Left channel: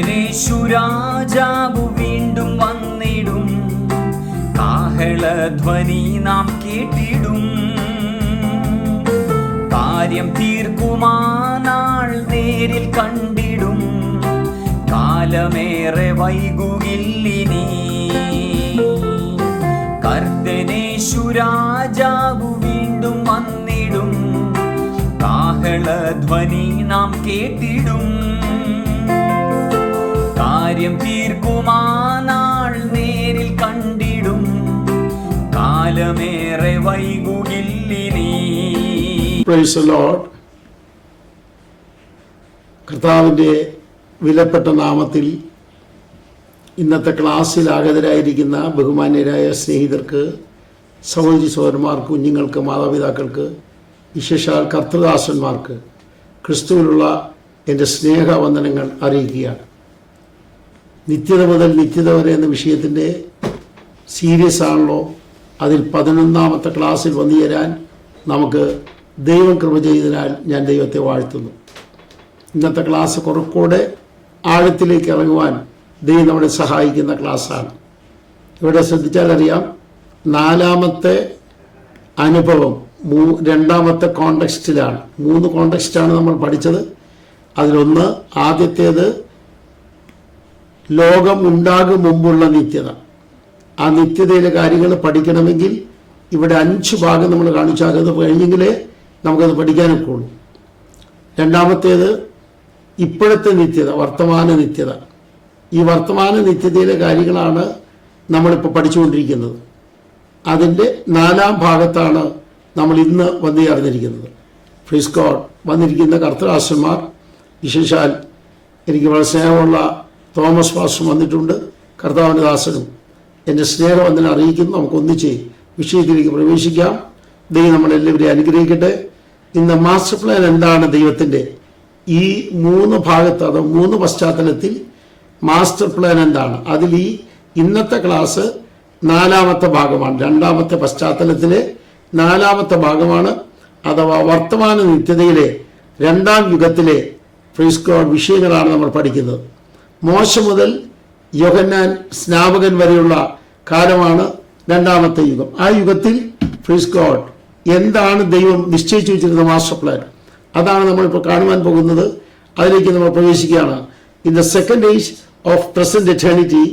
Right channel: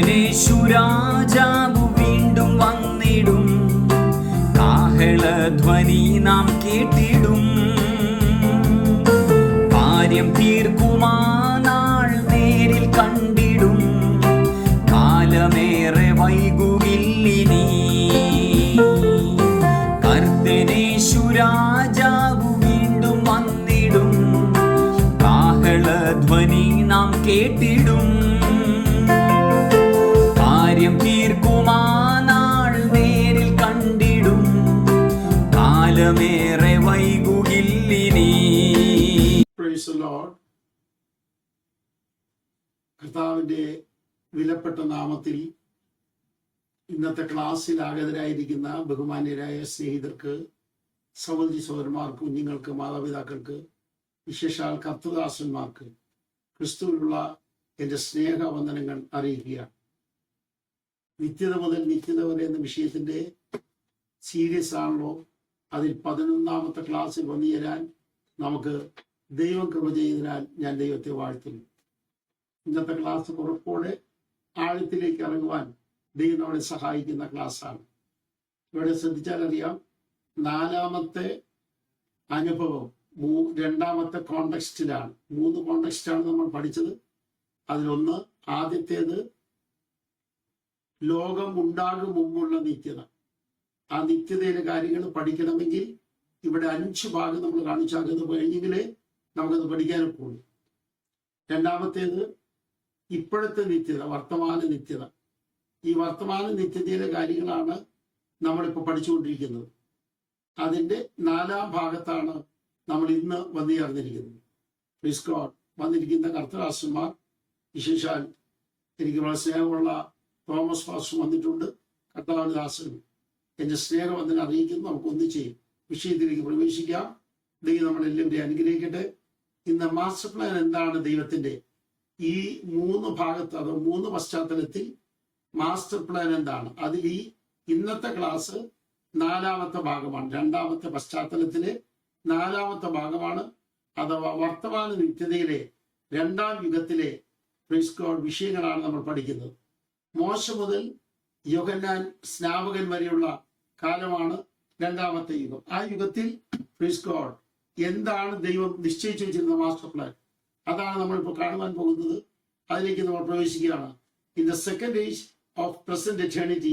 കർത്തനേശുരാജാവു വീണ്ടും വന്നിടും, കാഹളധ്വനി നാം കേട്ടിടും. കാര്യം തീർക്കുമാനാൾ നേരിൽ കണ്ടിടും, കാലമേറെ വൈകുകില്ലിനി. കർത്തനേശുരാജാവു വീണ്ടും വന്നിടും, കാഹളധ്വനി നാം കേട്ടിടും. കാര്യം തീർക്കുമാനാൾ നേരിൽ കണ്ടിടും, കാലമേറെ വൈകുകില്ലിനി. Praise the lord. കർത്താവിൻ്റെ വിലപ്പെട്ട നാമത്തിൽ ഇന്നത്തെ ക്ലാസ്സിൽ ആഗതരായിരിക്കുന്ന ബഹുമാന്യരായ സ്നേഹിതർക്ക്, സഹോദരി സഹോദരന്മാർക്ക്, കുഞ്ഞുങ്ങൾക്ക്, മാതാപിതാക്കൾക്ക്, വിശേഷാൽ കർത്തൃദാസന്മാർക്ക് ക്രിസ്തുവിലുള്ള എൻ്റെ സ്നേഹവന്ദനങ്ങൾ അറിയിക്കുകയാണ്. നിത്യത മുതൽ നിത്യത വരെ എന്ന വിഷയത്തിൻ്റെ സീരിയസ് ആണല്ലോ. അതിൽ 11ാമത്തെ ക്ലാസ്സിൽ വന്നു ചേരാൻ നമുക്ക് ദൈവം കൃപ ചെയ്തതിനാൽ ഞാൻ ദൈവത്തെ വാഴ്ത്തുന്നു. ഇന്നത്തെ ക്ലാസ് കുറച്ചുകൂടെ ആഴത്തിലേക്ക് ഇറങ്ങുവാൻ ദൈവം നമ്മളെ സഹായിക്കുന്ന ക്ലാസ്സാണ്. ഇവിടെ ശ്രദ്ധിച്ചാൽ അറിയാം, 4ാമത്തെ അനുഭവം 2ാമത്തെ കോണ്ടെക്സ്റ്റിലാണ്. 3 കോണ്ടെക്സ്റ്റാണ് നമ്മൾ പഠിച്ചത്. അതിലൊന്ന്, ആദ്യത്തേത് ലോകം ഉണ്ടാകും മുമ്പുള്ള നിത്യത. ആ നിത്യതയിലെ കാര്യങ്ങൾ പഠിക്കണമെങ്കിൽ ഇവിടെ 5 ഭാഗം നമ്മൾ കാണിച്ചാൽ അത് കഴിഞ്ഞെങ്കിലേ നമുക്കത് പഠിക്കാനൊക്കെ ഉള്ളൂ. 2ാമത്തേത് ഇപ്പോഴത്തെ നിത്യത, വർത്തമാന നിത്യത. ഈ വർത്തമാന നിത്യതയിലെ കാര്യങ്ങളാണ് നമ്മളിപ്പോൾ പഠിച്ചുകൊണ്ടിരിക്കുന്നത്. അതിൻ്റെ 4ാം ഭാഗത്താണ് നമ്മൾ ഇന്ന് വന്നു ചേർന്നിരിക്കുന്നത്. Praise God. വന്നിരിക്കുന്ന കർത്തൃദാസന്മാർ, വിശേഷാൽ എനിക്ക് വളരെ സ്നേഹമുള്ള തോമസ് പാസ്റ്റർ വന്നിട്ടുണ്ട്. കർത്താവിൻ്റെ ദാസനും എൻ്റെ സ്നേഹവന്ദനം അറിയിക്കുന്നു. നമുക്ക് ഒന്നിച്ച് വിഷയത്തിലേക്ക് പ്രവേശിക്കാം. ദൈവം നമ്മളെല്ലാവരെയും അനുഗ്രഹിക്കട്ടെ. ഇന്ന് മാസ്റ്റർ പ്ലാൻ എന്താണ് ദൈവത്തിൻ്റെ, ഈ 3 ഭാഗത്ത്, അത് 3 പശ്ചാത്തലത്തിൽ മാസ്റ്റർ പ്ലാൻ എന്താണ്, അതിൽ ഈ ഇന്നത്തെ ക്ലാസ് 4ാമത്തെ ഭാഗമാണ്. 2ാമത്തെ പശ്ചാത്തലത്തിലെ 4ാമത്തെ ഭാഗമാണ്. അഥവാ വർത്തമാന നിത്യതയിലെ 2ാം യുഗത്തിലെ പ്രൈസ് ഗോഡ് വിഷയങ്ങളാണ് നമ്മൾ പഠിക്കുന്നത്. മോശ മുതൽ യോഹന്നാൻ സ്നാപകൻ വരെയുള്ള കാലമാണ് 2ാമത്തെ യുഗം. ആ യുഗത്തിൽ പ്രൈസ് ഗോഡ് എന്താണ് ദൈവം നിശ്ചയിച്ചു വെച്ചിരുന്ന മാസ്റ്റർ പ്ലാൻ, അതാണ് നമ്മളിപ്പോൾ കാണുവാൻ പോകുന്നത്. അതിലേക്ക് നമ്മൾ പ്രവേശിക്കുകയാണ്. In the second age of present eternity,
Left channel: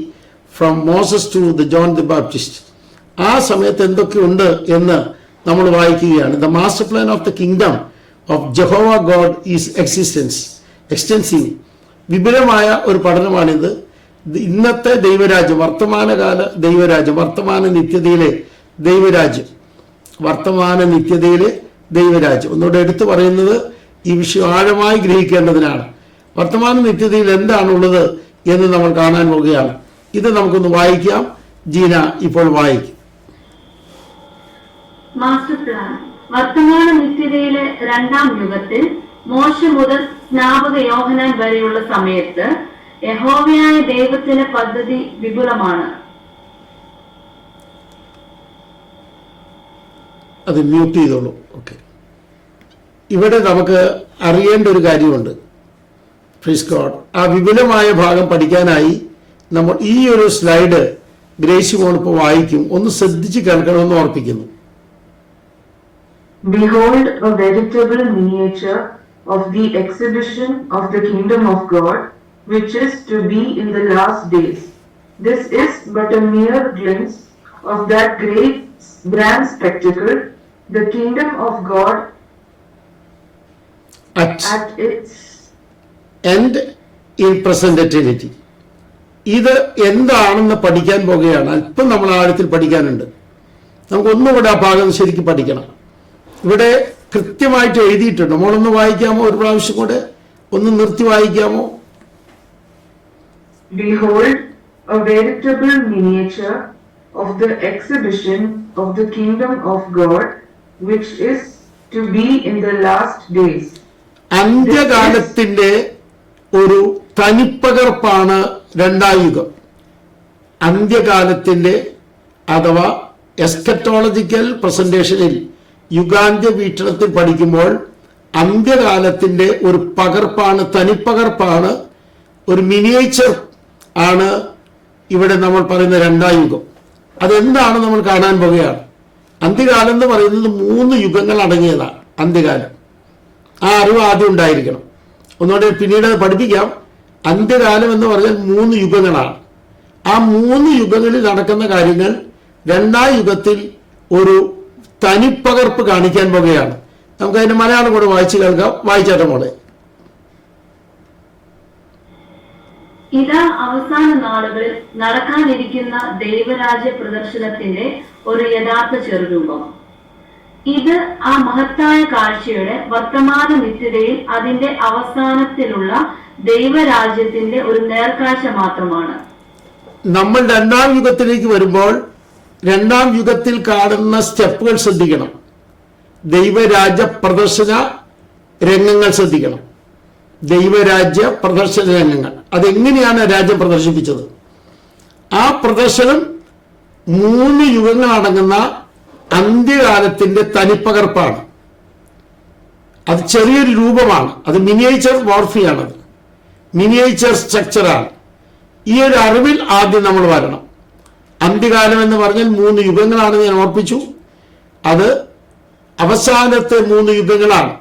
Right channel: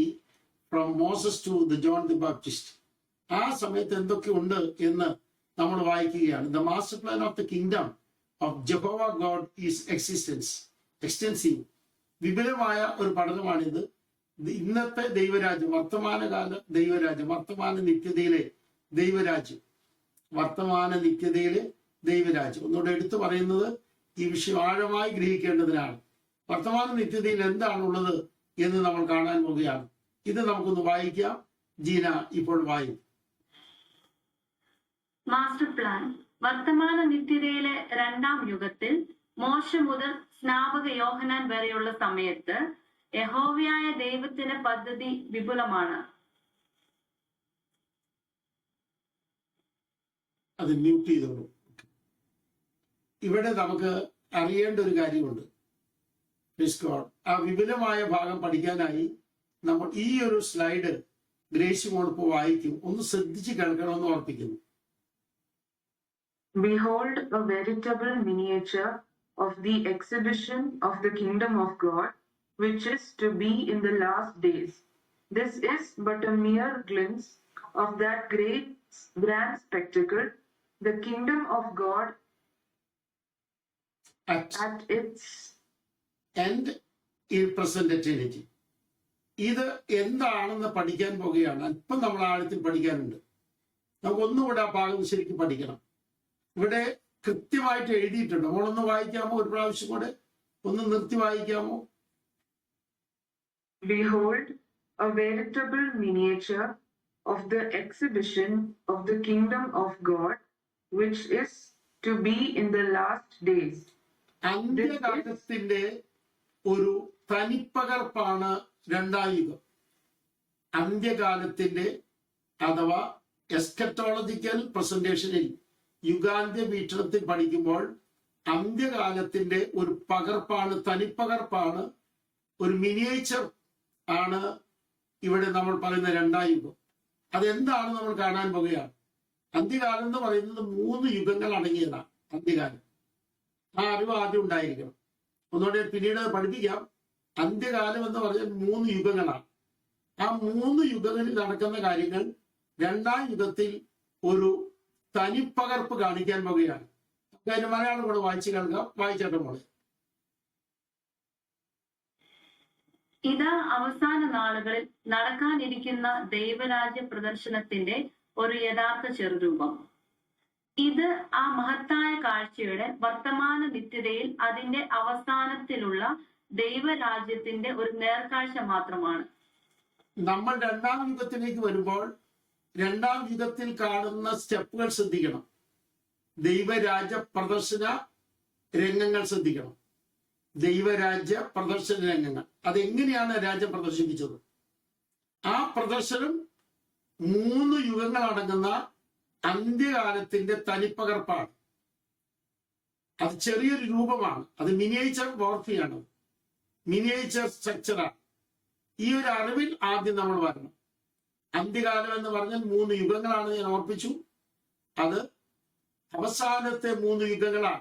from Moses to the John the Baptist, ആ സമയത്ത് എന്തൊക്കെയുണ്ട് എന്ന് നമ്മൾ വായിക്കുകയാണ്. The master plan of the kingdom of Jehovah God is extensive. വിപുലമായ ഒരു പഠനമാണിത്. ഇന്നത്തെ ദൈവരാജ്യം, വർത്തമാനകാല ദൈവരാജ്യം, വർത്തമാന നിത്യതയിലെ ദൈവരാജ്യം, വർത്തമാന നിത്യതയിലെ ദൈവരാജ്യം. ഒന്നുകൂടെ എടുത്തു പറയുന്നത് ഈ വിഷയം ആഴമായി ഗ്രഹിക്കേണ്ടതിനാണ്. വർത്തമാന നിത്യതയിൽ എന്താണുള്ളത് എന്ന് നമ്മൾ കാണാൻ പോവുകയാണ്. ഇത് നമുക്കൊന്ന് വായിക്കാം. ജീന ഇപ്പോൾ വായിക്കും. Master plan. വർത്തമാന നിത്യതയിലെ 2ാം യുഗത്തിൽ മോശ മുതൽ സ്നാപക യോഹന്നാൻ വരെയുള്ള സമയത്ത് യഹോവയായ ദൈവത്തിന്റെ പദ്ധതി വിപുലമാണ്. അത് മ്യൂട്ട് ചെയ്തോളൂ. ഓക്കെ. ഇവിടെ നമുക്ക് അറിയേണ്ട ഒരു കാര്യമുണ്ട്. Praise God. ആ വിപുലമായ ഭാഗം പഠിക്കാനായി നമ്മൾ ഈ ഒരു സ്ലൈഡ് ഗ്രേസി മോളിപ്പോൾ വായിക്കും. ഒന്ന് ശ്രദ്ധിച്ച് കേൾക്കണമെന്ന് ഓർപ്പിക്കുന്നു. Behold, a veritable miniature of the exhibition of the kingdom of God, which is to be in the last days. This is but a mere glimpse of that great grand spectacle, the kingdom of God at its end in present eternity. ഇത് എന്താണെന്ന് പഠിക്കാൻ പോകുകയാണ്. അല്പം നമ്മൾ ആഴത്തിൽ പഠിക്കാനുണ്ട്. നമുക്കൊന്നുകൂടെ ആ ഭാഗം ശരിക്കും പഠിക്കണം. ഇവിടെ കൃത്യമായിട്ട് എഴുതിയിട്ടുണ്ട്. നമ്മളൊന്ന് വായിക്കാമോ? ഒരു പ്രാവശ്യം കൂടെ ഒന്ന് നിർത്തി വായിക്കാമോ? Behold, a veritable miniature of the exhibition of the kingdom of God, which is to be in the last days. അന്ത്യകാലത്തിന്റെ ഒരു തനിപ്പകർപ്പാണ് 2ാം യുഗം. അന്ത്യകാലത്തിന്റെ അഥവാ എസ്കറ്റോളജിക്കൽ പ്രസന്റേഷനിൽ യുഗാന്ത്യ വീക്ഷണത്തിൽ പഠിക്കുമ്പോൾ അന്ത്യകാലത്തിന്റെ ഒരു പകർപ്പാണ്, തനിപ്പകർപ്പാണ് ഒരു മിനിയേച്ചർ ആണ് ഇവിടെ നമ്മൾ പറയുന്ന രണ്ടാം യുഗം. അതെന്താണ് നമ്മൾ കാണാൻ പോകുകയാണ്. അന്ത്യകാലം എന്ന് പറയുന്നത് 3 യുഗങ്ങൾ അടങ്ങിയതാണ്. അന്ത്യകാലം ആ അറിവ് ആദ്യം ഉണ്ടായിരിക്കണം. ഒന്നുകൂടെ പിന്നീട് പഠിപ്പിക്കാം. അന്ത്യകാലം എന്ന് പറഞ്ഞാൽ 3 യുഗങ്ങളാണ്. ആ 3 യുഗങ്ങളിൽ നടക്കുന്ന കാര്യങ്ങൾ രണ്ടാം യുഗത്തിൽ ഒരു തനിപ്പകർപ്പ് കാണിക്കാൻ പോകുകയാണ്. നമുക്ക് അതിന്റെ മലയാളം കൂടെ വായിച്ചു കേൾക്കാം. വായിച്ചാട്ടെ മോളെ. ഇതാ അവസാന നാളുകളിൽ നടക്കാനിരിക്കുന്ന ദൈവരാജ്യ പ്രദർശനത്തിന്റെ ഒരു യഥാർത്ഥ ചെറുരൂപം. ഇത് ആ മഹത്തായ കാഴ്ചയുടെ വർത്തമാന നിത്യതയിൽ അതിന്റെ അവസാനത്തിലുള്ള ദൈവരാജ്യത്തിന്റെ ഒരു നേർക്കാഴ്ച മാത്രമാണ്. നമ്മൾ രണ്ടാം യുഗത്തിലേക്ക് വരുമ്പോൾ രണ്ടാം യുഗത്തിൽ കാണുന്ന സ്റ്റെപ്പുകൾ ശ്രദ്ധിക്കണം. ദൈവരാജ്യ പ്രദർശന രംഗങ്ങൾ ശ്രദ്ധിക്കണം. ദൈവരാജ്യ പ്രദർശന രംഗങ്ങൾ അതെങ്ങനെയാണ് രാജ്യം പ്രദർശിപ്പിച്ചത്? ആ പ്രദർശനം 3 യുഗങ്ങൾ അടങ്ങുന്ന അന്ത്യകാലത്തിന്റെ തനിപ്പകർപ്പാണ്. അത് ചെറിയൊരു രൂപമാണ്. അത് മിനിയേച്ചർ മോർഫിയാണ്, മിനിയേച്ചർ സ്ട്രക്ചറാണ്. ഈ ഒരു അറിവിൽ ആദ്യം നമ്മൾ വരണം. അന്ത്യകാലം എന്ന് പറഞ്ഞാൽ 3 യുഗങ്ങളാണ് ഞാൻ ഓർപ്പിച്ചു. അത് അവസാനത്തെ 3 യുഗങ്ങളാണ്.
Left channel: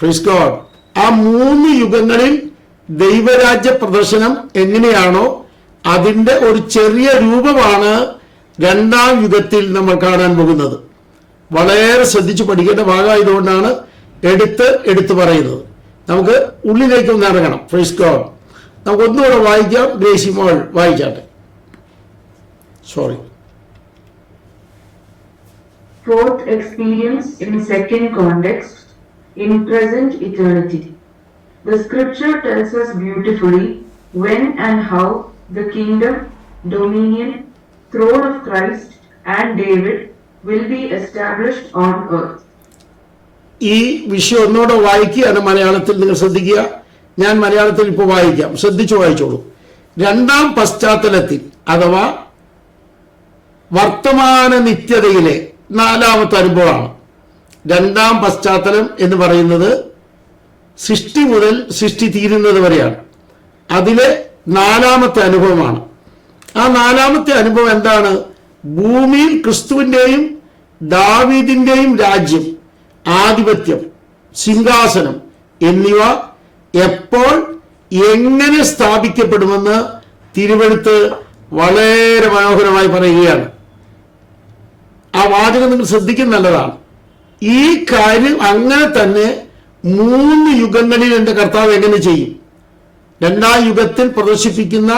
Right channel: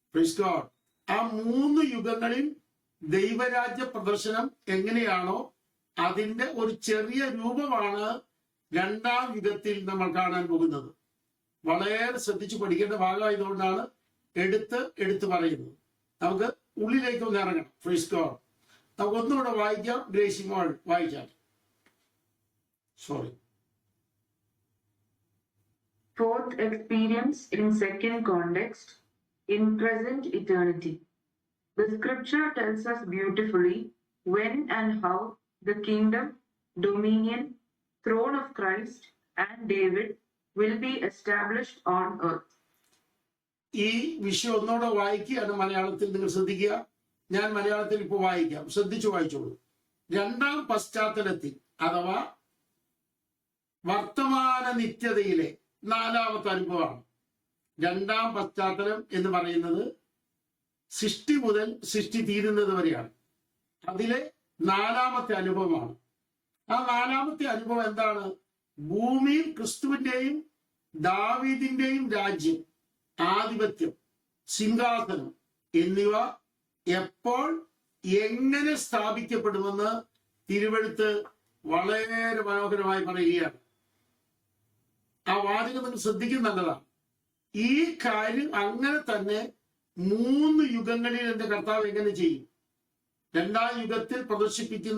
Praise God. ആ 3 യുഗങ്ങളിൽ ദൈവരാജ്യ പ്രദർശനം എങ്ങനെയാണോ അതിന്റെ ഒരു ചെറിയ രൂപമാണ് രണ്ടാം യുഗത്തിൽ നമ്മൾ കാണാൻ പോകുന്നത്. വളരെ ശ്രദ്ധിച്ചു പഠിക്കേണ്ട ഭാഗമായതുകൊണ്ടാണ് എടുത്ത് പറയുന്നത്. നമുക്ക് ഉള്ളിലേക്ക് ഒന്ന് ഇറങ്ങണം. Praise God. നമുക്ക് ഒന്നുകൂടെ വായിക്കാം. ഗ്രേസി മോൾ വായിക്കാട്ടെ. Sorry. Fourth experience in second context, in present eternity. The scripture tells us beautifully when and how the kingdom, dominion, throne of Christ and David will be established on earth. ഈ വിഷയം ഒന്നുകൂടെ വായിക്കുകയാണ് മലയാളത്തിൽ. നിങ്ങൾ ശ്രദ്ധിക്കുക. ഞാൻ മലയാളത്തിൽ ഇപ്പോൾ വായിക്കാം. ശ്രദ്ധിച്ചു വായിച്ചോളൂ. രണ്ടാം പശ്ചാത്തലത്തിൽ അഥവാ വർത്തമാന നിത്യതയിലെ 4ാമത്തെ അനുഭവമാണ്. രണ്ടാം പശ്ചാത്തലം എന്ന് പറയുന്നത് സൃഷ്ടി മുതൽ സൃഷ്ടി തീരുന്നത് വരെയാണ്. അതിലെ 4ാമത്തെ അനുഭവമാണ്. ആ 4ാമത്തെ അനുഭവം എന്താണ്? ഭൂമിയിൽ ക്രിസ്തുവിന്റെയും ദാവീദിന്റെയും രാജ്യം, ആധിപത്യം, സിംഹാസനം എന്നിവ എപ്പോൾ എങ്ങനെ സ്ഥാപിക്കപ്പെടുമെന്ന് തിരുവെഴുത്ത് വളരെ മനോഹരമായി പറയുകയാണ്. ആ വാചകം നിങ്ങൾ ശ്രദ്ധിക്കുന്നതാണ്. ഈ കാര്യം അങ്ങനെ തന്നെ 3 യുഗങ്ങളിൽ എന്റെ കർത്താവ് എങ്ങനെ ചെയ്യും? രണ്ടാം യുഗത്തിൽ പ്രദർശിപ്പിക്കുന്ന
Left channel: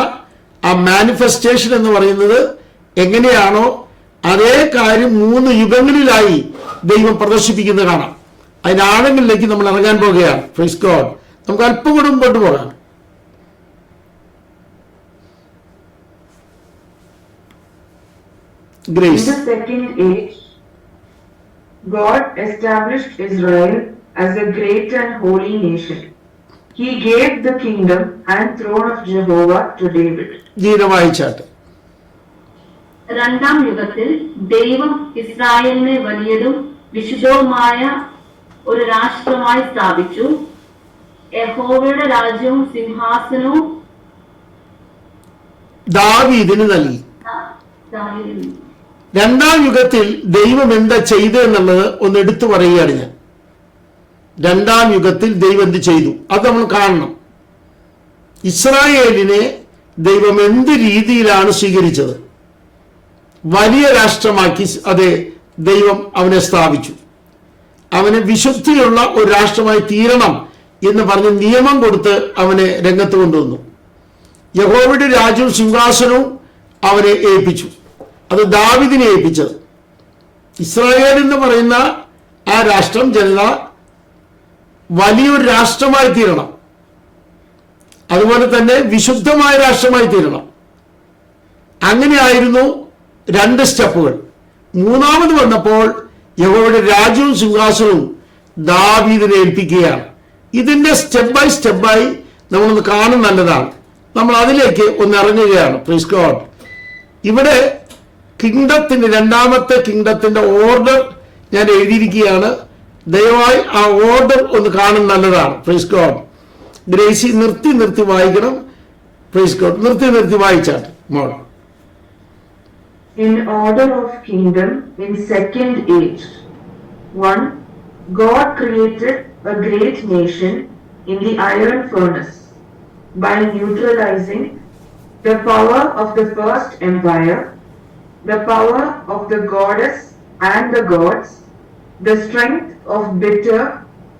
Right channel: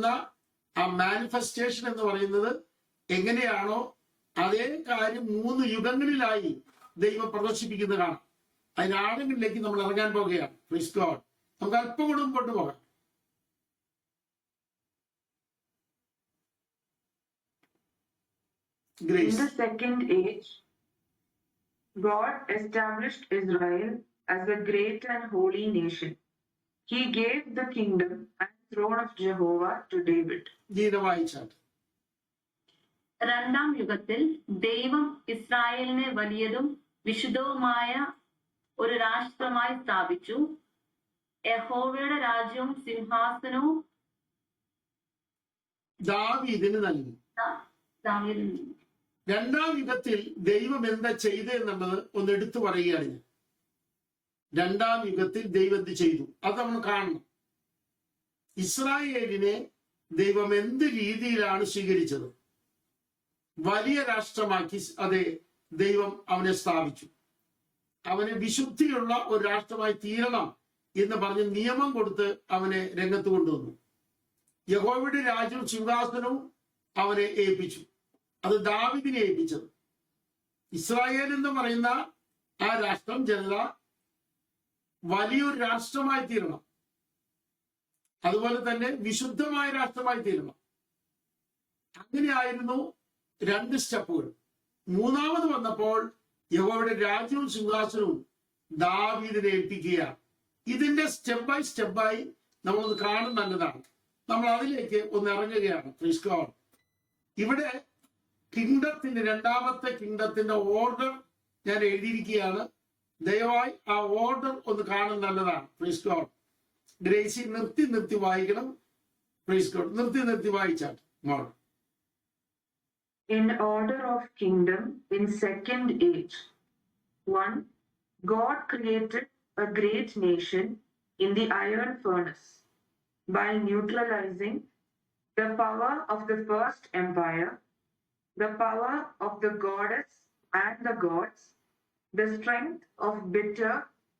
ആ മാനിഫെസ്റ്റേഷൻ എന്ന് പറയുന്നത് എങ്ങനെയാണോ അതേ കാര്യം 3 യുഗങ്ങളിലായി ദൈവം പ്രദർശിപ്പിക്കുന്നത് കാണാം. അതിന്റെ ആഴങ്ങളിലേക്ക് നമ്മൾ ഇറങ്ങാൻ പോകുകയാണ്. Price God. നമുക്ക് അല്പം കൂടെ മുമ്പോട്ട് പോകാം. In the second age, God established Israel as a great and holy nation. He gave the kingdom and throne of Jehovah to David. ജീരവായിച്ചാട്ട്. രണ്ടാം യുഗത്തിൽ ദൈവം ഇസ്രായേലിനെ വലിയതും വിശുദ്ധവുമായ ഒരു രാഷ്ട്രമായി സ്ഥാപിച്ചു. യഹോവയുടെ രാജ്യവും സിംഹാസനവും ദാവീദിന് നൽകി. രണ്ടാം യുഗത്തിൽ ദൈവം എന്താ ചെയ്തു എന്നുള്ളത് ഒന്ന് എടുത്തു പറയുകയാണ് ഞാൻ. രണ്ടാം യുഗത്തിൽ ദൈവം എന്ത് ചെയ്തു അത് നമ്മൾ കാണണം. ഇസ്രായേലിനെ ദൈവം എന്ത് രീതിയിലാണ് സ്വീകരിച്ചത്? വലിയ രാഷ്ട്രമാക്കി അതെ ദൈവം അവനെ സ്ഥാപിച്ചു. അവന് വിശുദ്ധിയുള്ള ഒരു രാഷ്ട്രമായി തീരണം എന്ന് പറഞ്ഞ് നിയമം കൊടുത്ത് അവനെ രംഗത്ത് കൊണ്ടുവന്നു. യഹോവയുടെ രാജ്യവും സിംഹാസനവും അവനെ ഏൽപ്പിച്ചു. അത് ദാവീദിനെ ഏൽപ്പിച്ചത്. ഇസ്രായേൽ എന്ന് പറയുന്ന ആ രാഷ്ട്രം ജനത വലിയൊരു രാഷ്ട്രമായി തീരണം. അതുപോലെ തന്നെ വിശുദ്ധമായ രാഷ്ട്രമായി തീരണം. അങ്ങനെയായിരുന്നു 2 സ്റ്റെപ്പുകൾ. 3ാമത് വന്നപ്പോൾ യഹോവയുടെ രാജ്യവും സിംഹാസനവും ദാവീദിനെ ഏൽപ്പിക്കുകയാണ്. ഇതിന്റെ സ്റ്റെപ്പായി നമ്മളൊന്ന് കാണും. നല്ലതാണ്. നമ്മൾ അതിലേക്ക് ഒന്ന് ഇറങ്ങുകയാണ്. Praise God. ഇവിടെ കിങ്ഡത്തിന്റെ 2ാമത്തെ കിങ്ഡത്തിന്റെ ഓർഡർ ഞാൻ എഴുതിയിരിക്കുകയാണ്. ദയവായി ആ ഓർഡർ ഒന്ന് കാണും. നല്ലതാണ്. Praise God. ഗ്രേസി നിർത്തി വായിക്കണം. Praise God. നിർത്തി വായിച്ചാൽ മോൾ. In order of kingdom in second age. 1. God created a great nation in the iron furnace by neutralizing the power of the first empire, the power of the goddess and the gods, the strength of bitter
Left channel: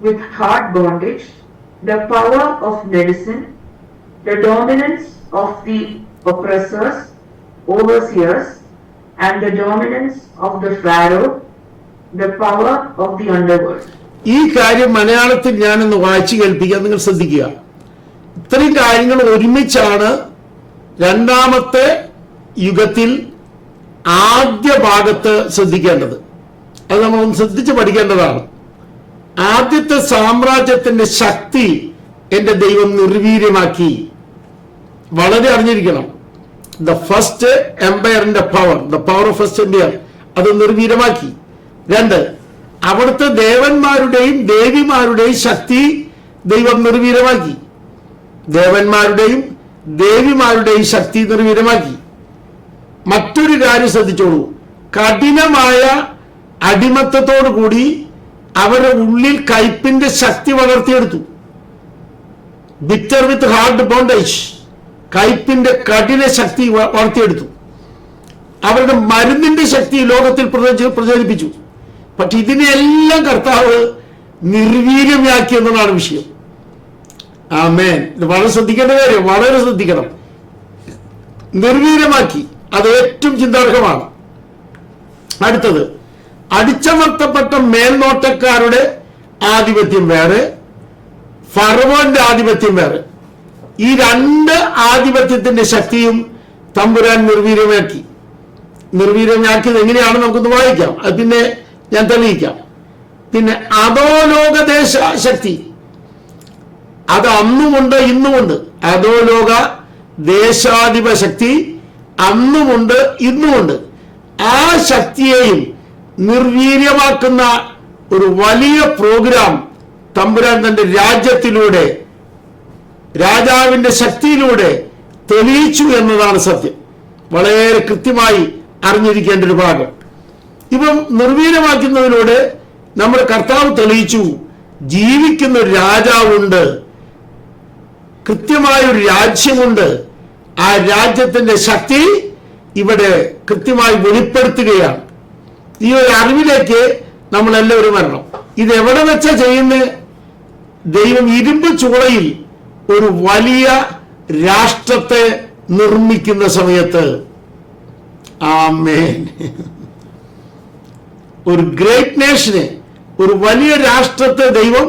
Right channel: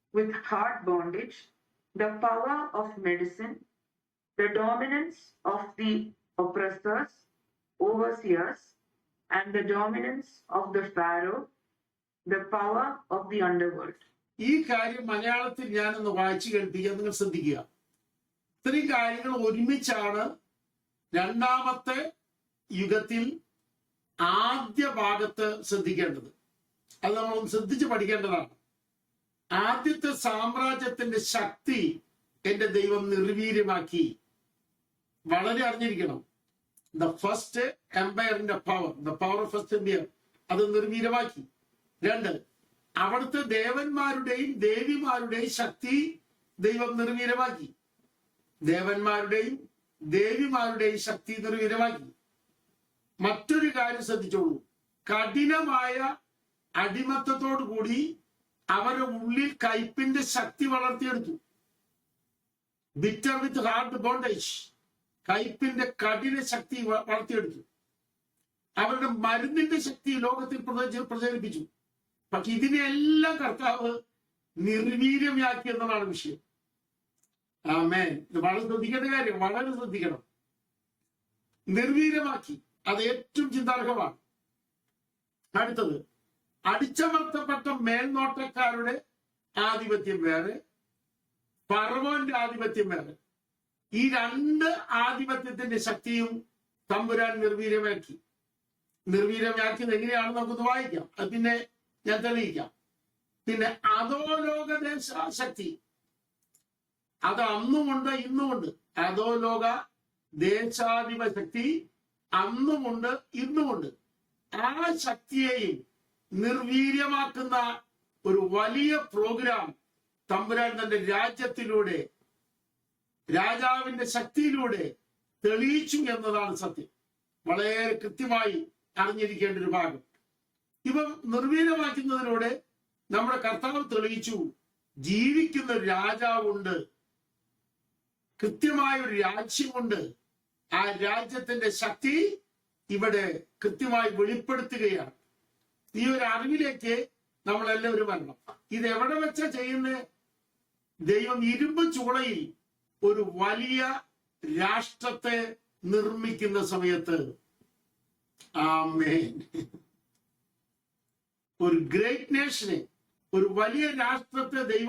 with hard bondage, the power of medicine, the dominance of the oppressors, overseers, and the dominance of the pharaoh, the power of the underworld. ഈ കാര്യം മലയാളത്തിൽ ഞാനൊന്ന് വായിച്ചു കേൾപ്പിക്കാൻ നിങ്ങൾ ശ്രദ്ധിക്കുക. ഇത്രയും കാര്യങ്ങൾ ഒരുമിച്ചാണ് രണ്ടാമത്തെ യുഗത്തിൽ ആദ്യ ഭാഗത്ത് ശ്രദ്ധിക്കേണ്ടത്. അത് നമ്മൾ ഒന്ന് ശ്രദ്ധിച്ച് പഠിക്കേണ്ടതാണ്. ആദ്യത്തെ സാമ്രാജ്യത്തിന്റെ ശക്തി എന്റെ ദൈവം നിർവീര്യമാക്കി. വളരെ അറിഞ്ഞിരിക്കണം. ദ ഫസ്റ്റ് എംപയറിന്റെ power, the power of first empire, അത് നിർവീര്യമാക്കി. 2, അവിടുത്തെ ദേവന്മാരുടെയും ദേവിമാരുടെയും ശക്തി ദൈവം നിർവീര്യമാക്കി. ദേവന്മാരുടെയും ദേവിമാരുടെയും ശക്തി നിർവീര്യമാക്കി. മറ്റൊരു കാര്യം ശ്രദ്ധിച്ചോളൂ. കഠിനമായ അടിമത്തത്തോടു കൂടി അവരുടെ ഉള്ളിൽ കയ്പിന്റെ ശക്തി വളർത്തിയെടുത്തു. ബിറ്റർ വിത്ത് ഹാർഡ് ബോണ്ടേജ്, കയ്പിന്റെ കഠിന ശക്തി വളർത്തിയെടുത്തു. അവരുടെ മരുന്നിന്റെ ശക്തി ലോകത്തിൽ പ്രചരിപ്പിച്ചു. പക്ഷെ ഇതിനെല്ലാം കർത്താവ് നിർവീര്യമാക്കി എന്നതാണ് വിഷയം. ആമേൻ. ഇത് വളരെ ശ്രദ്ധിക്കേണ്ട കാര്യം, വളരെ ശ്രദ്ധിക്കണം. നിർവീര്യമാക്കി. അത് ഏറ്റവും ചിന്താർഹമാണ്. അടുത്തത്, അടിച്ചമർത്തപ്പെട്ട മേൽനോട്ടക്കാരുടെ ആധിപത്യം വേറെ, ഫറവോന്റെ ആധിപത്യം വേറെ. ഈ 2 ആധിപത്യത്തിന്റെ ശക്തിയും തമ്പുരാൻ നിർവീര്യമാക്കി. നിർവീര്യമാക്കിയത് എങ്ങനെയാണ് നമുക്കൊന്ന് വായിക്കാം. അത് പിന്നെ ഞാൻ തെളിയിക്കാം. പിന്നെ അധോലോകദേശ ശക്തി, അത് അന്നുമുണ്ട് ഇന്നുമുണ്ട്. അധോലോക ദേശാധിപ ശക്തി അന്നുമുണ്ട് ഇന്നുമുണ്ട്. ആ ശക്തിയെയും നിർവീര്യമാക്കുന്ന ഒരു വലിയ പ്രോഗ്രാം തമ്പുരാൻ തന്റെ രാജ്യത്തിലൂടെ, രാജാവിന്റെ ശക്തിയിലൂടെ തെളിയിച്ചു എന്നതാണ് സത്യം. വളരെ കൃത്യമായി അറിഞ്ഞിരിക്കേണ്ട ഒരു ഭാഗം. ഇപ്പം നിർവീര്യമാക്കുന്നതിലൂടെ നമ്മുടെ കർത്താവ് തെളിയിച്ചു ജീവിക്കുന്ന ഒരു രാജാവുണ്ട്, കൃത്യമായ ഒരു രാജ്യമുണ്ട്. ആ രാജ്യത്തിന്റെ ശക്തി ഇവിടെ കൃത്യമായി വെളിപ്പെടുത്തുകയാണ്. ഈ ഒരു അറിവിലേക്ക് നമ്മൾ എല്ലാവരും വരണം. ഇത് എവിടെ വെച്ചാ ചെയ്യുന്നത്? ദൈവം ഇരുമ്പ് ചൂളയിൽ ഒരു വലിയ രാഷ്ട്രത്തെ നിർമ്മിക്കുന്ന സമയത്ത്. ആമേൻ. ഒരു ഗ്രേറ്റ് നേഷനെ, ഒരു വലിയ രാഷ്ട്രത്തെ ദൈവം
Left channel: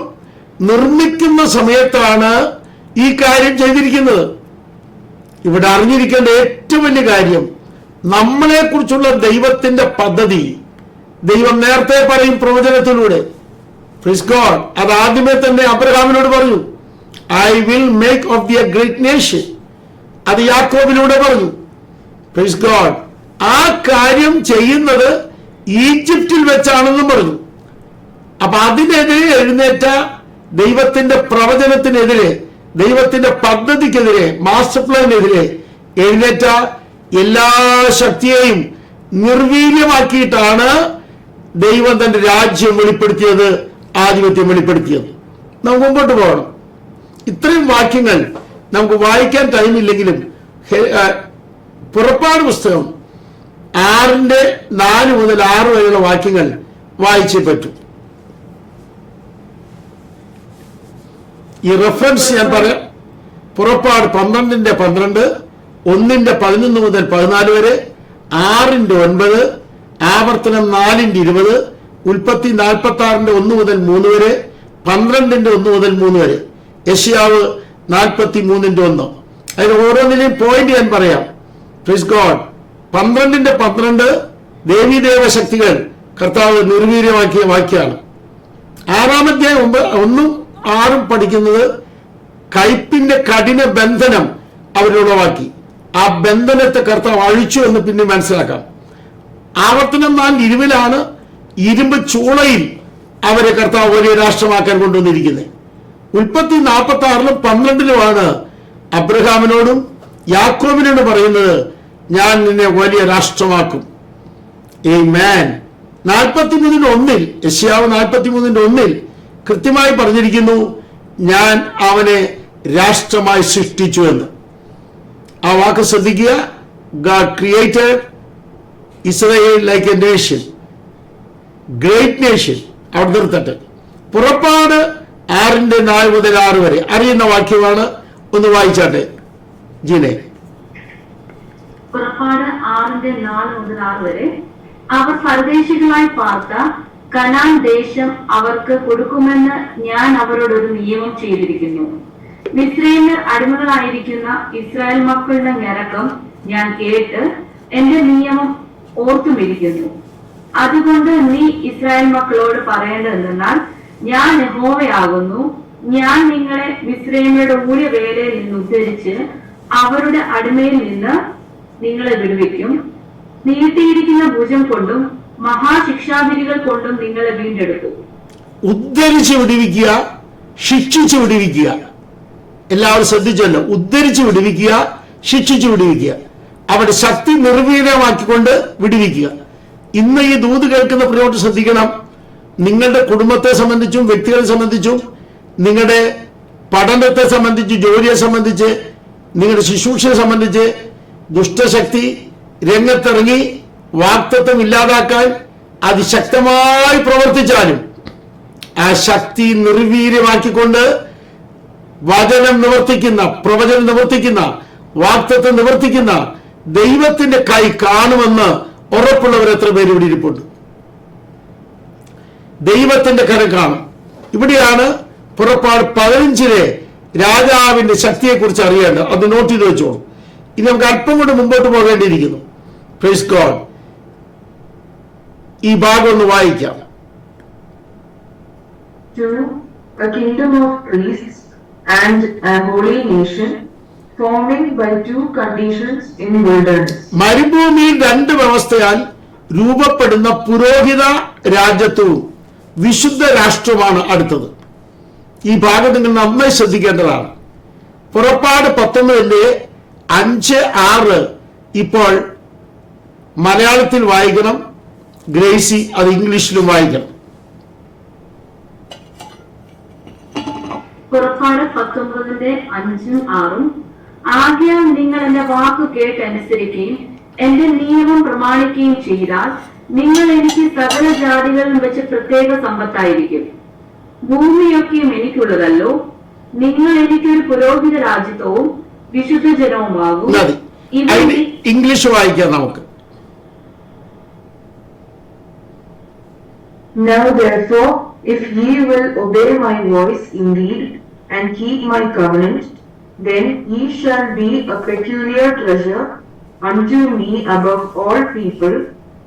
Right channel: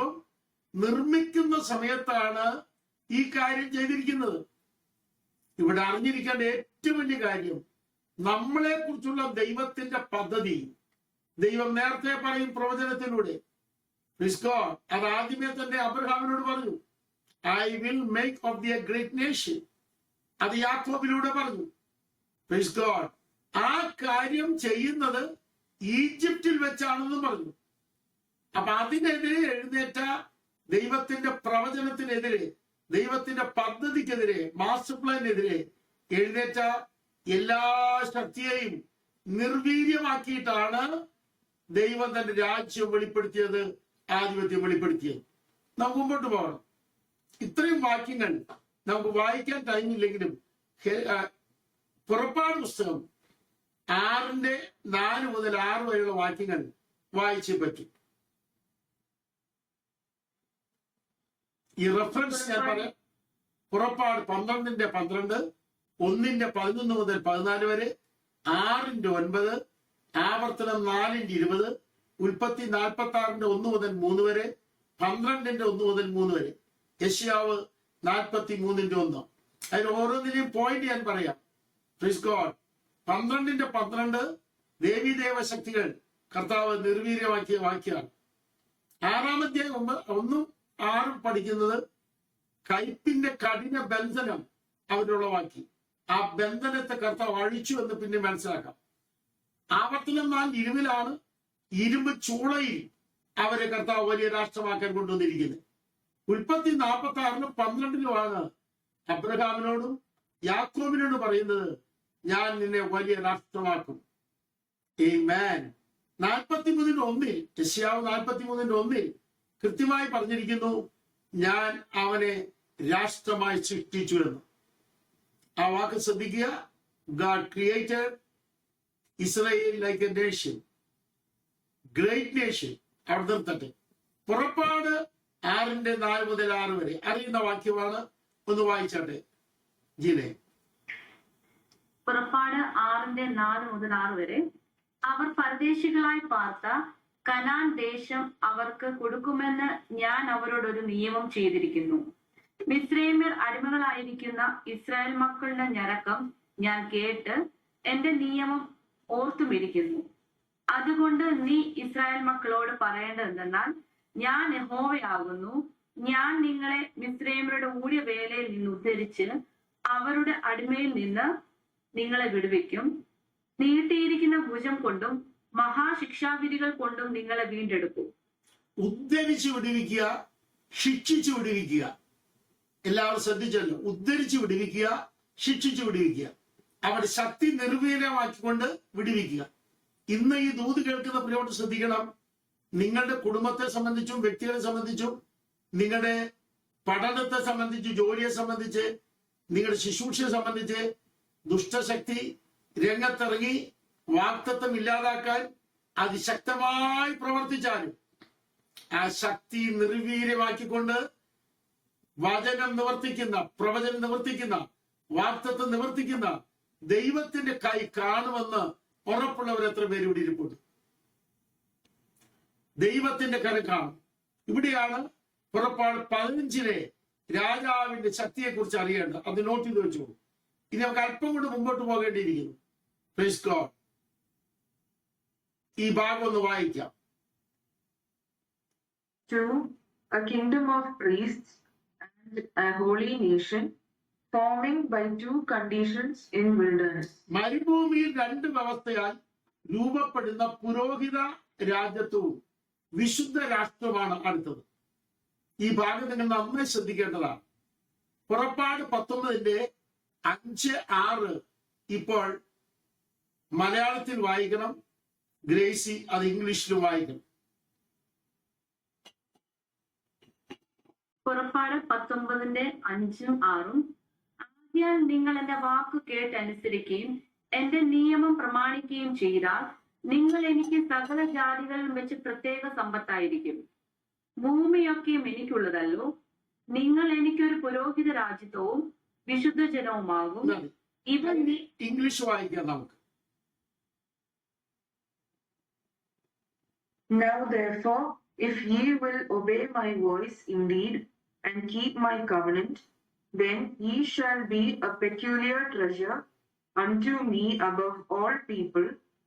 നിർമ്മിക്കുന്ന സമയത്താണ് ഈ കാര്യം ചെയ്തിരിക്കുന്നത്. ഇവിടെ അറിഞ്ഞിരിക്കേണ്ട ഏറ്റവും വലിയ കാര്യം, നമ്മളെ കുറിച്ചുള്ള ദൈവത്തിന്റെ പദ്ധതി ദൈവം നേരത്തെ പറയും പ്രവചനത്തിലൂടെ. Praise God. അത് ആദ്യമേ തന്നെ അബ്രഹാമിനോട് പറഞ്ഞു, I will make of the A great nation. അത് യാക്കോബിലൂടെ പറഞ്ഞു. Praise God. ആ കാര്യം ചെയ്യുന്നത് ഈജിപ്തിൽ വെച്ചാണെന്നും പറഞ്ഞു. അപ്പൊ അതിനെതിരെ എഴുന്നേറ്റ ദൈവത്തിന്റെ പ്രവചനത്തിനെതിരെ, ദൈവത്തിന്റെ പദ്ധതിക്കെതിരെ, മാസ്റ്റർ പ്ലാനെതിരെ എഴുന്നേറ്റ എല്ലാ ശക്തിയെയും നിർവീര്യമാക്കിയിട്ടാണ് ദൈവം തന്റെ രാജ്യം വെളിപ്പെടുത്തിയത്, ആധിപത്യം വെളിപ്പെടുത്തിയത്. നമുക്ക് മുമ്പോട്ട് പോകണം. ഇത്രയും വാക്യങ്ങൾ നമുക്ക് വായിക്കാൻ ടൈമില്ലെങ്കിലും പുറപ്പാട് പുസ്തകം 6:4 മുതൽ 6 വരെയുള്ള വാക്യങ്ങൾ വായിച്ചേ പറ്റും. ഈ റെഫറൻസ് ഞാൻ പറയാം. പുറപ്പാട് 12:12, 1:11 മുതൽ 14 വരെ, 6:9, ആവർത്തനം 4:20, ഉൽപ്പത്തി 46:1 മുതൽ 3 വരെ, 12:1 മുതൽ 3 വരെ, യെശയ്യാവ് 43:1. അതിന് ഓരോന്നിനെയും പോയിന്റ് ഞാൻ പറയാം. Praise God. 12:12 ദേവീദേവ ശക്തികൾ കർത്താവ് നിർവീര്യമാക്കിയ വാക്യാണ്. 6-ാമത്തെ 1-6 പഠിക്കുന്നത് കയ്പിന്റെ കഠിന ബന്ധനം അവരുളവാക്കി. ആ ബന്ധനത്തെ കർത്താവ് അഴിച്ചു എന്ന് പിന്നെ മനസ്സിലാക്കാം. ആവർത്തനം 4:20 ഇരുമ്പ് ചൂളയിൽ അവരെ കർത്താവ് വലിയ രാഷ്ട്രമാക്കാൻ കൊണ്ടുവന്നിരിക്കുന്നത്. ഉൽപ്പത്തി 46:12 അബ്രഹാമിനോടും യാക്കോബിനോടും പറയുന്നത്, ഞാൻ നിന്നെ വലിയ രാഷ്ട്രമാക്കും. ആമേൻ. 43:1 യെശയ്യാവ് 43:1 കൃത്യമായി പറഞ്ഞിരിക്കുന്നു, ഞാൻ അവനെ രാഷ്ട്രമായി സൃഷ്ടിച്ചു എന്ന്. ആ വാക്ക് ശ്രദ്ധിക്കുക. God created Israel like a nation, great nation. അവിടെ നിർത്തട്ടെ. പുറപ്പാട് 6:4 മുതൽ 6 വരെ അറിയുന്ന വാക്യമാണ്. ഒന്ന് വായിച്ചാട്ടെ ജീനെ. പുറപ്പാട് 6:4 മുതൽ 6 വരെ. അവർ പരദേശികളായി പാർത്ത കനാൻ ദേശം അവർക്ക് കൊടുക്കുമെന്ന് ഞാൻ അവരോടൊരു നിയമം ചെയ്തിരിക്കുന്നു. മിസ്രയീമ്യർ അടിമകളായിരിക്കുന്ന ഇസ്രായേൽ മക്കളുടെ ഞരക്കം ഞാൻ കേട്ട് എന്റെ നിയമം ഓർത്തുമിരിക്കുന്നു. അതുകൊണ്ട് നീ ഇസ്രായേൽ മക്കളോട് പറയേണ്ടതെന്നാൽ, ഞാൻ യഹോവയാകുന്നു. ഞാൻ നിങ്ങളെ മിസ്രയീമ്യരുടെ ഊഴിയവേലയിൽ നിന്ന് ഉദ്ധരിച്ച് അവരുടെ അടിമയിൽ നിന്ന് നിങ്ങളെ വിടുവിക്കും. നീട്ടിയിരിക്കുന്ന ഭുജം കൊണ്ടും മഹാശിക്ഷാവിധികൾ കൊണ്ടും നിങ്ങളെ വീണ്ടെടുക്കും. ഉദ്ധരിച്ച് വിടുവിക്കുക, ശിക്ഷിച്ചു വിടുവിക്കുക. എല്ലാവരും ശ്രദ്ധിച്ചല്ലോ. ഉദ്ധരിച്ച് വിടുവിക്കുക, ശിക്ഷിച്ചു വിടുവിക്കുക. അവിടെ ശക്തി നിർവീര്യമാക്കിക്കൊണ്ട് വിടുവിക്കുക. ഇന്ന് ഈ ദൂത് കേൾക്കുന്ന പ്രിയപ്പെട്ടവർ ശ്രദ്ധിക്കണം. നിങ്ങളുടെ കുടുംബത്തെ സംബന്ധിച്ചും വ്യക്തികളെ സംബന്ധിച്ചും നിങ്ങളുടെ പഠനത്തെ സംബന്ധിച്ച്, ജോലിയെ സംബന്ധിച്ച്, നിങ്ങളുടെ ശുശ്രൂഷയെ സംബന്ധിച്ച് ദുഷ്ടശക്തി രംഗത്തിറങ്ങി വാക്തത്വം ഇല്ലാതാക്കാൻ അതിശക്തമായി പ്രവർത്തിച്ചാലും ആ ശക്തി നിർവീര്യമാക്കിക്കൊണ്ട് വചനം നിവർത്തിക്കുന്ന, പ്രവചനം നിവർത്തിക്കുന്ന, വാക്തത്വം നിവർത്തിക്കുന്ന ദൈവത്തിന്റെ കൈ കാണുമെന്ന് ഉറപ്പുള്ളവർ എത്ര പേര് ഇവിടെ ഇരിപ്പുണ്ട്? ദൈവത്തിന്റെ കരം കാണും. ഇവിടെയാണ് പുറപ്പാട് 15 രാജാവിന്റെ ശക്തിയെക്കുറിച്ച് അറിയേണ്ടത്. അത് നോട്ട് ചെയ്ത് വെച്ചോളൂ. ഇനി നമുക്ക് അല്പം കൊണ്ട് മുമ്പോട്ട് പോകേണ്ടിയിരിക്കുന്നു. Praise God. ഈ ഭാഗം ഒന്ന് വായിക്കാം. A kingdom of priests and a holy nation, forming by 2 conditions in wilderness. മരുഭൂമിയിൽ 2 വ്യവസ്ഥയാൽ രൂപപ്പെടുന്ന പുരോഹിത രാജ്യത്വവും വിശുദ്ധ രാഷ്ട്രമാണ് അടുത്തത്. ഈ ഭാഗം നിങ്ങൾ നന്നായി ശ്രദ്ധിക്കേണ്ടതാണ്. പുറപ്പാട് 19:5-6 ഇപ്പോൾ മലയാളത്തിൽ വായിക്കണം. ഗ്രേസി അത് ഇംഗ്ലീഷിലും വായിക്കണം. പുറപ്പാട് 19:5-6. ആകയാൽ നിങ്ങൾ എന്റെ വാക്കു കേട്ടനുസരിക്കുകയും എന്റെ നിയമം പ്രമാണിക്കുകയും ചെയ്താൽ നിങ്ങൾ എനിക്ക് സകല ജാതികളിൽ വെച്ച് പ്രത്യേക സമ്പത്തായിരിക്കും. ഭൂമിയൊക്കെയും എനിക്കുള്ളതല്ലോ. നിങ്ങൾ എനിക്കൊരു പുരോഹിത രാജ്യത്വവും വിശുദ്ധ ജനവുമാകും. ഇംഗ്ലീഷ് വായിക്കാം നമുക്ക്. Now therefore, if ye will obey my voice indeed, and keep my covenant, then ye shall be a peculiar treasure unto me above all people,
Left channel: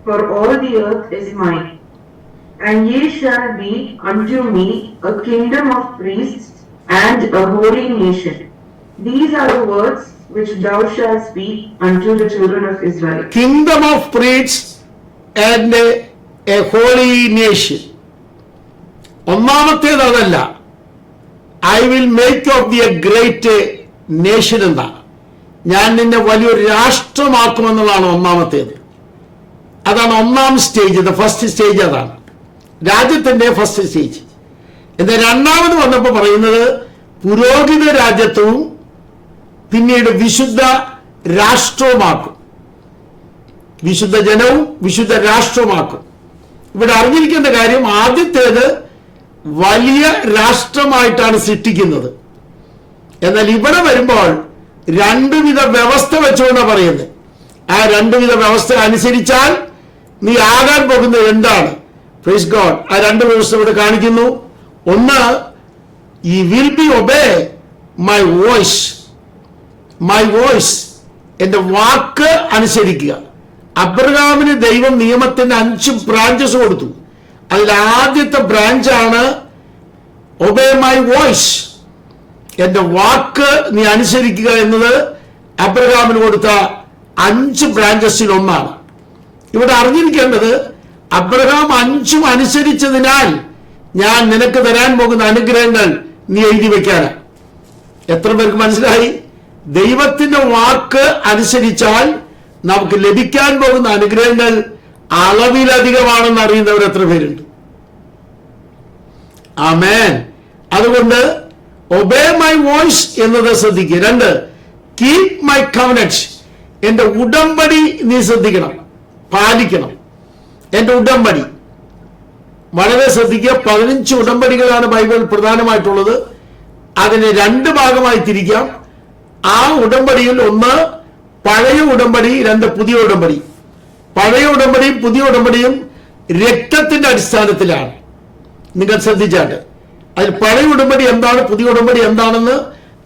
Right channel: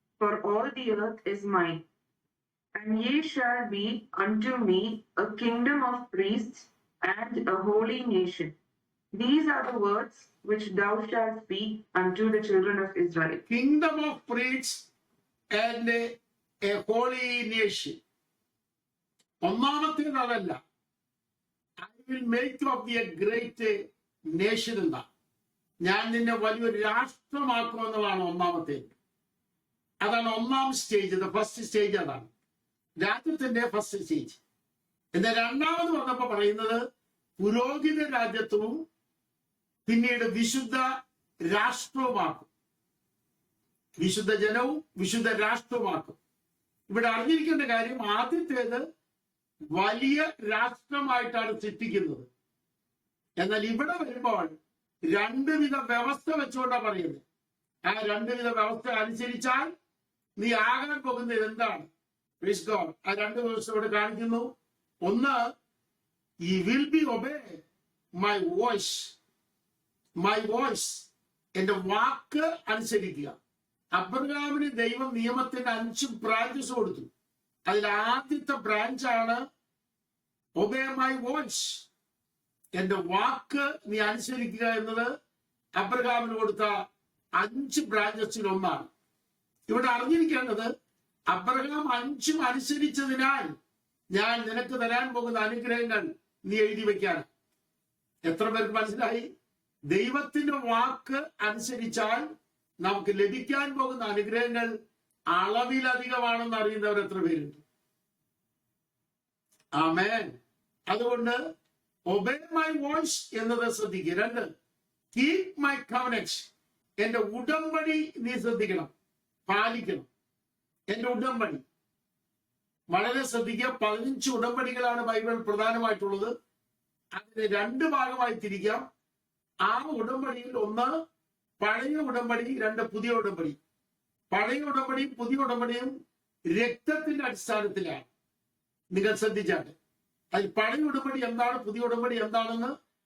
for all the earth is mine. And ye shall be unto me a kingdom of priests and a holy nation. These are the words which thou shalt speak unto the children of Israel. Kingdom of priests and a holy nation. ഒന്നാമത്തേത് അതല്ല. I will make of the A great nation എന്നാണ്. ഞാൻ നിന്നെ വലിയൊരു രാഷ്ട്രമാക്കുമെന്നുള്ളതാണ് ഒന്നാമത്തേത്. അതാണ് ഒന്നാം stage. First stage അതാണ്, രാജ്യത്തിന്റെ ഫസ്റ്റ് സ്റ്റേജ്. എന്നാൽ രണ്ടാമത് വന്നപ്പോൾ പറയുന്നത് പുരോഹിത രാജ്യത്വവും പിന്നീട് വിശുദ്ധ രാഷ്ട്രവുമാക്കും. വിശുദ്ധ ജനവും വിശുദ്ധ രാഷ്ട്രവുമാക്കും. ഇവിടെ അറിഞ്ഞിരിക്കേണ്ട കാര്യം, ആദ്യത്തേത് വലിയ രാഷ്ട്രമായിട്ടാണ് സൃഷ്ടിക്കുന്നത്. എന്നാൽ ഇവിടെ വരുമ്പോൾ 2 വിധ വ്യവസ്ഥ വെച്ചുകൊണ്ടാണ് പറയുന്നത്. ആ 2 വിധ വ്യവസ്ഥ അനുസരിച്ചാൽ നീ ആകാൻ പോകുന്നത് എന്താണ്? Praise God. ആ 2 വ്യവസ്ഥ ഇവിടെ കാണിക്കുന്നു. ഒന്ന്, ഈ will be obey my voice. My voice, എന്റെ വാക്ക് അനുസരിക്കുക. അബ്രഹാമിന് ദൈവം നിയമത്തിന്റെ 5 ബ്രാഞ്ചസ് കൊടുത്തു. അതിൽ ആദ്യത്തെ ബ്രാഞ്ചാണ് ഒബേ മൈ വോയിസ്. എന്റെ വാക്ക് നീ അനുസരിക്കുക എന്നത് അബ്രഹാമിന് കൊടുത്ത 5 ബ്രാഞ്ചസിൽ ഒന്നാണ്. ഇവിടെ അറിഞ്ഞിരിക്കേണ്ടത്, അബ്രഹാം 5ഉം അനുസരിച്ചതിനാൽ ഞാൻ നിനക്ക് തരാൻ പോകുന്ന അനുഗ്രഹങ്ങൾ നീ എഴുതി വെക്കാനാ. എത്ര പേർക്ക് മനസ്സിലായി? ദൈവത്തിന്റെ വാക്ക് അനുസരിച്ചാൽ നമുക്ക് ലഭിക്കാൻ പോകുന്ന അനുഗ്രഹങ്ങൾ അളവിലധികമാണെന്ന് അറിയുന്നവർ എത്ര പേരുണ്ട്? ആമേൻ. അതുകൊണ്ട് ഒബേ മൈ വോയിസ് എന്നത് ശ്രദ്ധിക്കുക. 2, കീപ് മൈ കവനന്റ്, എന്റെ ഉടമ്പടി നീ ശ്രദ്ധിക്കണം, പാലിക്കണം. എന്റെ ഉടമ്പടി വളരെ ശ്രദ്ധിക്കുക. 15 ഉടമ്പടികളാണ് ബൈബിൾ പ്രധാനമായിട്ടുള്ളത്. അതിനെ 2 ഭാഗമായി തിരിക്കാം. ആ ഉടമ്പടിയിൽ 1 പഴയ ഉടമ്പടി, 2 പുതിയ ഉടമ്പടി. പഴയ ഉടമ്പടിയും പുതിയ ഉടമ്പടിയും രക്തത്തിന്റെ അടിസ്ഥാനത്തിലാണ്. നിങ്ങൾ ശ്രദ്ധിച്ചാൽ അതിൽ പഴയ ഉടമ്പടി എന്താണ്, പുതിയ ഉടമ്പടി എന്താണെന്ന്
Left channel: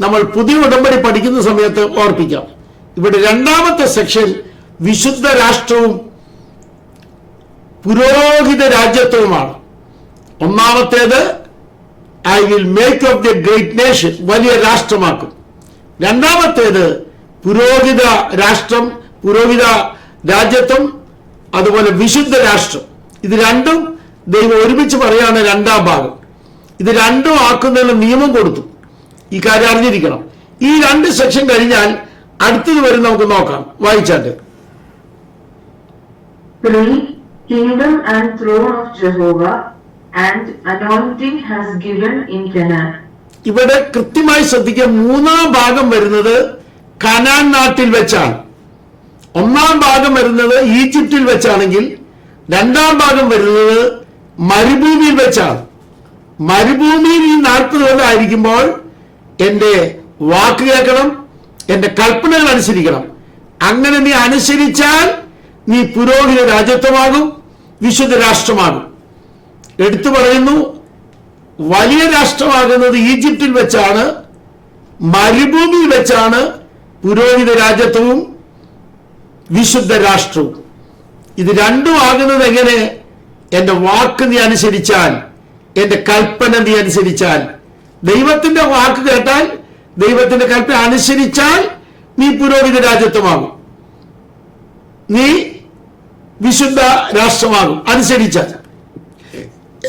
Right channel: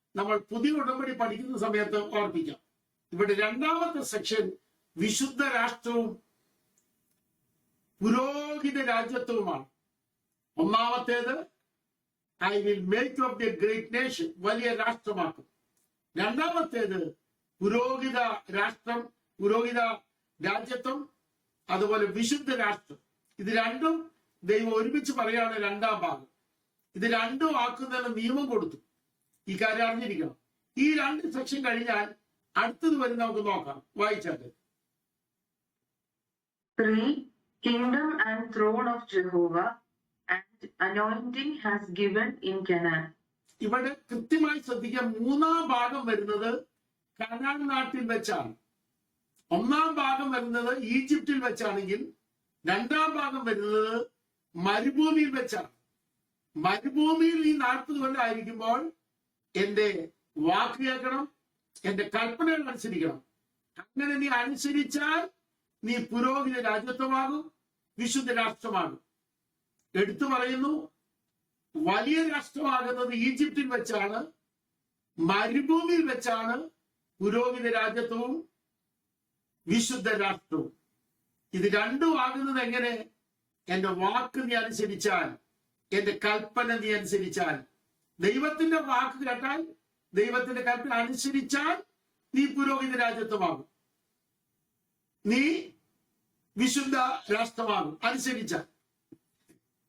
നമ്മൾ പുതിയ ഉടമ്പടി പഠിക്കുന്ന സമയത്ത് ഓർപ്പിക്കാം. ഇവിടെ 2ാമത്തെ സെക്ഷൻ വിശുദ്ധ രാഷ്ട്രവും പുരോഹിത രാജ്യത്വവുമാണ്. 1ാമത്തേത് I will make of the great nation, വലിയ രാഷ്ട്രമാക്കും. 2ാമത്തേത് പുരോഹിത രാഷ്ട്രം, പുരോഹിത രാജ്യത്വം, അതുപോലെ വിശുദ്ധ രാഷ്ട്രം. ഇത് രണ്ടും ദൈവം ഒരുമിച്ച് പറയാണ് 2ാം ഭാഗം. ഇത് രണ്ടും ആക്കുന്നതിന് നിയമം കൊടുത്തു. ഈ കാര്യം അറിഞ്ഞിരിക്കണം. ഈ 2 സെക്ഷൻ കഴിഞ്ഞാൽ അടുത്തത് വരെ നമുക്ക് നോക്കാം. വായിച്ചാട്ടെ. 3. Kingdom and throne of Jehovah and anointing has given in Canaan. ഇവിടെ കൃത്യമായി ശ്രദ്ധിക്കുക. 3ാം ഭാഗം വരുന്നത് കനാൻ നാട്ടിൽ വെച്ചാണ്. 1ാം ഭാഗം വരുന്നത് ഈജിപ്തിൽ വെച്ചാണെങ്കിൽ 2ാം ഭാഗം വരുന്നത് മരുഭൂമിയിൽ വെച്ചാണ്. മരുഭൂമിയിൽ ഈ 40 കൊല്ലം ആയിരിക്കുമ്പോൾ എന്റെ വാക്ക് കേൾക്കണം, എന്റെ കൽപ്പനകൾ അനുസരിക്കണം. അങ്ങനെ നീ അനുസരിച്ചാൽ നീ പുരോഹിത രാജ്യത്വമാകും, വിശുദ്ധ രാഷ്ട്രമാകും. എടുത്തു പറയുന്നു, വലിയ രാഷ്ട്രമാകുന്നത് ഈജിപ്തിൽ വെച്ചാണ്, മരുഭൂമിയിൽ വെച്ചാണ് പുരോഹിത രാജ്യത്വവും വിശുദ്ധ രാഷ്ട്രവും. ഇത് രണ്ടും ആകുന്നത് എങ്ങനെ? എന്റെ വാക്ക് നീ അനുസരിച്ചാൽ, എന്റെ കൽപ്പന നീ അനുസരിച്ചാൽ. ദൈവത്തിന്റെ വാക്ക് കേട്ടാൽ, ദൈവത്തിന്റെ കൽപ്പന അനുസരിച്ചാൽ നീ പുരോഹിത രാജ്യത്വമാകും, നീ വിശുദ്ധ രാഷ്ട്രമാകും അനുസരിച്ചാൽ.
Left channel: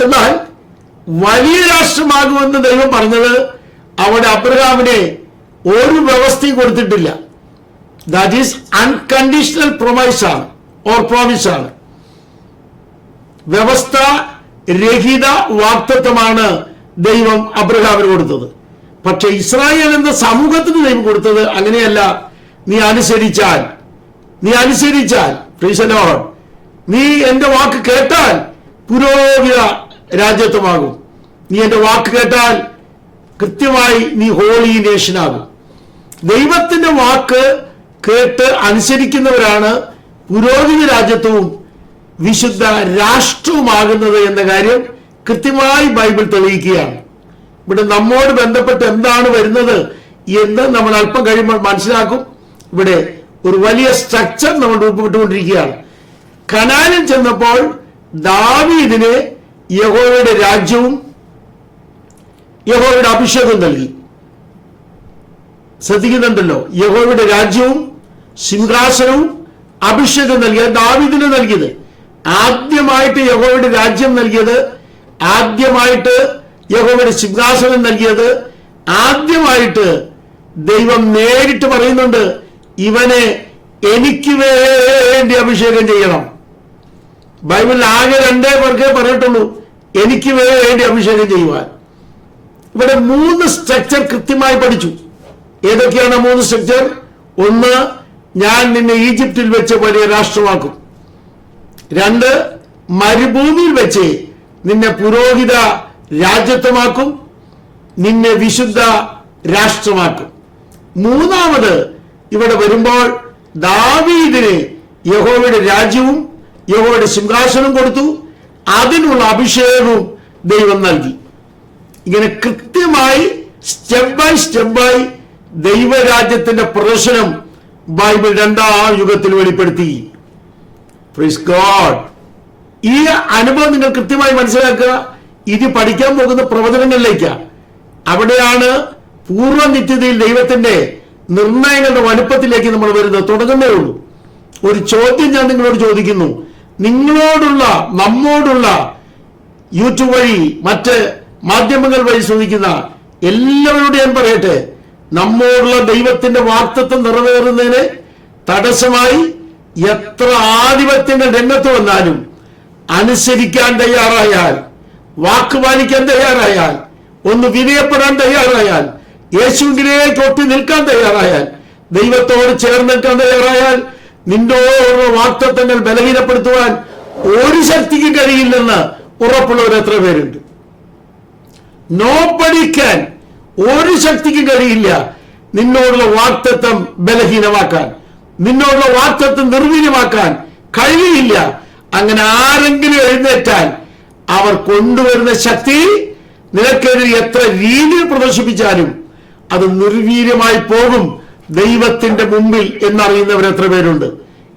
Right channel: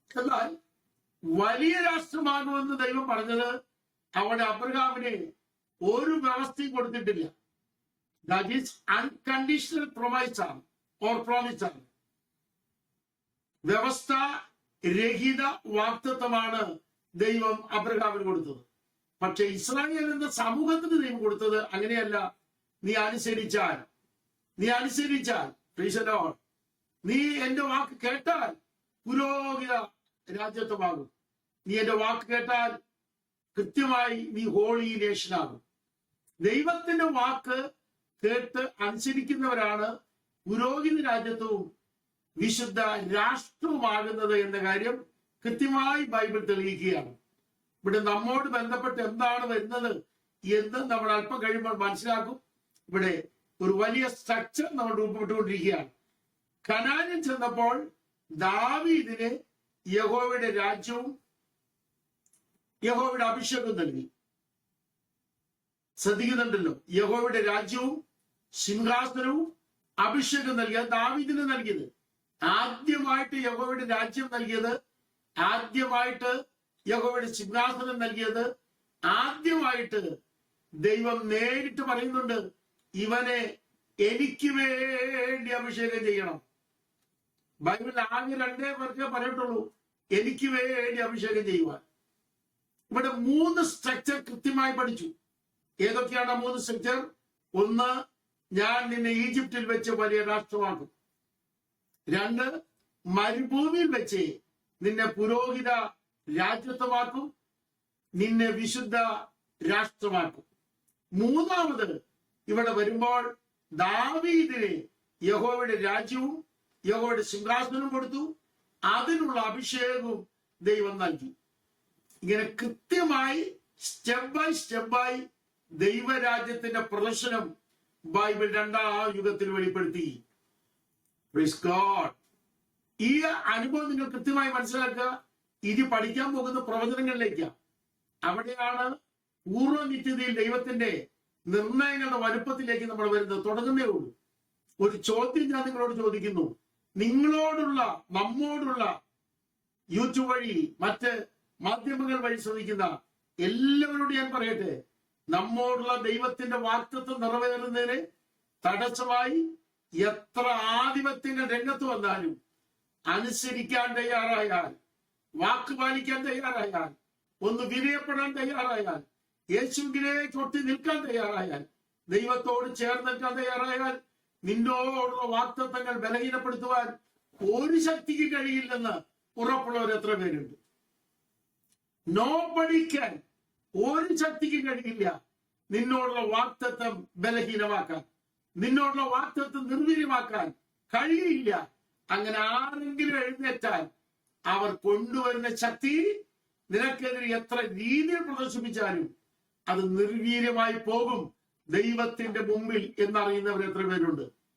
എന്നാൽ വലിയ രാഷ്ട്രമാകുമെന്ന് ദൈവം പറഞ്ഞത് അവിടെ അബ്രഹാമിനെ ഒരു വ്യവസ്ഥയും കൊടുത്തിട്ടില്ല. ദാറ്റ് ഈസ് അൺകണ്ടീഷണൽ പ്രൊമൈസാണ് ഓർ പ്രോമിസാണ്. വ്യവസ്ഥ രഹിത വാഗ്ദത്തമാണ് ദൈവം അബ്രഹാമിന് കൊടുത്തത്. പക്ഷെ ഇസ്രായേൽ എന്ന സമൂഹത്തിന് ദൈവം കൊടുത്തത് അങ്ങനെയല്ല. നീ അനുസരിച്ചാൽ, പ്രൈസ് ദി ലോർഡ്, നീ എന്റെ വാക്ക് കേട്ടാൽ പുരോഹിത രാജ്യത്വമാകും. നീ എന്റെ വാക്ക് കേട്ടാൽ കൃത്യമായി നീ ഹോളി നേഷനാകും. ദൈവത്തിന്റെ വാക്ക് കേട്ട് അനുസരിക്കുന്നവരാണ് പുരോഹിത രാജ്യത്വവും വിശുദ്ധ രാഷ്ട്രവുമാകുന്നത് എന്ന കാര്യം കൃത്യമായി ബൈബിൾ തെളിയിക്കുകയാണ്. ഇവിടെ നമ്മോട് ബന്ധപ്പെട്ട് എന്താണ് വരുന്നത് എന്ന് നമ്മൾ അല്പം കഴിയുമ്പോൾ മനസ്സിലാക്കും. ഇവിടെ ഒരു വലിയ സ്ട്രക്ചർ നമ്മൾ രൂപപ്പെട്ടുകൊണ്ടിരിക്കുകയാണ്. കനാനിൽ ചെന്നപ്പോൾ ദാവീദിന് യഹോവയുടെ രാജ്യവും യഹോവയുടെ അഭിഷേകം നൽകി. ശ്രദ്ധിക്കുന്നുണ്ടല്ലോ, യഹോവയുടെ രാജ്യവും സിംഹാസനവും അഭിഷേകം നൽകിയത് ദാവീദിന് നൽകിയത്. ആദ്യമായിട്ട് യഹോവയുടെ രാജ്യം നൽകിയത്, ആദ്യമായിട്ട് യഹോവയുടെ സിംഹാസനം നൽകിയത്, ആദ്യമായിട്ട് ദൈവം നേരിട്ട് പറയുന്നുണ്ട്, ഇവനെ എനിക്ക് വേണ്ടി അഭിഷേകം ചെയ്യണം. ബൈബിളിൽ ആകെ 2 പേർക്കേ പറഞ്ഞിട്ടുള്ളൂ എനിക്ക് വേണ്ടി അഭിഷേകം ചെയ്യുവാൻ. ഇവിടെ 3 സ്ട്രക്ചർ കൃത്യമായി പഠിച്ചു. ഏതൊക്കെയാണ് 3 സ്ട്രക്ചർ? 1, ഞാൻ നിന്നെ ഈജിപ്തിൽ വെച്ച് വലിയ രാഷ്ട്രമാക്കും. 2, മരുഭൂമിയിൽ വെച്ച് നിന്നെ പുരോഹിത രാജ്യത്വമാക്കും, നിന്നെ വിശുദ്ധ രാഷ്ട്രമാക്കും. 3ാമത് ഇവിടെ വരുമ്പോൾ ദാവീദിന് യഹോവയുടെ രാജ്യവും യഹോവയുടെ സിംഹാസനവും കൊടുത്തു, അതിനുള്ള അഭിഷേകവും ദൈവം നൽകി. ഇങ്ങനെ കൃത്യമായി സ്റ്റെപ്പ് ബൈ ദൈവരാജ്യത്തിന്റെ പ്രദർശനം ബൈബിൾ 2ാം യുഗത്തിൽ വെളിപ്പെടുത്തി. Praise God. ഈ അനുഭവം നിങ്ങൾ കൃത്യമായി മനസ്സിലാക്കുക. ഇത് പഠിക്കാൻ പോകുന്ന പ്രവചനങ്ങളിലേക്കാണ്. അവിടെയാണ് പൂർവ്വ നിത്യതയിൽ ദൈവത്തിന്റെ നിർണയങ്ങളുടെ വലുപ്പത്തിലേക്ക് നമ്മൾ വരുന്നത്. തുടങ്ങുന്നേ ഉള്ളൂ. ഒരു ചോദ്യം ഞാൻ നിങ്ങളോട് ചോദിക്കുന്നു. നമ്മോടുള്ള യൂട്യൂബ് വഴി മറ്റ് മാധ്യമങ്ങൾ വഴി ശ്രമിക്കുന്ന എല്ലാവരോടും ഞാൻ പറയട്ടെ, നമ്മോടുള്ള ദൈവത്തിന്റെ വാഗ്ദത്തം നിറവേറുന്നതിന് തടസ്സമായി എത്ര ആധിപത്യങ്ങൾ രംഗത്ത് വന്നാലും അനുസരിക്കാൻ തയ്യാറായാൽ, വാക്ക് പാലിക്കാൻ തയ്യാറായാൽ, ഒന്ന് വിനയപ്പെടാൻ തയ്യാറായാൽ, യേശുവിലേക്ക് ഒട്ടി നിൽക്കാൻ തയ്യാറായാൽ, ദൈവത്തോട് ചേർന്ന് നിൽക്കാൻ തയ്യാറായാൽ, നിന്നോടുള്ള വാഗ്ദത്തങ്ങൾ ബലഹീനപ്പെടുത്തുവാൻ ഒരു ശക്തിക്ക് കഴിയില്ലെന്ന് ഉറപ്പുള്ളവർ എത്ര പേരുണ്ട്? നോപ്പടിക്കാൻ ഒരു ശക്തിക്കും കഴിയില്ല നിന്നോടുള്ള വാഗ്ദത്തം ബലഹീനമാക്കാൻ, നിന്നോടുള്ള വാഗ്ദത്തം നിർവീര്യമാക്കാൻ കഴിയില്ല. അങ്ങനെ ആരെങ്കിലും എഴുന്നേറ്റാൽ അവർ കൊണ്ടുവരുന്ന ശക്തി നിനക്കെതിരെ എത്ര രീതിയിൽ പ്രദർശിപ്പിച്ചാലും അത് നിർവീര്യമായി പോകും ദൈവത്തിന്റെ മുമ്പിൽ എന്നറിയുന്നവർ എത്ര പേരുണ്ട്?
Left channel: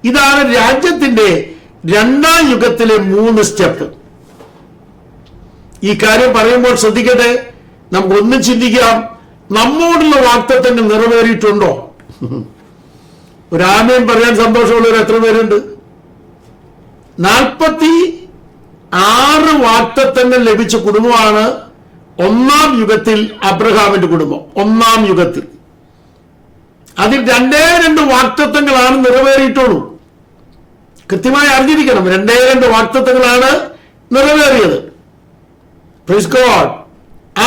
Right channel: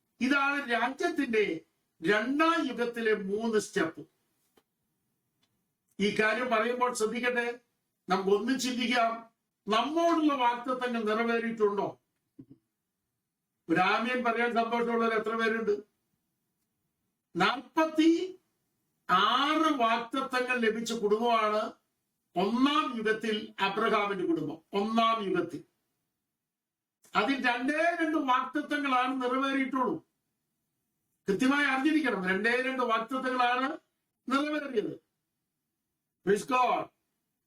ഇതാണ് രാജ്യത്തിന്റെ രണ്ടാം യുഗത്തിലെ 3 സ്റ്റെപ്പ്. ഈ കാര്യം പറയുമ്പോൾ ശ്രദ്ധിക്കട്ടെ, നമുക്കൊന്നും ചിന്തിക്കാം, നമ്മോടുള്ള വാഗ്ദത്തങ്ങൾ നിറവേറിയിട്ടുണ്ടോ? ഒരു ആമേൻ പറയാൻ സന്തോഷമുള്ളവർ എത്ര പേരുണ്ട്? 46 വാഗ്ദത്തങ്ങൾ ലഭിച്ച കുടുംബമാണ് ഒന്നാം യുഗത്തിൽ അബ്രഹാമിന്റെ കുടുംബം. ഒന്നാം യുഗത്തിൽ അതിൽ 2 വാഗ്ദത്തങ്ങളാണ് നിറവേറിയിട്ടുള്ളൂ. കൃത്യമായി അറിഞ്ഞിരിക്കണം, 2 വാഗ്ദത്തങ്ങളാണ് നിറവേറിയത്. Praise God.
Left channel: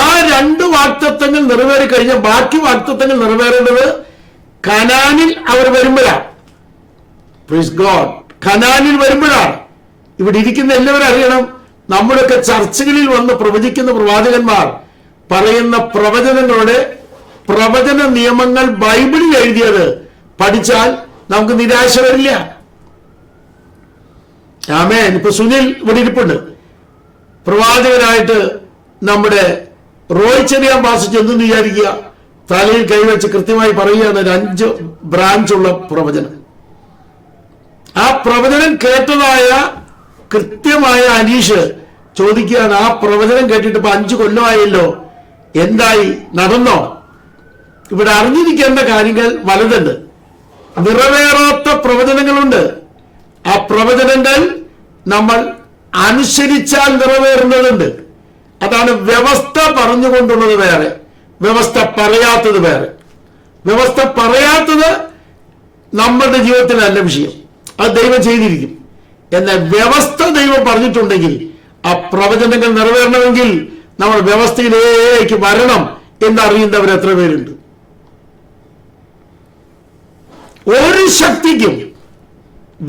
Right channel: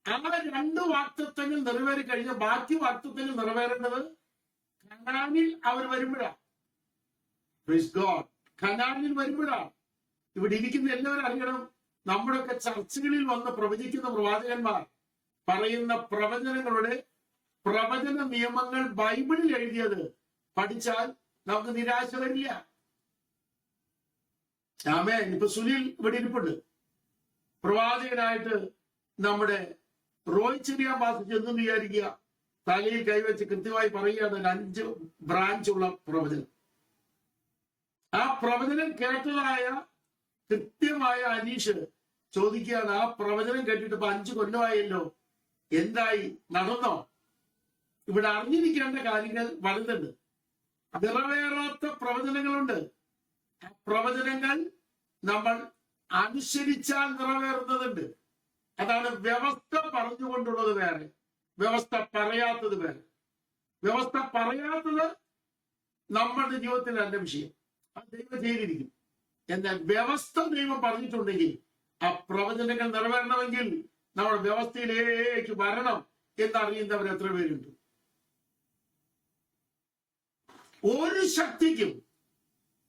ആ 2 വാഗ്ദത്തങ്ങൾ നിറവേറി കഴിഞ്ഞ ബാക്കി വാഗ്ദത്തങ്ങൾ നിറവേറേണ്ടത് കനാനിൽ അവർ വരുമ്പോഴാണ്. Praise God. കനാനിൽ വരുമ്പോഴാണ്. ഇവിടെ ഇരിക്കുന്ന എല്ലാവരും അറിയണം, നമ്മുടെയൊക്കെ ചർച്ചകളിൽ വന്ന് പ്രവചിക്കുന്ന പ്രവാചകന്മാർ പറയുന്ന പ്രവചനങ്ങളുടെ പ്രവചന നിയമങ്ങൾ ബൈബിളിൽ എഴുതിയത് പഠിച്ചാൽ നമുക്ക് നിരാശ വരില്ല. ആമേൻ. ഇപ്പൊ സുനിൽ ഇവിടെ ഇരിപ്പുണ്ട്. പ്രവാചകനായിട്ട് നമ്മുടെ റോയ് ചെറിയാൻ ഭാഷിച്ച് എന്തെന്ന് വിചാരിക്കുക, തലയിൽ കൈവച്ച് കൃത്യമായി പറയുകയാണ് 5 ബ്രാഞ്ചുള്ള പ്രവചനം. ആ പ്രവചനം കേട്ടതായ കൃത്യമായ അനീഷ് ചോദിക്കുകയാണ്, ആ പ്രവചനം കേട്ടിട്ട് ഇപ്പൊ 5 കൊല്ലമായല്ലോ, എന്തായി, നടന്നോ? ഇവിടെ അറിഞ്ഞിരിക്കേണ്ട കാര്യങ്ങൾ വലുതുണ്ട്. നിറവേറാത്ത പ്രവചനങ്ങളുണ്ട്. ആ പ്രവചനങ്ങൾ നമ്മൾ അനുസരിച്ചാൽ നിറവേറുന്നതുണ്ട്. അതാണ് വ്യവസ്ഥ പറഞ്ഞുകൊണ്ടുള്ളത് വേറെ, വ്യവസ്ഥ പറയാത്തത് വേറെ. വ്യവസ്ഥ പറയാത്തത് നമ്മളുടെ ജീവിതത്തിലല്ല വിഷയം, അത് ദൈവം ചെയ്തിരിക്കും. എന്നാൽ വ്യവസ്ഥ ദൈവം പറഞ്ഞിട്ടുണ്ടെങ്കിൽ ആ പ്രവചനങ്ങൾ നിറവേറണമെങ്കിൽ നമ്മൾ വ്യവസ്ഥയിലേക്ക് വരണം എന്നറിയുന്നവർ എത്ര പേരുണ്ട്? ഒരു ശക്തിക്കും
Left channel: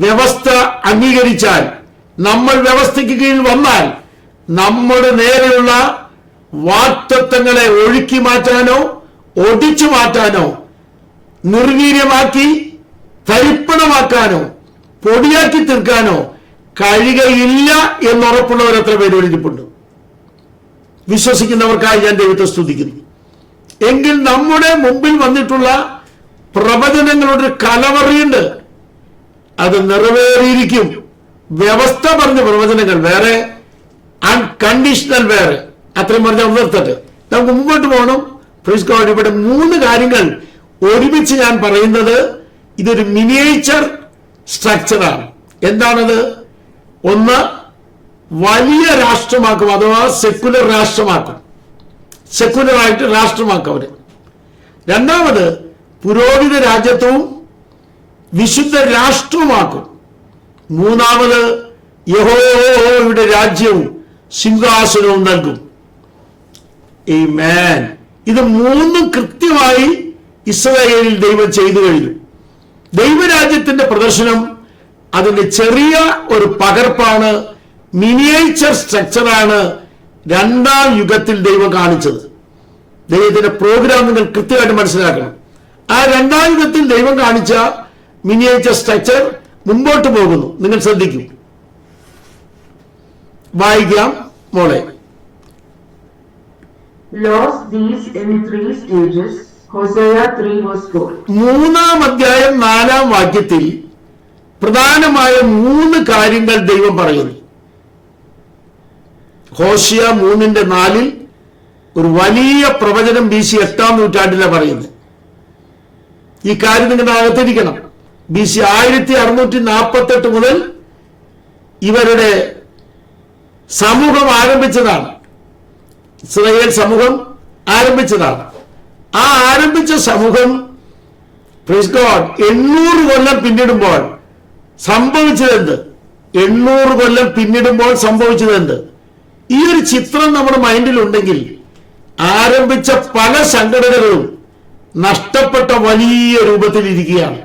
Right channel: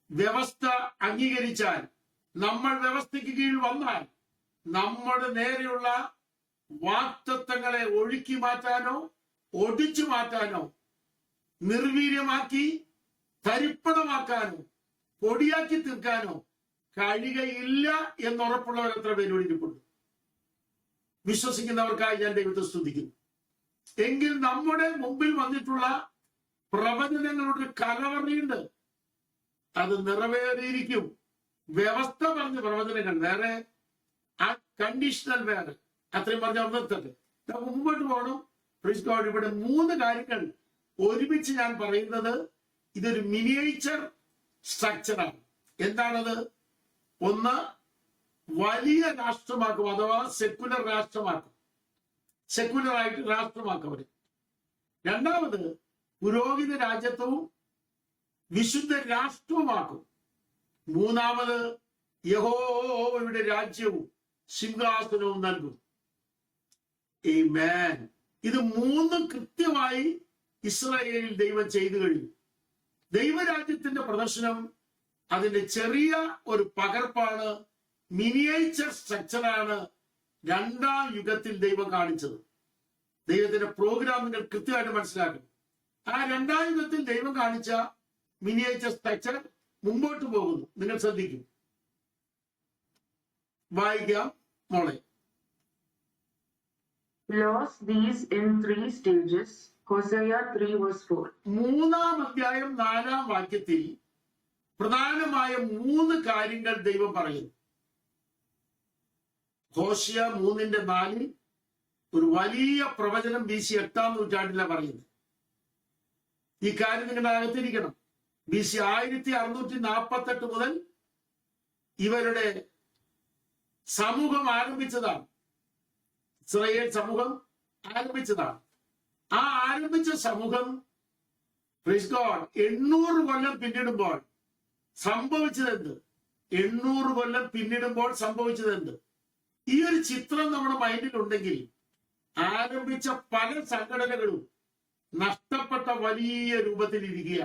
വ്യവസ്ഥ അംഗീകരിച്ചാൽ, നമ്മൾ വ്യവസ്ഥയ്ക്ക് കീഴിൽ വന്നാൽ നമ്മുടെ നേരെയുള്ള വാഗ്ദത്തങ്ങളെ ഒഴുക്കി മാറ്റാനോ ഒടിച്ചു മാറ്റാനോ നിർവീര്യമാക്കി തരിപ്പണമാക്കാനോ പൊടിയാക്കി തീർക്കാനോ കഴിയുകയില്ല എന്നുറപ്പുള്ളവർ എത്ര പേര് എഴുതിയിട്ടുണ്ട്? വിശ്വസിക്കുന്നവർക്കായി ഞാൻ ദൈവത്തെ സ്തുതിക്കുന്നു. എങ്കിൽ നമ്മുടെ മുമ്പിൽ വന്നിട്ടുള്ള പ്രവചനങ്ങളുടെ കലവറിയുണ്ട്, അത് നിറവേറിയിരിക്കും. വ്യവസ്ഥ പറഞ്ഞ പ്രവചനങ്ങൾ വേറെ, അൺകണ്ടീഷണൽ വേറെ. അത്രയും പറഞ്ഞാൽ നിർത്തട്ടെ, നമുക്ക് മുമ്പോട്ട് പോകണം. Praise God. ഇവിടെ 3 കാര്യങ്ങൾ ഒരുമിച്ച് ഞാൻ പറയുന്നത്, ഇതൊരു മിനിയേച്ചർ സ്ട്രക്ചറാണ്. എന്താണത്? ഒന്ന്, വലിയ രാഷ്ട്രമാക്കും, അഥവാ സെക്കുലർ രാഷ്ട്രമാക്കും, സെക്കുലറായിട്ട് രാഷ്ട്രമാക്കും അവര്. രണ്ടാമത്, പുരോഹിത രാജ്യത്വവും വിശുദ്ധ രാഷ്ട്രവുമാക്കും. മൂന്നാമത്, യഹോവയുടെ രാജ്യവും സിംഹാസനവും നൽകും. ആമേൻ. ഇത് 3 കൃത്യമായി ഇസ്രായേലിൽ ദൈവം ചെയ്തു കഴിഞ്ഞു. ദൈവരാജ്യത്തിന്റെ പ്രദർശനം അതിന്റെ ചെറിയ ഒരു പകർപ്പാണ്, മിനിയേച്ചർ സ്ട്രക്ചറാണ് രണ്ടാം യുഗത്തിൽ ദൈവം കാണിച്ചത്. ദൈവത്തിന്റെ പ്രോഗ്രാം നിങ്ങൾ കൃത്യമായിട്ട് മനസ്സിലാക്കണം. ആ രണ്ടാം യുഗത്തിൽ ദൈവം കാണിച്ച മിനിയേച്ചർ സ്ട്രക്ചർ മുമ്പോട്ട് പോകുന്നു. നിങ്ങൾ ശ്രദ്ധിക്കും. വായിക്കാം മോളെ. Lost these in 3 stages. Hosea 3:4. 3-ാം അധ്യായം 4-ാം വാക്യത്തിൽ പ്രധാനമായ 3 കാര്യങ്ങൾ ദൈവം പറയുന്നു. ഹോശിയ 3:4 ഒരു വലിയ പ്രവചനം BC 8-ാം നൂറ്റാണ്ടിലാണ് പറയുന്നത്. ഈ കാര്യം നിങ്ങളുടെ അകത്തിരിക്കണം. BC 1648 മുതൽ ഇവരുടെ സമൂഹം ആരംഭിച്ചതാണ്. ഇസ്രായേൽ സമൂഹം ആരംഭിച്ചതാണ്. ആ ആരംഭിച്ച സമൂഹം പ്രൈസ് ഗോഡ് 800 കൊല്ലം പിന്നിടുമ്പോൾ സംഭവിച്ചതെന്ത്? 800 കൊല്ലം പിന്നിടുമ്പോൾ സംഭവിച്ചതെന്ത്? ഈ ഒരു ചിത്രം നമ്മുടെ മൈൻഡിൽ ഉണ്ടെങ്കിൽ ആരംഭിച്ച പല സംഘടനകളും നഷ്ടപ്പെട്ട വലിയ രൂപത്തിൽ ഇരിക്കുകയാണ്.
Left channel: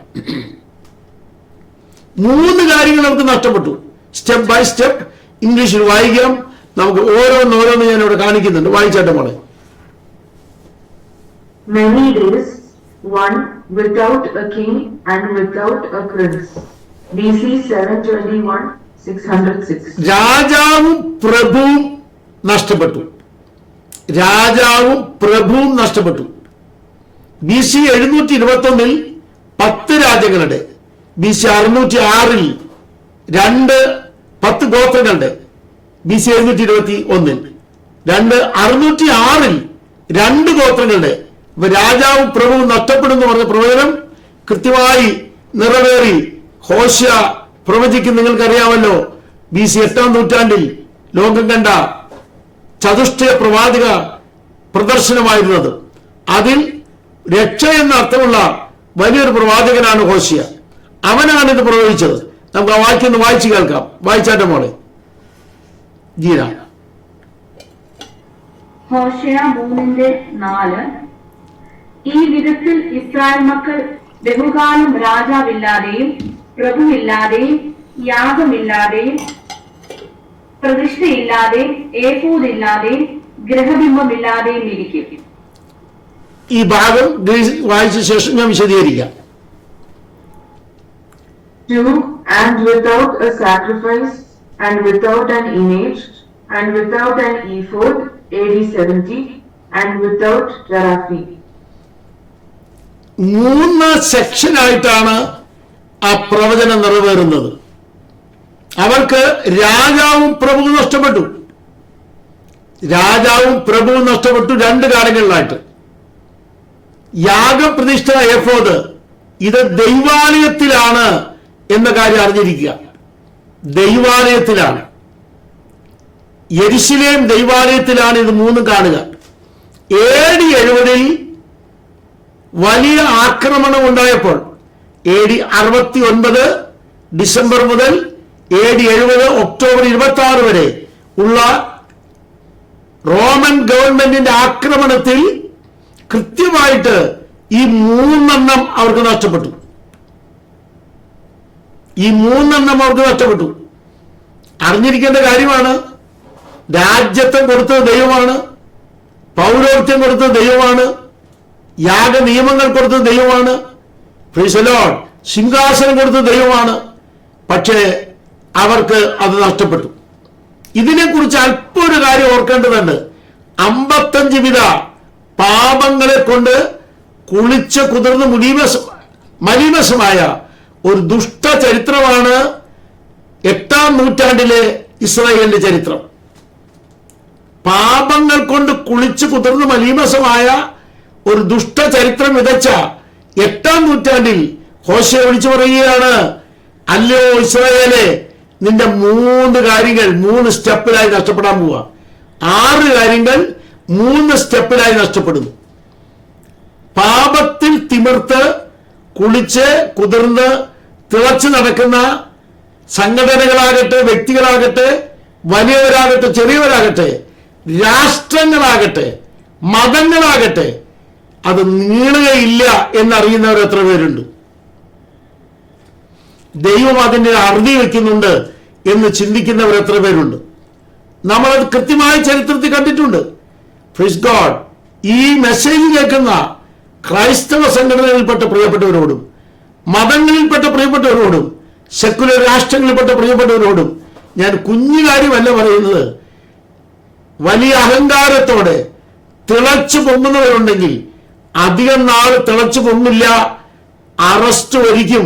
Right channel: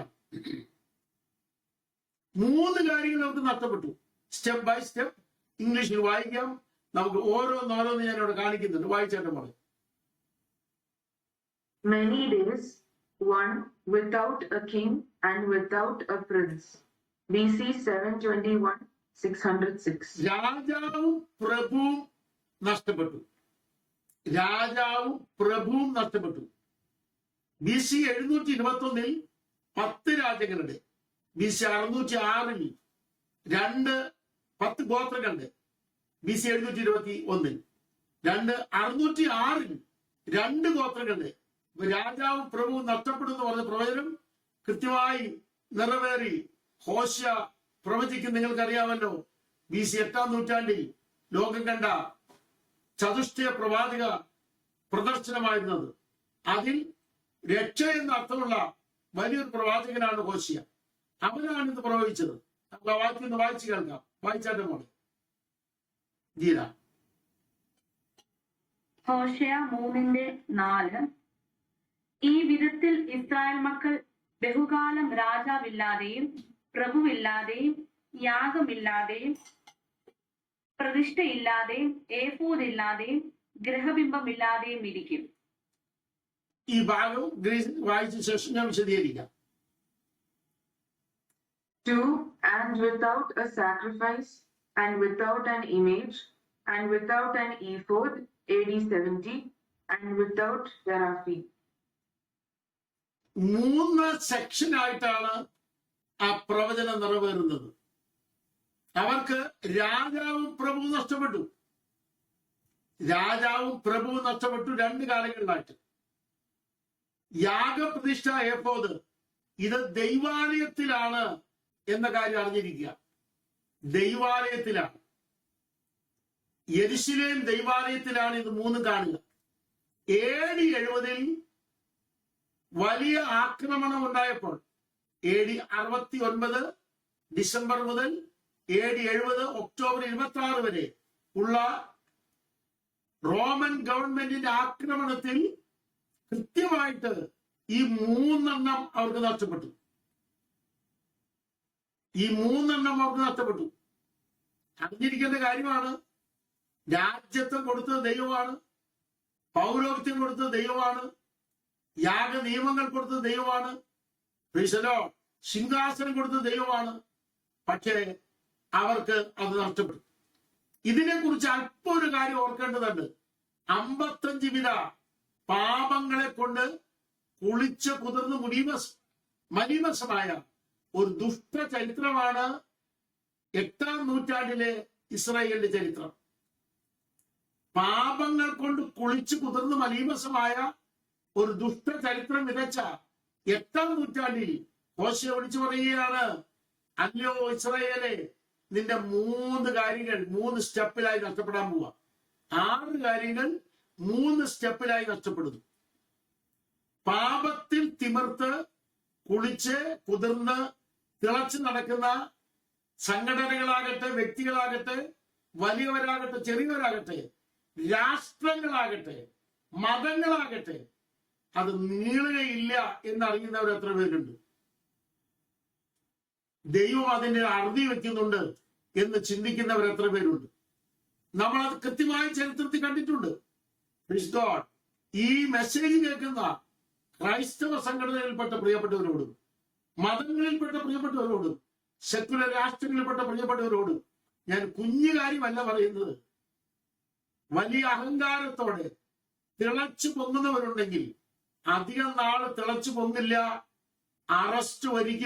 3 കാര്യങ്ങൾ നമുക്ക് നഷ്ടപ്പെട്ടു. സ്റ്റെപ്പ് ബൈ സ്റ്റെപ്പ് ഇംഗ്ലീഷിൽ വായിക്കാം. നമുക്ക് ഓരോന്നോരോന്ന് ഞാൻ ഇവിടെ കാണിക്കുന്നുണ്ട്. വായിച്ചാട്ടെ മോളെ. Many days, one without a king and without a prince. BC 721, 606. രാജാവും പ്രഭുവും നഷ്ടപ്പെട്ടു. രാജാവും പ്രഭുവും നഷ്ടപ്പെട്ടു. BC 721 10 രാജ്യങ്ങളുടെ, BC 606 10 ഗോത്രങ്ങളുടെ, BC 721 606 2 ഗോത്രങ്ങളുടെ. രാജാവും പ്രഭുവും നഷ്ടപ്പെടുന്നു പറഞ്ഞ പ്രവചനം കൃത്യമായി നിറവേറി. ഹോശേയ പ്രവചിക്കും. നിങ്ങൾക്കറിയാമല്ലോ, BC 8-ാം നൂറ്റാണ്ടിൽ ലോകം കണ്ട ചതുഷ്ടയ പ്രവാചക പ്രദർശനമായിരുന്നത്. അതിൽ രക്ഷ എന്ന അർത്ഥമുള്ള വലിയൊരു പ്രവാചകനാണ് ഹോശേയ. അവനാണ് ഇത് പ്രവചിച്ചത്. നമുക്ക് ആ വാക്യം ഒന്ന് വായിച്ചു കേൾക്കാം. വായിച്ചാട്ടെ മോളെ ജീന. ഹോശേയ 3:4. ഈ വിധത്തിൽ ഇസ്രായേൽ മക്കൾ ബഹുകാലം രാജാവില്ലാതെയും പ്രഭുവില്ലാതെയും യാഗമില്ലാതെയും പ്രതിഷ്ഠയില്ലാതെയും ഏഫോദില്ലാതെയും ഗ്രഹബിംബമില്ലാതെയും ഇരിക്കും. ഈ ഭാഗം വായിച്ച ശേഷം ഞാൻ വിശദീകരിക്കാം. 2 And without a sacrifice and without an image and without an ephod, AD 70, and without teraphim. 3 സെക്ഷനായിട്ടാണ് ആ പ്രവചനം നിറവേറുന്നത്. അവർക്ക് രാജാവും പ്രഭുവും നഷ്ടപ്പെട്ടു. രാജാവും പ്രഭുവും നഷ്ടപ്പെട്ടു 2 കാര്യങ്ങളിലായിട്ട്. യാഗപ്രതിഷ്ഠ എഫോദ് ഇത് ദൈവാലയത്തിലാണ് എന്ന കാര്യം അറിഞ്ഞിരിക്കുക. ദൈവാലയത്തിലാണ്, യെരുശലേം ദൈവാലയത്തിലാണ് ഇത് 3 കാണുക. AD 70 വലിയ ആക്രമണം ഉണ്ടായപ്പോൾ AD 69 ഡിസംബർ മുതൽ AD 70 ഒക്ടോബർ 26 വരെ ഉള്ള റോമൻ ഗവൺമെന്റിന്റെ ആക്രമണത്തിൽ കൃത്യമായിട്ട് ഈ 3 അവർക്ക് നഷ്ടപ്പെട്ടു. ഈ 3 അവർക്ക് നഷ്ടപ്പെട്ടു. അറിഞ്ഞിരിക്കേണ്ട കാര്യമാണ്. രാജ്യത്വം കൊടുത്തത് ദൈവമാണ്, പൗരോഹിത്യം കൊടുത്തത് ദൈവമാണ്, യാഗ നിയമങ്ങൾ കൊടുത്തത് ദൈവമാണ്, പ്രൈസ് ദി ലോർഡ്, സിംഹാസനം കൊടുത്തത് ദൈവമാണ്. പക്ഷേ അവർക്ക് അത് നഷ്ടപ്പെട്ടു. ഇതിനെക്കുറിച്ച് അല്പം ഒരു കാര്യം ഓർക്കേണ്ടതുണ്ട്. 55 വിധ പാപങ്ങളെ കൊണ്ട് കുളിച്ച് കുതിർന്ന് മലീമസമായ ഒരു ദുഷ്ട ചരിത്രമാണ് 8-ാം നൂറ്റാണ്ടിലെ ഇസ്രായേലിന്റെ ചരിത്രം. പാപങ്ങൾ കൊണ്ട് കുളിച്ച് കുതിർന്ന് മലീമസമായ ഒരു ദുഷ്ട ചരിത്രം വിതച്ച 8-ാം നൂറ്റാണ്ടിൽ ഹോശേയ വിളിച്ചു പറയുകയാണ്, അല്ലയോ ഇസ്രായേലേ, നിന്റെ 3 കാര്യങ്ങൾ 3 സ്റ്റെപ്പിലായി നഷ്ടപ്പെടാൻ പോവുക. 6 കാര്യങ്ങൾ 3 സ്റ്റെപ്പിലായി നഷ്ടപ്പെടുന്നു. പാപത്തിൽ തിമിർത്ത് കുളിച്ച് കുതിർന്ന് തിളച്ചു നടക്കുന്ന സംഘടനകളാകട്ടെ, വ്യക്തികളാകട്ടെ, വലിയവരാകട്ടെ, ചെറിയവരാകട്ടെ, രാഷ്ട്രങ്ങളാകട്ടെ, മതങ്ങളാകട്ടെ, അത് നീളുകയില്ല എന്നറിയുന്നവർ എത്ര പേരുണ്ട്? ദൈവം അതിന്റെ അറുതി വെക്കുന്നുണ്ട് എന്ന് ചിന്തിക്കുന്നവർ എത്ര പേരുണ്ട്? നമ്മളത് കൃത്യമായ ചരിത്രത്തിൽ കണ്ടിട്ടുണ്ട്. Praise God. ഈ മെസ്സേജ് കേൾക്കുന്ന ക്രൈസ്തവ സംഘടനകളിൽപ്പെട്ട പ്രിയപ്പെട്ടവരോടും, മതങ്ങളിൽപ്പെട്ട പ്രിയപ്പെട്ടവരോടും, സെക്കുലർ രാഷ്ട്രങ്ങളിൽപ്പെട്ട പ്രിയപ്പെട്ടവരോടും ഞാൻ കുഞ്ഞു കാര്യമല്ല പറയുന്നത്. വലിയ അഹങ്കാരത്തോടെ തിളച്ചു പൊങ്ങുന്നവരുണ്ടെങ്കിൽ അധികം നാൾ തിളച്ചു പൊങ്ങില്ല. അറസ്റ്റ് ഒരിക്കും.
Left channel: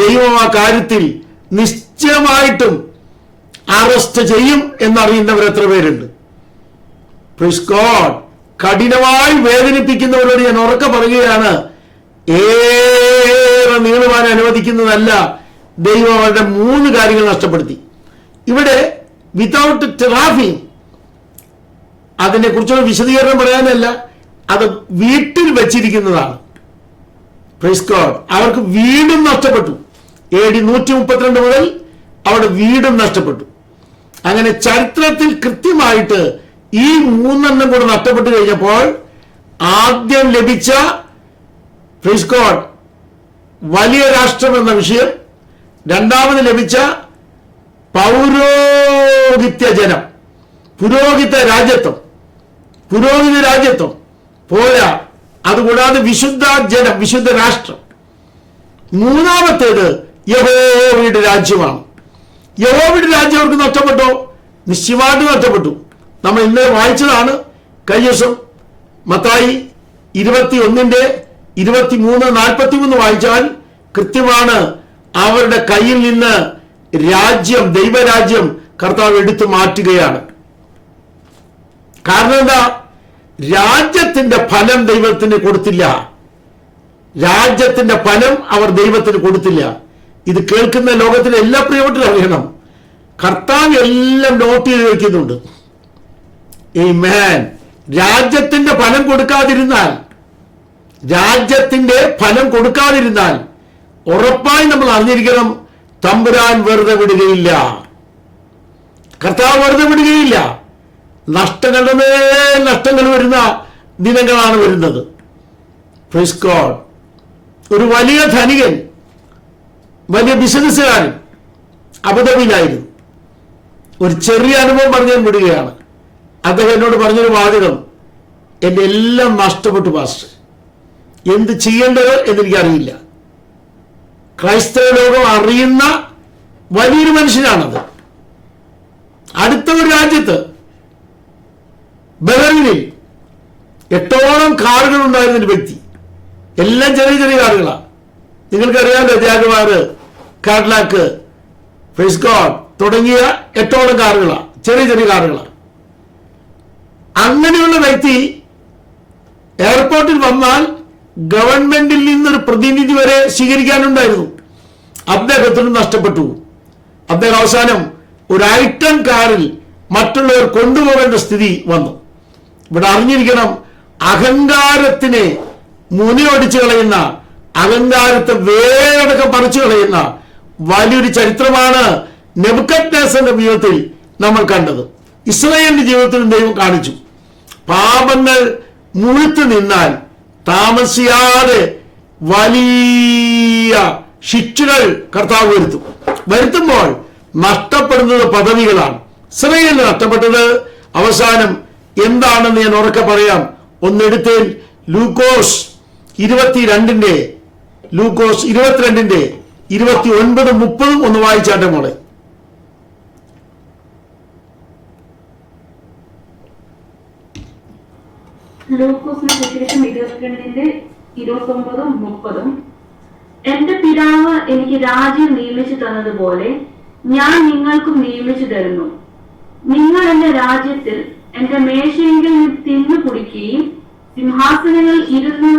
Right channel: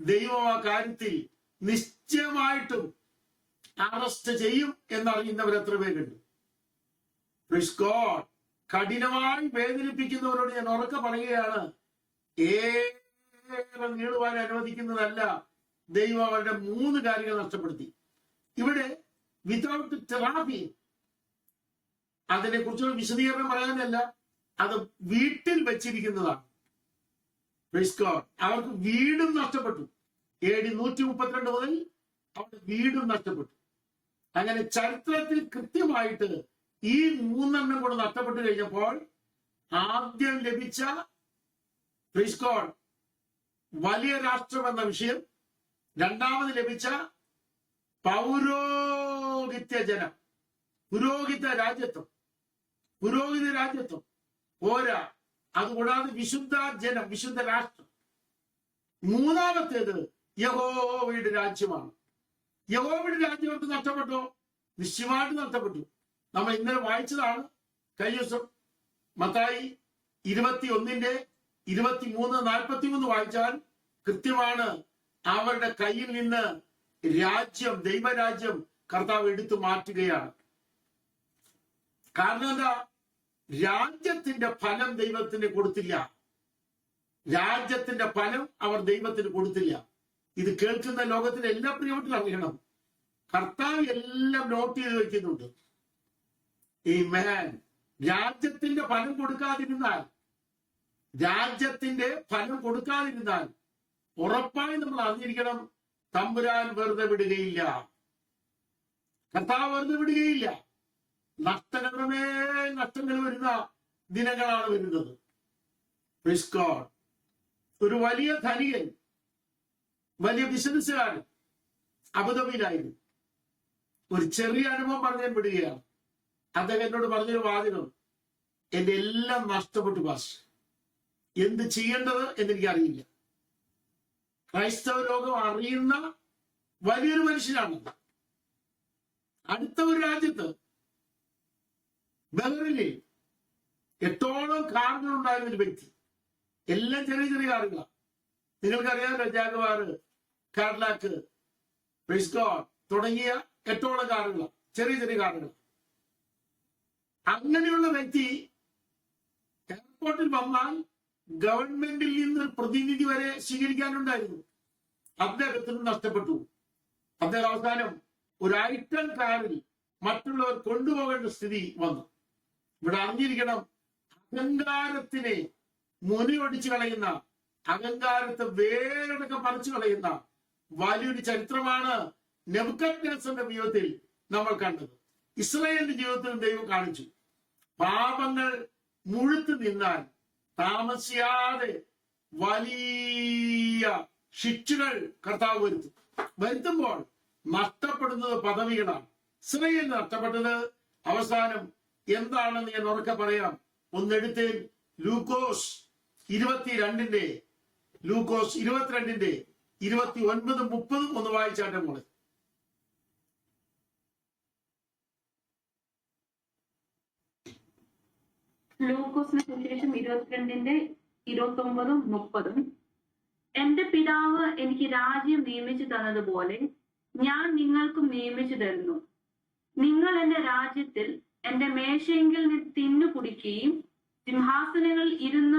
ദൈവം ആ കാര്യത്തിൽ നിശ്ചയമായിട്ടും അറസ്റ്റ് ചെയ്യും എന്നറിയുന്നവർ എത്ര പേരുണ്ട്? Praise God. കഠിനമായി വേദനിപ്പിക്കുന്നവരോട് ഞാൻ ഉറക്കെ പറയുകയാണ്, ഏറെ നീളുവാൻ അനുവദിക്കുന്നതല്ല. ദൈവം അവരുടെ 3 കാര്യങ്ങൾ നഷ്ടപ്പെടുത്തി. ഇവിടെ വിതൗട്ട് ടെറാഫിം, അതിനെ കുറിച്ചുള്ള വിശദീകരണം പറയാനല്ല, അത് വീട്ടിൽ വെച്ചിരിക്കുന്നതാണ്. Praise God. അവർക്ക് വീടും നഷ്ടപ്പെട്ടു. AD 132 മുതൽ അവിടെ വീടും നഷ്ടപ്പെട്ടു. അങ്ങനെ ചരിത്രത്തിൽ കൃത്യമായിട്ട് ഈ 3 കൂടെ നഷ്ടപ്പെട്ടു കഴിഞ്ഞപ്പോൾ ആദ്യം ലഭിച്ച പ്രൈസ് ഗോഡ് വലിയ രാഷ്ട്രം എന്ന വിഷയം, രണ്ടാമത് ലഭിച്ച പൗരോഹിത്യ ജനം, പുരോഹിത രാജ്യത്വം പോരാ, അതുകൂടാതെ വിശുദ്ധ ജനം, വിശുദ്ധ രാഷ്ട്രം. മൂന്നാമത്തേത് യഹോവയുടെ രാജ്യമാണ്. യഹോവയുടെ രാജ്യം അവർക്ക് നഷ്ടപ്പെട്ടോ? നിശ്ചയമായിട്ട് നഷ്ടപ്പെട്ടു. നമ്മൾ ഇന്നലെ വായിച്ചതാണ്. കഴിഞ്ഞ ദിവസം മത്തായി 21:23-43 വായിച്ചാൽ കൃത്യമാണ്. അവരുടെ കയ്യിൽ നിന്ന് രാജ്യം, ദൈവരാജ്യം കർത്താവ് എടുത്തു മാറ്റുകയാണ്. കാരണം എന്താ? രാജ്യത്തിന്റെ ഫലം ദൈവത്തിന് കൊടുത്തില്ല. രാജ്യത്തിന്റെ ഫലം അവർ ദൈവത്തിന് കൊടുത്തില്ല. ഇത് കേൾക്കുന്ന ലോകത്തിലെ എല്ലാ പ്രിയപ്പെട്ടവരും അറിയണം, കർത്താവ് എല്ലാം നോട്ട് ചെയ്ത് വെക്കുന്നുണ്ട്. ആമേൻ. രാജ്യത്തിന്റെ ഫലം കൊടുക്കാതിരുന്നാൽ ഉറപ്പായി നമ്മൾ അറിഞ്ഞിരിക്കണം, തമ്പുരാൻ വെറുതെ വിടുകയില്ല. കർത്താവ് വെറുതെ വിടുകയില്ല. നഷ്ടങ്ങൾ വരുന്ന ദിനങ്ങളാണ് വരുന്നത്. Praise God. ഒരു വലിയ ധനികൻ, വലിയ ബിസിനസ്സുകാരൻ അബുദാബിയിലായിരുന്നു. ഒരു ചെറിയ അനുഭവം പറഞ്ഞു വിടുകയാണ്. അദ്ദേഹം എന്നോട് പറഞ്ഞൊരു വാചകം, എന്റെ എല്ലാം നഷ്ടപ്പെട്ടു പാസ്റ്റർ, എന്ത് ചെയ്യേണ്ടത് എന്നെനിക്കറിയില്ല. ക്രൈസ്തവ ലോകം അറിയുന്ന വലിയൊരു മനുഷ്യനാണത്. അടുത്ത ഒരു രാജ്യത്ത് ബഹറിനിൽ 8ഓളം കാറുകൾ ഉണ്ടായിരുന്ന ഒരു വ്യക്തി. എല്ലാം ചെറിയ ചെറിയ കാറുകളാണ്. നിങ്ങൾക്കറിയാമല്ലോ, ജാഗ്വാർ, കാഡിലാക്ക്, പ്രൈസ് ഗോഡ് തുടങ്ങിയ 8ഓളം കാറുകളാണ്, ചെറിയ ചെറിയ കാറുകളാണ്. അങ്ങനെയുള്ള വ്യക്തി എയർപോർട്ടിൽ വന്നാൽ ഗവൺമെന്റിൽ നിന്നൊരു പ്രതിനിധി വരെ സ്വീകരിക്കാനുണ്ടായിരുന്നു. അദ്ദേഹത്തിന് നഷ്ടപ്പെട്ടു. അദ്ദേഹം അവസാനം ഒരു ഐറ്റം കാറിൽ മറ്റുള്ളവർ കൊണ്ടുപോകേണ്ട സ്ഥിതി വന്നു. ഇവിടെ അറിഞ്ഞിരിക്കണം, അഹങ്കാരത്തിനെ മുനിയൊടിച്ചു കളയുന്ന, അഹങ്കാരത്തെ വേടക്കം പറിച്ചു കളയുന്ന വലിയൊരു ചരിത്രമാണ് നെബൂഖദ്നേസറിന്റെ ജീവിതത്തിൽ നമ്മൾ കണ്ടത്. ഇസ്രായേലിന്റെ ജീവിതത്തിൽ ദൈവം കാണിച്ചു, പാപങ്ങൾ മുഴുത്തു നിന്നാൽ താമസിയാതെ വലിയ ശിക്ഷകൾ കർത്താവ് വരുത്തുമ്പോൾ നഷ്ടപ്പെടുന്നത് പദവികളാണ്. ഇസ്രായേലിന് നഷ്ടപ്പെട്ടത് അവസാനം എന്താണെന്ന് ഞാൻ ഉറക്കെ പറയാം. ഒന്നെടുത്തേൽ ലൂക്കോസ് 22:29-30 ഒന്ന് വായിച്ചാട്ടെ മോളെ. ലൂക്കോസിന്റെ സുവിശേഷം 22:29-30. എന്റെ പിതാവ് എനിക്ക് രാജ്യം നിയമിച്ചു തന്നതുപോലെ ഞാൻ നിങ്ങൾക്കും നിയമിച്ചു തരുന്നു. നിങ്ങൾ എന്റെ രാജ്യത്തിൽ എന്റെ മേശയിൽ തിന്നു കുടിക്കുകയും സിംഹാസനങ്ങളിൽ ഇരുന്ന്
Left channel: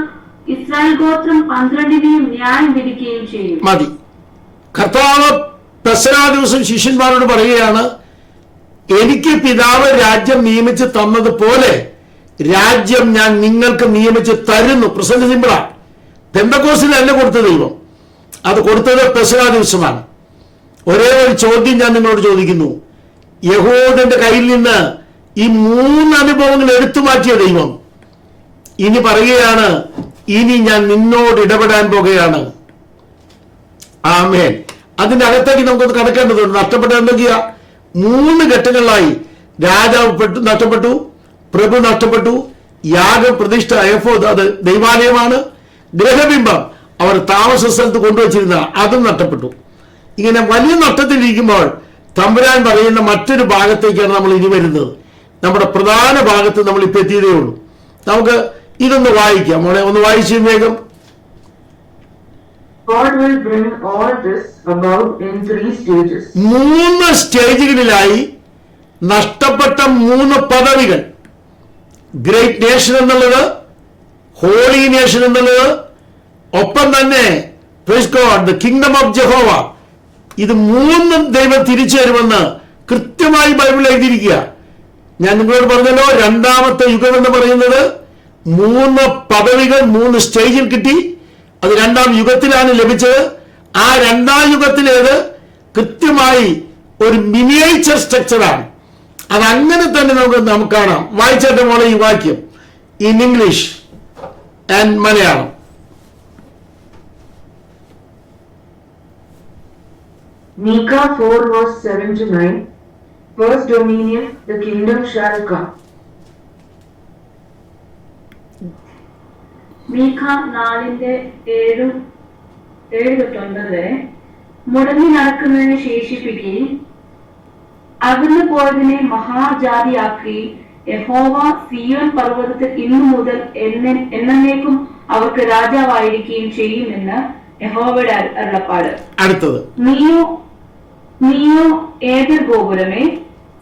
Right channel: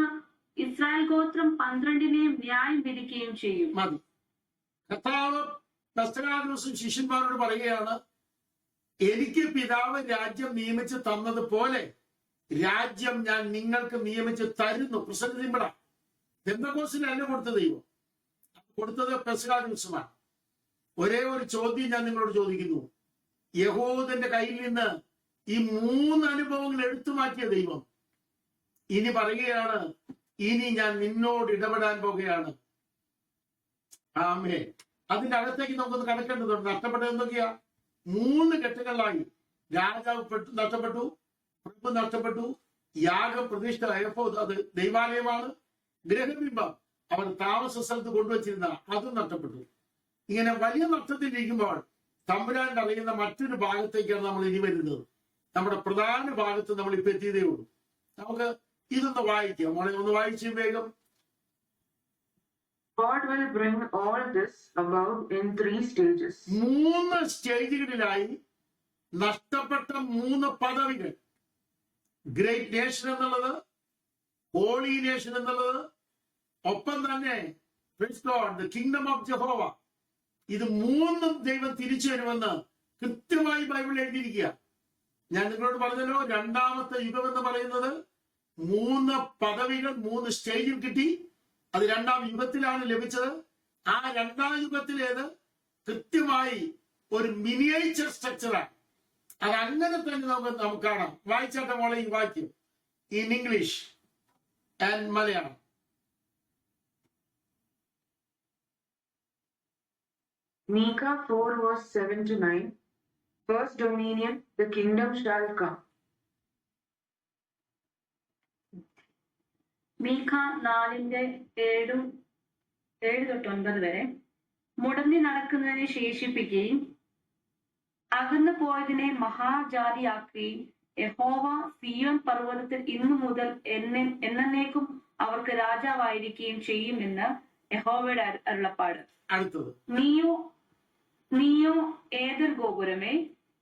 ഇസ്രായേൽ ഗോത്രം 12 ന്യായം വിധിക്കുകയും ചെയ്യും. മതി. കർത്താവ് പെസഹാ ദിവസം ശിഷ്യന്മാരോട് പറയുകയാണ്, എനിക്ക് പിതാവ് രാജ്യം നിയമിച്ച് തന്നതുപോലെ രാജ്യം ഞാൻ നിങ്ങൾക്ക് നിയമിച്ച് തരുന്നു. പ്രസന്റ് സിമ്പിളാണ്. പെന്തക്കോസ്തിലല്ല കൊടുത്ത ദൈവം, അത് കൊടുത്തത് പെസഹാ ദിവസമാണ്. ഒരേ ഒരു ചോദ്യം ഞാൻ നിങ്ങളോട് ചോദിക്കുന്നു. യഹൂദന്റെ കയ്യിൽ നിന്ന് ഈ 3 അനുഭവങ്ങൾ എടുത്തു മാറ്റിയ ദൈവം ഇനി പറയുകയാണ്, ഇനി ഞാൻ നിന്നോട് ഇടപെടാൻ പോകുകയാണ്. ആമേൻ. അതിന്റെ അകത്തേക്ക് നമുക്കൊന്ന് കടക്കേണ്ടതുണ്ട്. നഷ്ടപ്പെട്ട എന്തൊക്കെയാ? 3 ഘട്ടങ്ങളിലായി. രാജാവ് നഷ്ടപ്പെട്ടു, പ്രഭു നഷ്ടപ്പെട്ടു, യാഗം പ്രതിഷ്ഠ എഫോദ് അത് ദൈവാലയമാണ്, ഗ്രഹബിംബം അവർ താമസ സ്ഥലത്ത് കൊണ്ടുവച്ചിരുന്ന അതും നഷ്ടപ്പെട്ടു. ഇങ്ങനെ വലിയ നഷ്ടത്തിലിരിക്കുമ്പോൾ തമ്പുരാൻ പറയുന്ന മറ്റൊരു ഭാഗത്തേക്കാണ് നമ്മൾ ഇനി വരുന്നത്. നമ്മുടെ പ്രധാന ഭാഗത്ത് നമ്മൾ ഇപ്പൊ എത്തിയതേ ഉള്ളൂ. നമുക്ക് ഇതൊന്ന് വായിക്കാം മോളെ, ഒന്ന് വായിച്ചു വേഗം. God will bring all this about in 3 stages. 3 സ്റ്റേജുകളിലായി നഷ്ടപ്പെട്ട 3 പദവികൾ. ഗ്രേറ്റ് നേഷൻ എന്നുള്ളത്, ഹോളി നേഷൻ എന്നുള്ളത്, ഒപ്പം തന്നെ praise God the kingdom of Jehovah. ഇത് 3 ദൈവം തിരിച്ചു വരുമെന്ന് കൃത്യമായി ബൈബിൾ എഴുതിയിരിക്കുക. ഞാൻ നിങ്ങളോട് പറഞ്ഞല്ലോ, 2ാമത്തെ യുഗം എന്ന് പറയുന്നത് 3 പദവികൾ 3 സ്റ്റേജിൽ കിട്ടി. അത് 2-ാം യുഗത്തിലാണ് ലഭിച്ചത്. ആ 2-ാം യുഗത്തിലേത് കൃത്യമായി ഒരു മിനിയേച്ചർ സ്ട്രക്ചറാണ്. അതങ്ങനെ തന്നെ നമുക്ക് കാണാം. വായിച്ചിട്ട് മോളെ ഈ വാക്യം in English and Malayalam. Micah 4 verse 7 to 9. First dominion, the kingdom shall come. മീഖ 4:7-9 വരെ. മുടങ്ങി നടക്കുന്നതിന് ശേഷിപ്പിക്കുകയും അകന്നു പോയതിനെ മഹാജാതിയാക്കി യഹോവ സിയോൻ പർവ്വതത്തിൽ ഇന്നു മുതൽ എന്നേക്കും അവർക്ക് രാജാവായിരിക്കുകയും ചെയ്യുമെന്ന് യഹോവയുടെ അരുളപ്പാട്. അടുത്തത്, നീയോ ഏതൊരു ഗോപുരമേ,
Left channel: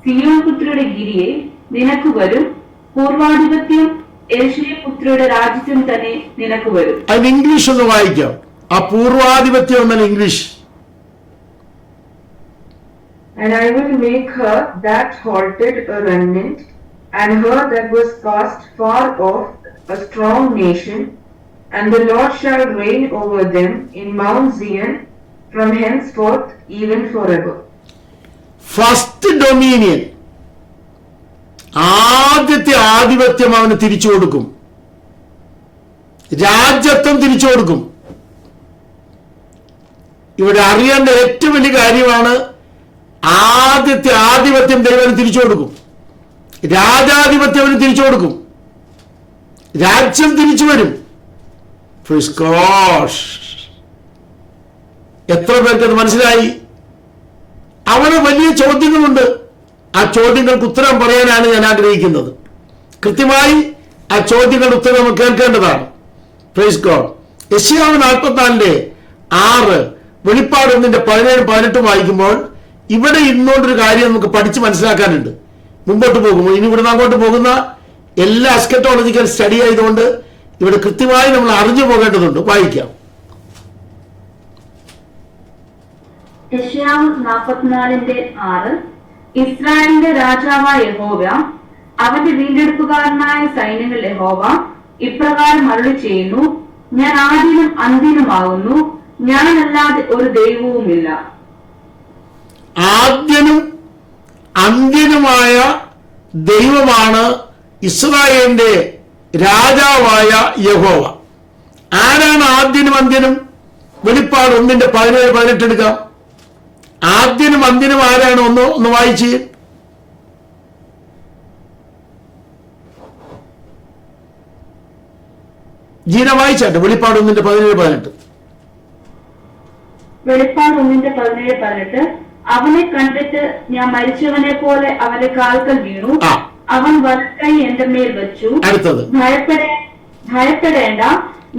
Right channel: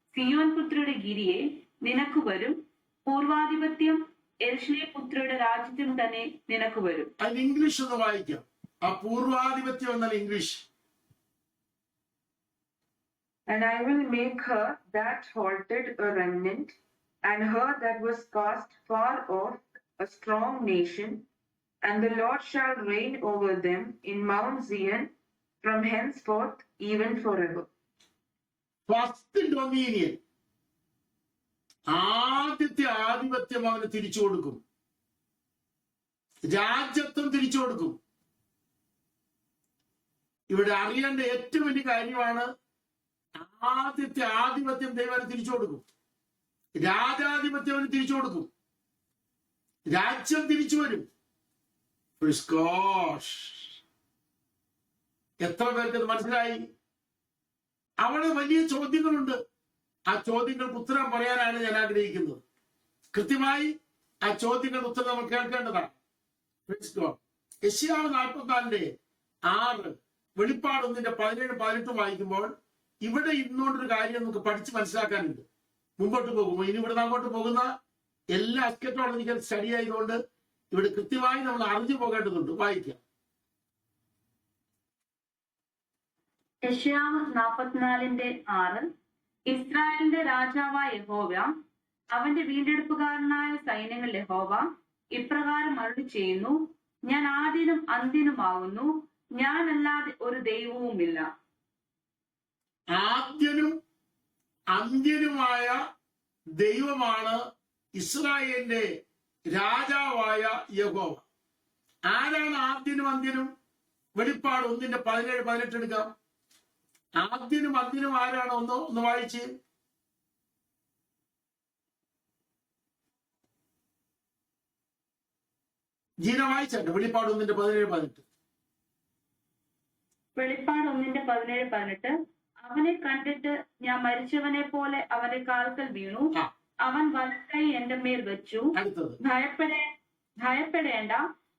സിയോൻ പുത്രിയുടെ ഗിരിയെ, നിനക്ക് വരും പൂർവാധിപത്യം, യേശുവിൻ പുത്രിയുടെ രാജ്യത്തിന് തന്നെ നിനക്ക് വരും. അത് ഇംഗ്ലീഷ് ഒന്ന് വായിക്കാം. ആ പൂർവാധിപത്യം എന്നാൽ English. And I will make her that halted a remnant, and her that was cast far off a strong nation, and the Lord shall reign over them in Mount Zion from henceforth even forever. First dominion, ആദ്യത്തെ ആധിപത്യം അവന് തിരിച്ചു കൊടുക്കും. രാജ്യത്വം തിരിച്ചു കൊടുക്കും. ഇവിടെ അറിയേണ്ട ഏറ്റവും വലിയ കാര്യമാണ്, ആദ്യത്തെ ആധിപത്യം ദൈവം തിരിച്ചു കൊടുക്കും. രാജാധിപത്യം അവന് തിരിച്ചു കൊടുക്കും. രാജ്യം തിരിച്ചു വരും. എത്ര പേർക്ക് അത് മനസ്സിലായി? അവന് വലിയ ചോദ്യങ്ങളുണ്ട്. ആ ചോദ്യങ്ങൾക്ക് ഉത്തരം പറയാനാണ് ഞാൻ ആഗ്രഹിക്കുന്നത്. കൃത്യമായി ആ ചോദ്യങ്ങളുടെ ഉത്തരം നമുക്ക് കേൾക്കേണ്ടതാണ്. Praise God. യെശയ്യാവ് 44:6, വെളിപ്പാട് 1:17-18 വായിക്കുമ്പോൾ ഇവിടെ ഇന്നോണ്ടൊരു കാര്യം നമുക്ക് പഠിച്ച് മനസ്സിലാക്കാനുണ്ട്. മുമ്പോട്ട് പോകുമ്പോൾ ഇനി ഇവിടുന്ന് അങ്ങോട്ട് പോകുന്ന എല്ലാ എസ്കറ്റോളജിക്കൽ സ്റ്റഡി ആയതുകൊണ്ട് ഇവിടെ കൃത്യമായി നമ്മൾ അറിഞ്ഞു പോകേണ്ടതുണ്ട്. വായിക്കാം. യെശയ്യാവ് 44:6. ഇസ്രായേലിന്റെ രാജാവായ യഹോവ, അവന്റെ വീണ്ടെടുപ്പുകാരനായ സൈന്യങ്ങൾ യഹോവ ഇപ്രകാരം അരുളി ചെയ്യുന്നു, ഞാൻ ആദ്യനും അന്ത്യനുമാകുന്നു, ഞാനല്ലാതെ ഒരു ദൈവവുമില്ല. ആദ്യനും അന്ത്യനുമായ ദൈവമാണ് ഇസ്രായേലിന്റെ രാജാവായ യഹോവ. ആരാണ് ആദ്യനും അന്ത്യനും? വെളിപ്പാട് 1:17-18 എടുക്കാം. ആദ്യനും അന്ത്യനും ആരാണ്? ഒന്ന് വായിച്ച്. ജീന വായിച്ചാട്ടെ. വെളിപ്പാട് 1:17-18. വെളിപ്പാട് 1:17-18. അവനെ കണ്ടിട്ട് ഞാൻ മരിച്ചവനെ പോലെ അവന്റെ കാൽക്കൽ വീണു. അവൻ വലക്കൈ എന്റെ മേൽ വെച്ചു. അടുത്തത്, ഭയപ്പെടേണ്ട,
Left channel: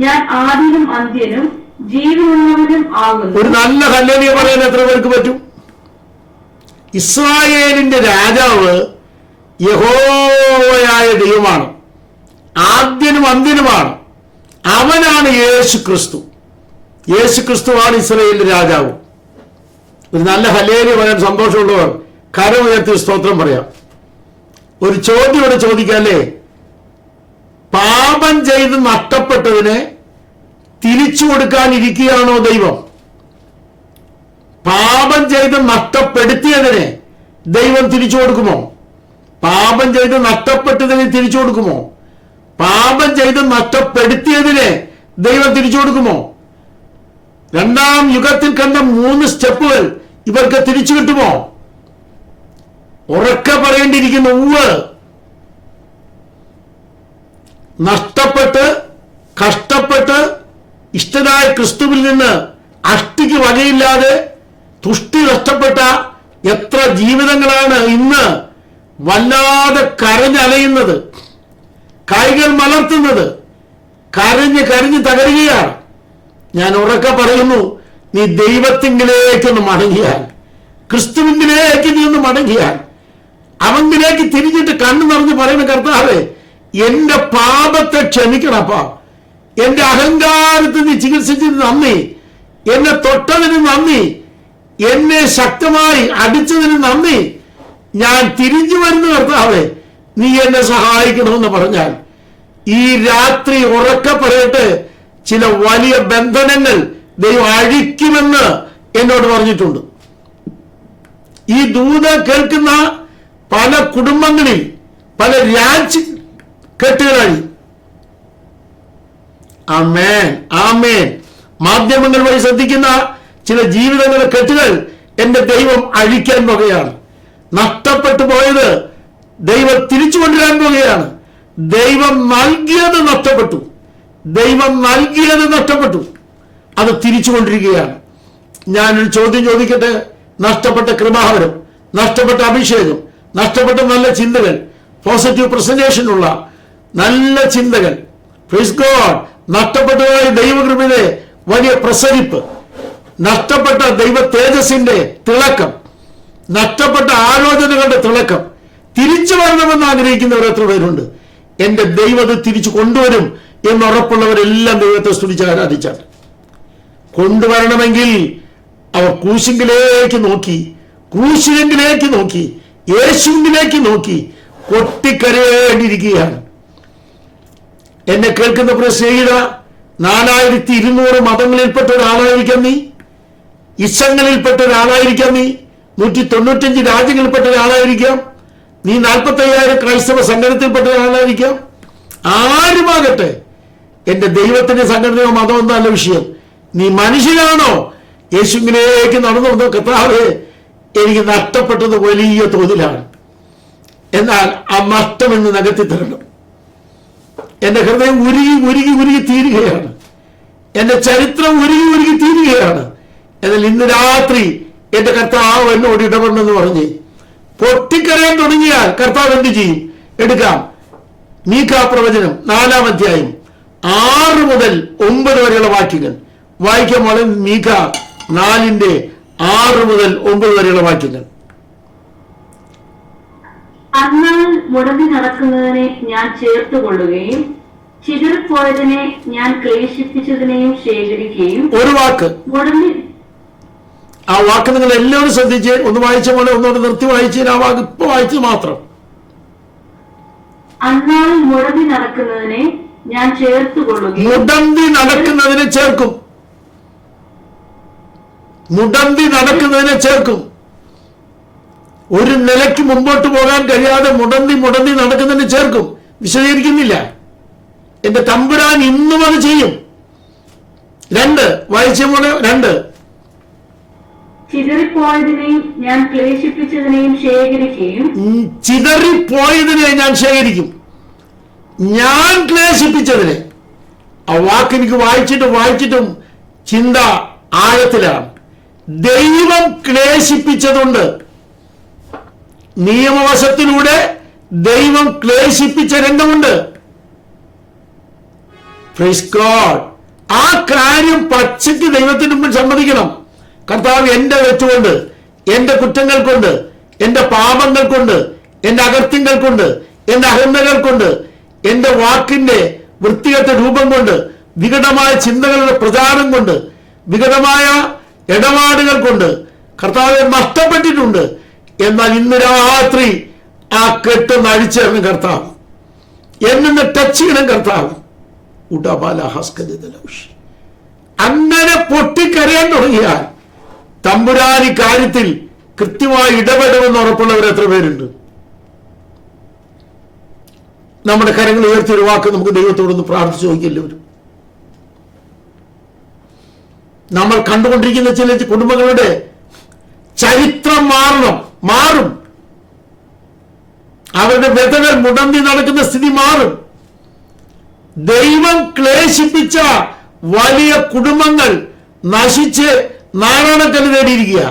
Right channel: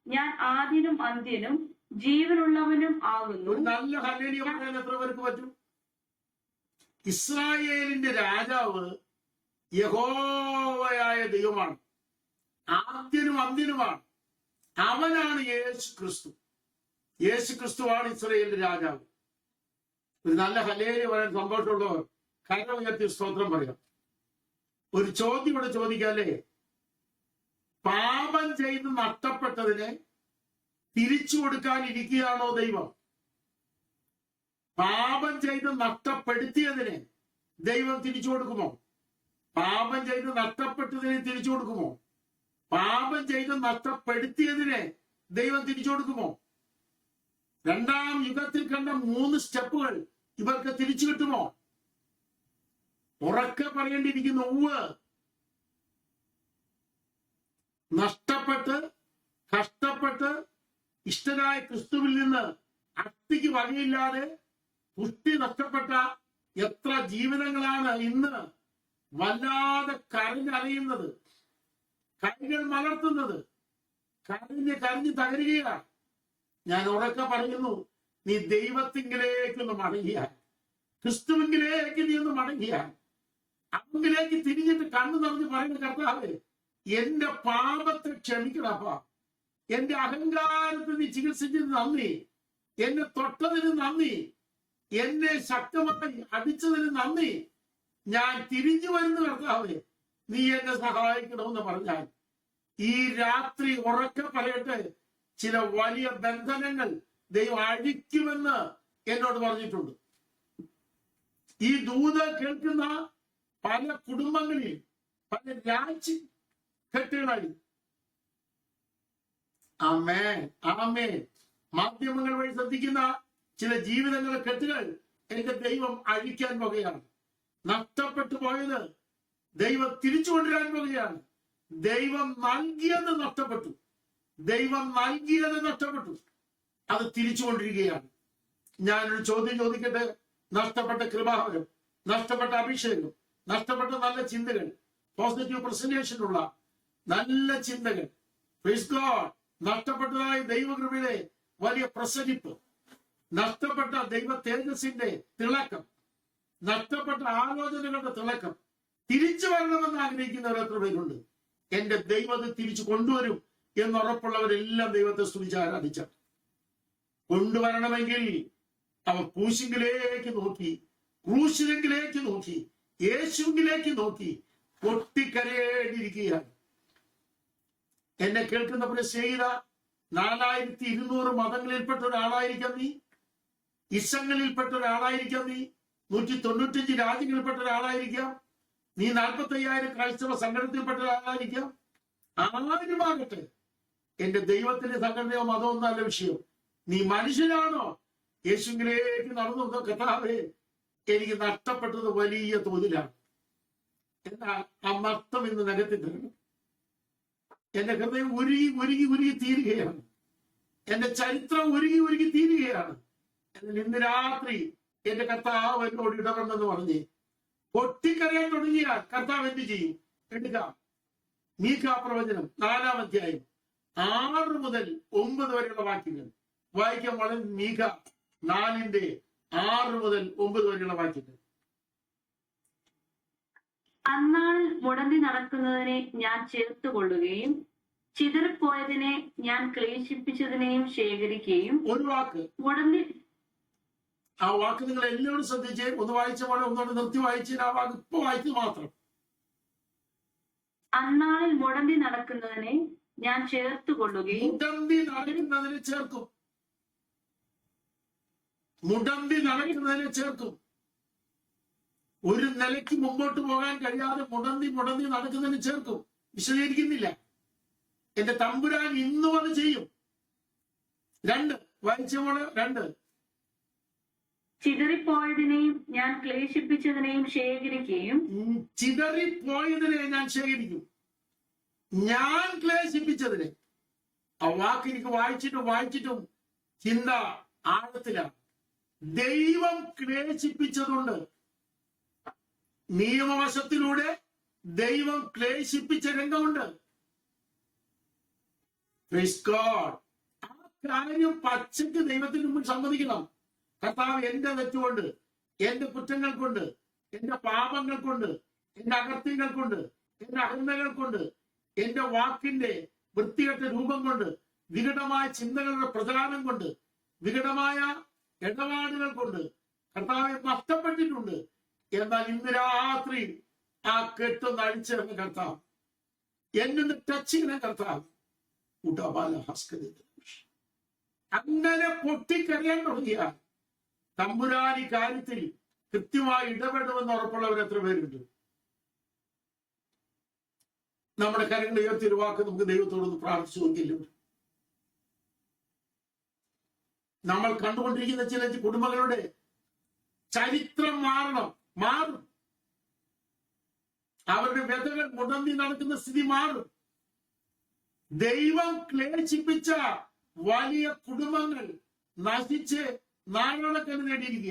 ഞാൻ ആദ്യനും അന്ത്യനും ജീവനുള്ളവനും ആകുന്നു. ഒരു നല്ല ഹല്ലേലൂയ പറയാൻ എത്ര പേർക്ക് പറ്റും? ഇസ്രായേലിന്റെ രാജാവ് യഹോവയായ ദൈവമാണ്. ആദ്യനും അന്ത്യനുമാണ്. അവനാണ് യേശു ക്രിസ്തു. യേശു ക്രിസ്തുവാണ് ഇസ്രായേലിന്റെ രാജാവ്. ഒരു നല്ല ഹല്ലേലൂയ പറയാൻ സന്തോഷമുള്ളവർ കരമുയർത്തി സ്തോത്രം പറയാം. ഒരു ചോദ്യം ഇവിടെ ചോദിക്കാല്ലേ? പാപം ചെയ്ത് നഷ്ടപ്പെട്ടതിനെ തിരിച്ചു കൊടുക്കാനിരിക്കുകയാണോ ദൈവം? പാപം ചെയ്ത് നഷ്ടപ്പെടുത്തിയതിനെ ദൈവം തിരിച്ചു കൊടുക്കുമോ? പാപം ചെയ്ത് നഷ്ടപ്പെട്ടതിനെ തിരിച്ചു കൊടുക്കുമോ? പാപം ചെയ്ത് നഷ്ടപ്പെടുത്തിയതിനെ ദൈവം തിരിച്ചു കൊടുക്കുമോ? 2-ാം യുഗത്തിൽ കണ്ട 3 സ്റ്റെപ്പുകൾ ഇവർക്ക് തിരിച്ചു കിട്ടുമോ? ഉറക്കെ പറയേണ്ടിയിരിക്കുന്നു. ഉവ്വ്. നഷ്ടപ്പെട്ട് കഷ്ടപ്പെട്ട് ഇഷ്ടനായ ക്രിസ്തുവിൽ നിന്ന് അഷ്ടിക്ക് വകയില്ലാതെ തുഷ്ടി നഷ്ടപ്പെട്ട എത്ര ജീവിതങ്ങളാണ് ഇന്ന് വല്ലാതെ കരഞ്ഞലയുന്നത്, കൈകൾ മലർത്തുന്നത്, കരഞ്ഞ് കരഞ്ഞ് തകരുകയാണ്. ഞാൻ ഉറക്കെ പറയുന്നു, നീ ദൈവത്തിങ്കിലേക്കൊന്ന് മടങ്ങിയാൽ, ക്രിസ്തുവിങ്കിലേക്ക് നീ ഒന്ന് മടങ്ങിയാൽ, അവങ്കിലേക്ക് തിരിഞ്ഞിട്ട് കണ്ണു നിറഞ്ഞ് പറയുന്ന കർത്താവേ, എന്റെ പാപത്തെ ക്ഷമിക്കണപ്പാ, എന്റെ അഹങ്കാരത്തെ നീ ചികിത്സിച്ചതിന് നന്ദി, എന്നെ തൊട്ടതിന് നന്ദി, എന്നെ ശക്തമായി അടിച്ചതിന് നന്ദി, ഞാൻ തിരിഞ്ഞു വരുന്ന കർത്താവേ, നീ എന്നെ സഹായിക്കണമെന്ന് പറഞ്ഞാൽ ഈ രാത്രി ഉറക്കെ പറയട്ടെ, ചില വലിയ ബന്ധനങ്ങൾ ദൈവം അഴിക്കുമെന്ന് എന്നോട് പറഞ്ഞിട്ടുണ്ട്. ഈ ദൂത് കേൾക്കുന്ന പല കുടുംബങ്ങളിൽ പല കെട്ടുകളായി. ആമേൻ, ആമേൻ. മാധ്യമങ്ങൾ വഴി ശ്രദ്ധിക്കുന്ന ചില ജീവിതങ്ങളുടെ കെട്ടുകൾ എന്റെ ദൈവം അഴിക്കാൻ പോകുകയാണ്. നഷ്ടപ്പെട്ടു പോയത് ദൈവം തിരിച്ചു കൊണ്ടുവരാൻ പോകുകയാണ്. ദൈവം നൽകിയത് നഷ്ടപ്പെട്ടു, ദൈവം നൽകിയത് നഷ്ടപ്പെട്ടു, അത് തിരിച്ചു കൊണ്ടിരിക്കുകയാണ്. ഞാനൊരു ചോദ്യം ചോദിക്കട്ടെ. നഷ്ടപ്പെട്ട കൃപാവരം, നഷ്ടപ്പെട്ട അഭിഷേകം, നഷ്ടപ്പെട്ട നല്ല ചിന്തകൾ, പോസിറ്റീവ് പ്രസന്റേഷനുള്ള നല്ല ചിന്തകൾ, പ്രൈസ് ഗോഡ്, നഷ്ടപ്പെട്ടതായ ദൈവകൃപയുടെ വലിയ പ്രസരിപ്പ്, നഷ്ടപ്പെട്ട ദൈവ തേജസ്സിന്റെ തിളക്കം, നഷ്ടപ്പെട്ട ആലോചനകളുടെ തിളക്കം തിരിച്ചു വരണമെന്ന് ആഗ്രഹിക്കുന്നവർ എത്ര പേരുണ്ട്? എന്റെ ദൈവം അത് തിരിച്ചു കൊണ്ടുവരും എന്നുറപ്പുള്ളവരെല്ലാം ദൈവത്തെ സ്തുതിച്ച് ആരാധിച്ചാൽ. കൊണ്ടുവരണമെങ്കിൽ അവർ ക്രൂശിങ്കിലേക്ക് നോക്കി, ക്രൂശിങ്കിലേക്ക് നോക്കി, യേശുവിലേക്ക് നോക്കി കൊട്ടിക്കരയേണ്ടിയിരിക്കുകയാണ്. എന്നെ കേൾക്കുന്ന പ്രിയ സ്നേഹിത, 4200 മതങ്ങളിൽപ്പെട്ട ഒരാളായിരിക്കാം നീ, ഇസങ്ങളിൽപ്പെട്ട ഒരാളായിരിക്കാം നീ, 195 രാജ്യങ്ങളിൽപ്പെട്ട ഒരാളായിരിക്കാം നീ, 45,000 ക്രൈസ്തവ സംഘടനത്തിൽപ്പെട്ട ഒരാളായിരിക്കാം. ആരുമാകട്ടെ, എന്റെ ദൈവത്തിന്റെ സംഘടനയോ മതമോ നല്ല വിഷയം. നീ മനുഷ്യനാണോ? യേശുവിലേക്ക് നടന്നു വന്ന കർത്താവേ, എനിക്ക് നഷ്ടപ്പെട്ടത് വലിയ തോതിലാണ്, എന്നാൽ ആ നഷ്ടം എന്ന് നികത്തി തരണം. എന്റെ ഹൃദയം ഉരുകി ഉരുകി ഉരുകി തീരുകയാണ്, എന്റെ ചരിത്രം ഉരുകി ഉരുകി തീരുകയാണ്. എന്നാൽ ഇന്ന് രാത്രി എന്റെ കർത്താവ് എന്നോട് ഇടപെടണമെന്ന് പറഞ്ഞ് പൊട്ടിക്കരയാൻ തുടങ്ങിയാൽ കർത്താവ് എന്ത് ചെയ്യും? എടുക്കാം. മീഖാ പ്രവചനം 4-ാം അധ്യായം 6 മുതൽ 9 വരെയുള്ള വാക്യങ്ങൾ വായിക്കാൻ പോലെ. മീഖാ 4:6 മുതൽ 9 വരെയുള്ള വാക്യങ്ങൾ. അന്നാൽ മുടങ്ങി നടക്കുന്നതിനെ ഞാൻ ചേർത്തുകൊള്ളുകയും ചിതറിപ്പോയതിനെ ഞാൻ ക്ലേശിപ്പിച്ചതിനെയും ശേഖരിക്കുകയും. ഒരു വാക്ക്, മുടങ്ങി, ആ വാക്ക് നിങ്ങൾ എല്ലാവരും ശ്രദ്ധിച്ച് ഒന്ന് വായിച്ച പോലെ ഒന്നോട് നിർത്തി വായിച്ച്. ആ വാക്ക് ഇപ്പൊ വായിച്ചത് മാത്രം. അന്നാൽ മുടങ്ങി നടക്കുന്നതിനെ ഞാൻ ചേർത്തുകൊള്ളുകയും. മുടന്തി നടക്കുന്നതിനെ ചേർക്കും, മുടന്തി നടക്കുന്നതിനെ ചേർക്കും. ഒരു നിലയ്ക്ക് മുമ്പോട്ട് പോകാൻ കഴിയാതെ മുടന്തി മുടന്തി നടക്കുന്നതിനെ ചേർക്കും. വിശദീകരിക്കുന്നില്ല. എന്റെ തമ്പുരാൻ ഇന്നും അത് ചെയ്യും. 2 വായിച്ച പോലെ 2. ചിതറിപ്പോയതിനെയും ഞാൻ ക്ലേശിപ്പിച്ചതിനെയും ശേഖരിക്കുകയും. ചിതറിപ്പോയതിനെ ഞാൻ ശേഖരിക്കും, ഞാൻ ക്ലേശിപ്പിച്ചതിനെ. ആ വാക്ക് എനിക്ക് വായിച്ചിട്ടും ചിന്ത ആഴത്തിലാണ്. ദൈവം ക്ലേശിപ്പിച്ചതുണ്ട്. നിയമവശത്തിലൂടെ ദൈവം ക്ലേശിപ്പിച്ച രംഗമുണ്ട്. Praise God. ആ കാര്യം പച്ചയ്ക്ക് ദൈവത്തിന് മുമ്പിൽ സമ്മതിക്കണം. കർത്താവ് എന്റെ തെറ്റുകൊണ്ട്, എന്റെ കുറ്റങ്ങൾ കൊണ്ട്, എന്റെ പാപങ്ങൾ കൊണ്ട്, എന്റെ അകൃത്യങ്ങൾ കൊണ്ട്, എന്റെ അഹന്തകൾ കൊണ്ട്, എന്റെ വാക്കിന്റെ വൃത്തികെട്ട രൂപം കൊണ്ട്, വികടമായ ചിന്തകളുടെ പ്രചാരം കൊണ്ട്, വികടമായ ഇടപാടുകൾ കൊണ്ട് കർത്താവെ നഷ്ടപ്പെട്ടിട്ടുണ്ട്. എന്നാൽ ഇന്ന് രാത്രി ആ കെട്ടൊന്ന് അഴിച്ചേരണം കർത്താവ്. എന്നെ ടച്ച് ചെയ്യണം കർത്താവ്. അങ്ങനെ പൊട്ടിക്കരയാൻ തുടങ്ങിയാൽ തമ്പുരാൻ ഈ കാര്യത്തിൽ കൃത്യമായി ഇടപെടുമെന്ന് ഉറപ്പുള്ളവർ എത്ര പേരുണ്ട്? നമ്മുടെ കരങ്ങൾ ഉയർത്തി ഒരു വാക്ക് നമുക്ക് ദൈവത്തോടൊന്ന് പ്രാർത്ഥിച്ചു നോക്കിയെല്ലാവരും. നമ്മൾ കണ്ടുകൊണ്ടിരിക്കുന്ന ചില കുടുംബങ്ങളുടെ ചരിത്രം മാറും. അവരുടെ വ്യതകൾ മുടന്തി നടക്കുന്ന സ്ഥിതി മാറും. ദൈവം ക്ലേശിപ്പിച്ച വലിയ കുടുംബങ്ങൾ നശിച്ച് നാരായണക്കല്ല് നേടിയിരിക്കുക.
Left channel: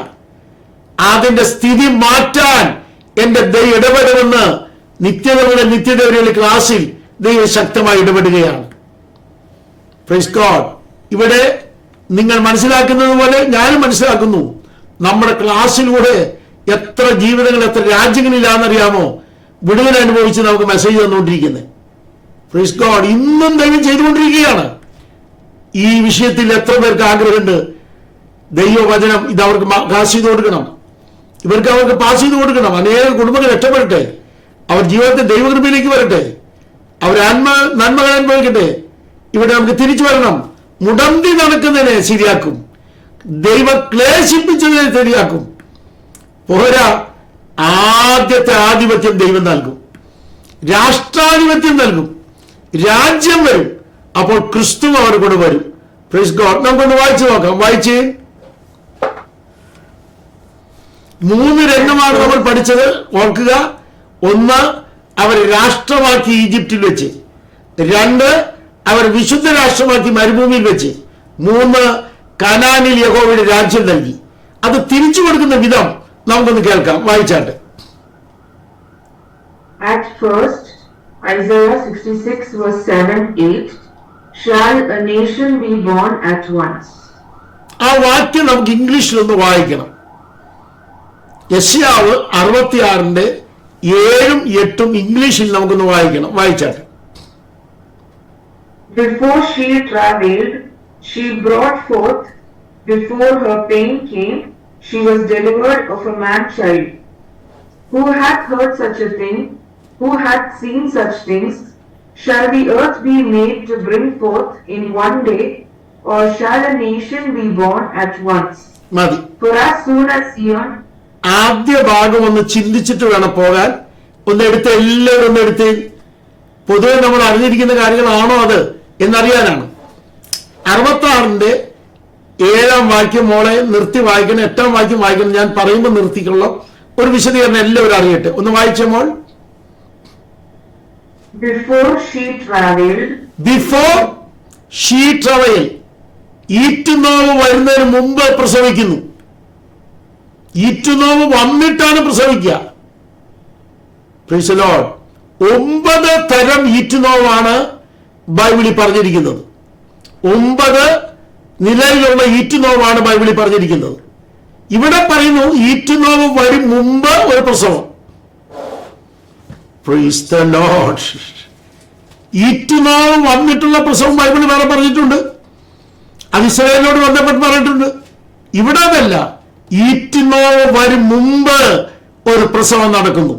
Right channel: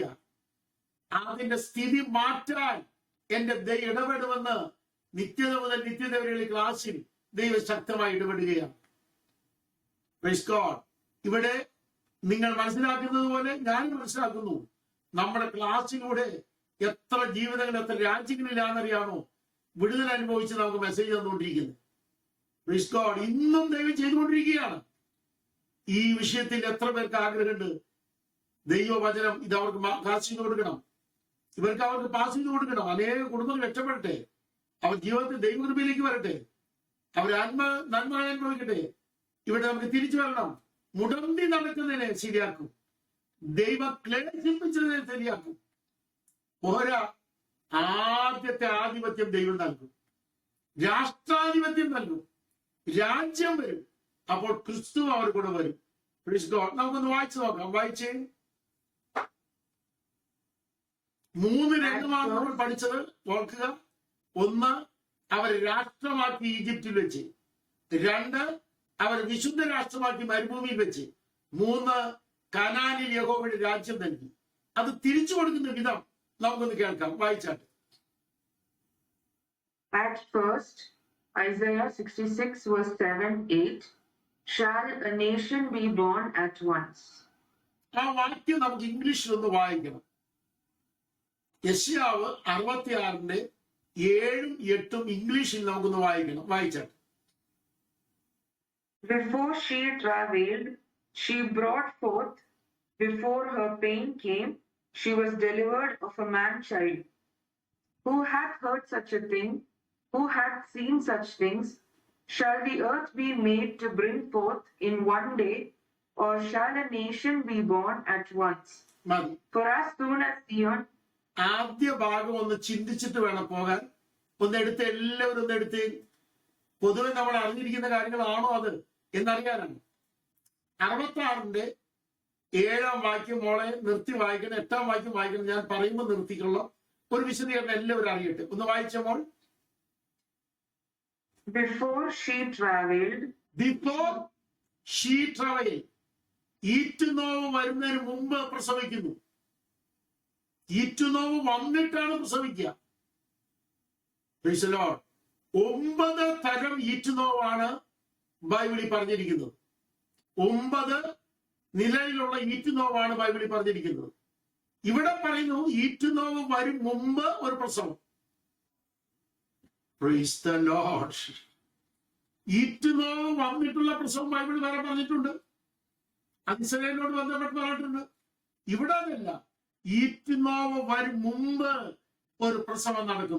അതിന്റെ സ്ഥിതി മാറ്റാൻ എന്റെ ദൈവം ഇടപെടുമെന്ന് നിത്യതയുടെ ക്ലാസ്സിൽ ദൈവം ശക്തമായി ഇടപെടുകയാണ്. Praise God. ഇവിടെ നിങ്ങൾ മനസ്സിലാക്കുന്നത് പോലെ ഞാനും മനസ്സിലാക്കുന്നു. നമ്മുടെ ക്ലാസ്സിലൂടെ എത്ര ജീവിതങ്ങൾ, എത്ര രാജ്യങ്ങളിലാണെന്നറിയാമോ വിടുതൽ അനുഭവിച്ച് നമുക്ക് മെസ്സേജ് തന്നുകൊണ്ടിരിക്കുന്നത്. Praise God. ഇന്നും ദൈവം ചെയ്തുകൊണ്ടിരിക്കുകയാണ്. ഈ വിഷയത്തിൽ എത്ര പേർക്ക് ആഗ്രഹമുണ്ട്? ദൈവവചനം ഇത് അവർക്ക് പാസ് ചെയ്ത് കൊടുക്കണം, അവർക്ക് പാസ് ചെയ്ത് കൊടുക്കണം. അനേക കുടുംബങ്ങൾ രക്ഷപ്പെടട്ടെ, അവർ ജീവിതത്തിൽ ദൈവകൃപയിലേക്ക് വരട്ടെ. അവർ നന്മകൾ അനുഭവിക്കട്ടെ. ഇവിടെ നമുക്ക് തിരിച്ചു വരണം. മുടന്തി നടക്കുന്നതിനെ ശരിയാക്കും, ദൈവം ക്ലേശിപ്പിച്ചതിനെ ശരിയാക്കും. പോരാ, ആദ്യത്തെ ആധിപത്യം ദൈവം നൽകും, രാഷ്ട്രാധിപത്യം നൽകും, രാജ്യം വരും. അപ്പോൾ ക്രിസ്തു അവർ കൂടെ വരും. Praise God. നമുക്കൊന്ന് വായിച്ചു നോക്കാം. വായിച്ച് 3 രംഗമാണ് നമ്മൾ പഠിച്ചത്, ഓർക്കുക. 1, അവർ രാഷ്ട്രമാക്കി ഈജിപ്തിൽ വെച്ച്. 2, അവർ വിശുദ്ധ രാഷ്ട്രമാക്കി മരുഭൂമിയിൽ വെച്ച്. 3, കനാനിൽ യഹോവയുടെ രാജ്യം നൽകി. അത് തിരിച്ചു കൊടുക്കുന്ന വിധം നമുക്കൊന്ന് കേൾക്കാം. വായിച്ചാട്ടെ. At first, Isaiah 66 verse 7-8, shall a nation be born at once? ആ വാക്യം നമുക്ക് ഇംഗ്ലീഷിലൊന്ന് വായിക്കണം. യെശയ്യാവ് 66 7 8 ഇംഗ്ലീഷിൽ നമുക്കൊന്ന് വായിക്കണം. വായിച്ചാട്ടെ. Before she travailed, she brought forth. Before her pain came, she was delivered of a man-child. Who hath heard such a thing? Who hath seen such things? Shall the earth be made to bring forth in one day, or shall a nation be born at once? മതി. For as soon as Zion. ആദ്യ ഭാഗം ഒന്ന് ചിന്തിച്ചിട്ട് വേണം പോകാൻ. ഒന്നെടുത്ത് എല്ലാവരും ഒന്നെടുത്ത്. പൊതുവെ നമ്മൾ അറിഞ്ഞിരിക്കുന്ന കാര്യങ്ങളാണോ അത് എന്നറിയാനാണ്. 66 7 വാക്യം മോളെ നിർത്തി വായിക്കണം, 8 വാക്യം വായിക്കണം. ഞാൻ പറയുമ്പോൾ നിർത്തിക്കൊള്ളാം. ഒരു വിശദീകരണം എല്ലാവരും അറിയട്ടെ. ഒന്ന് വായിച്ച മോൾ. Before she travailed. Before she travel. ഈറ്റുനോവ് വരുന്നതിന് മുമ്പ് പ്രസവിക്കുന്നു. ഈറ്റുനോവ് വന്നിട്ടാണ് പ്രസവിക്കുക. Price the Lord. 9 തരം ഈറ്റുനോവാണ് ബൈബിളിൽ പറഞ്ഞിരിക്കുന്നത്. 9 നിലയിലുള്ള ഈറ്റുനോവാണ് ബൈബിളിൽ പറഞ്ഞിരിക്കുന്നത്. ഇവിടെ പറയുന്നു ഈറ്റുനോവ് വരും മുമ്പ് ഒരു പ്രസവം. Price the Lord. ഈറ്റുനോവ് വന്നിട്ടുള്ള പ്രസവം ബൈബിളിൽ വേറെ പറഞ്ഞിട്ടുണ്ട്. അത് ഇസ്രായേലിനോട് ബന്ധപ്പെട്ട് പറഞ്ഞിട്ടുണ്ട്. ഇവിടെ അതല്ല, ഈറ്റുനോവ് വരും മുമ്പ് ഒരു പ്രസവം നടക്കുന്നു.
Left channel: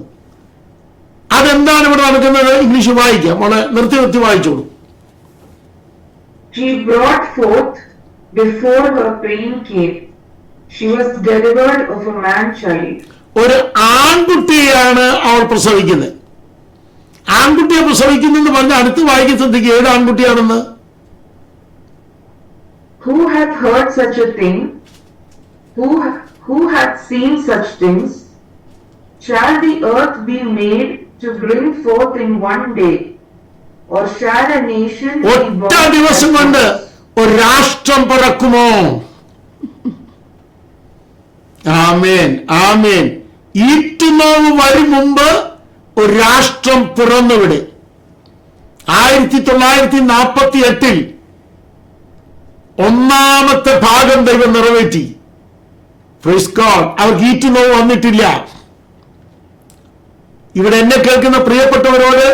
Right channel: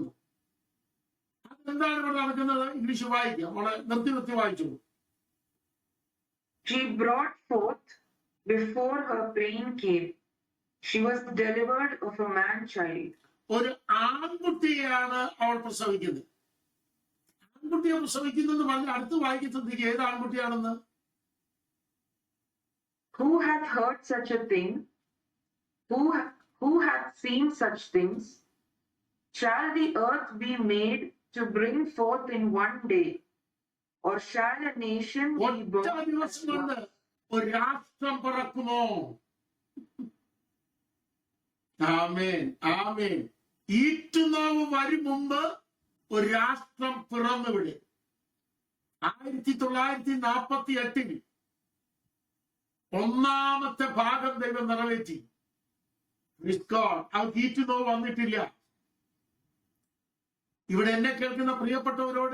അതെന്താണ് ഇവിടെ നടക്കുന്നത്? ഇംഗ്ലീഷ് വായിക്കാം. മോളെ നിർത്തി വായിച്ചോളൂ. She brought forth before her pain came. She was delivered of a man-child. ഒരു ആൺകുട്ടിയെയാണ് അവൾ പ്രസവിക്കുന്നത്. ആൺകുട്ടിയെ പ്രസവിക്കുന്നെന്ന് പറഞ്ഞ അടുത്ത് വായിക്കാൻ ശ്രദ്ധിക്കുക. ഏത് ആൺകുട്ടിയാണെന്ന്? Who hath heard such a thing? Who hath seen such things? Shall the earth be made to bring forth in one day? Or shall a nation be ഒറ്റ born? ദിവസം കൊണ്ട് ഒരു രാഷ്ട്രം പിറക്കുമോ? ആമേൻ, ആമേൻ. ഈറ്റുനോവ് വരും മുമ്പ് ഒരു രാഷ്ട്രം പിറന്നുവിടെ. 1948 ഒന്നാമത്തെ ഭാഗം ദൈവം നിറവേറ്റി. Price God. അവർക്ക് ഈറ്റുനോവ് വന്നിട്ടില്ല. ഇവിടെ എന്നെ കേൾക്കുന്ന പ്രിയപ്പെട്ടവരോട്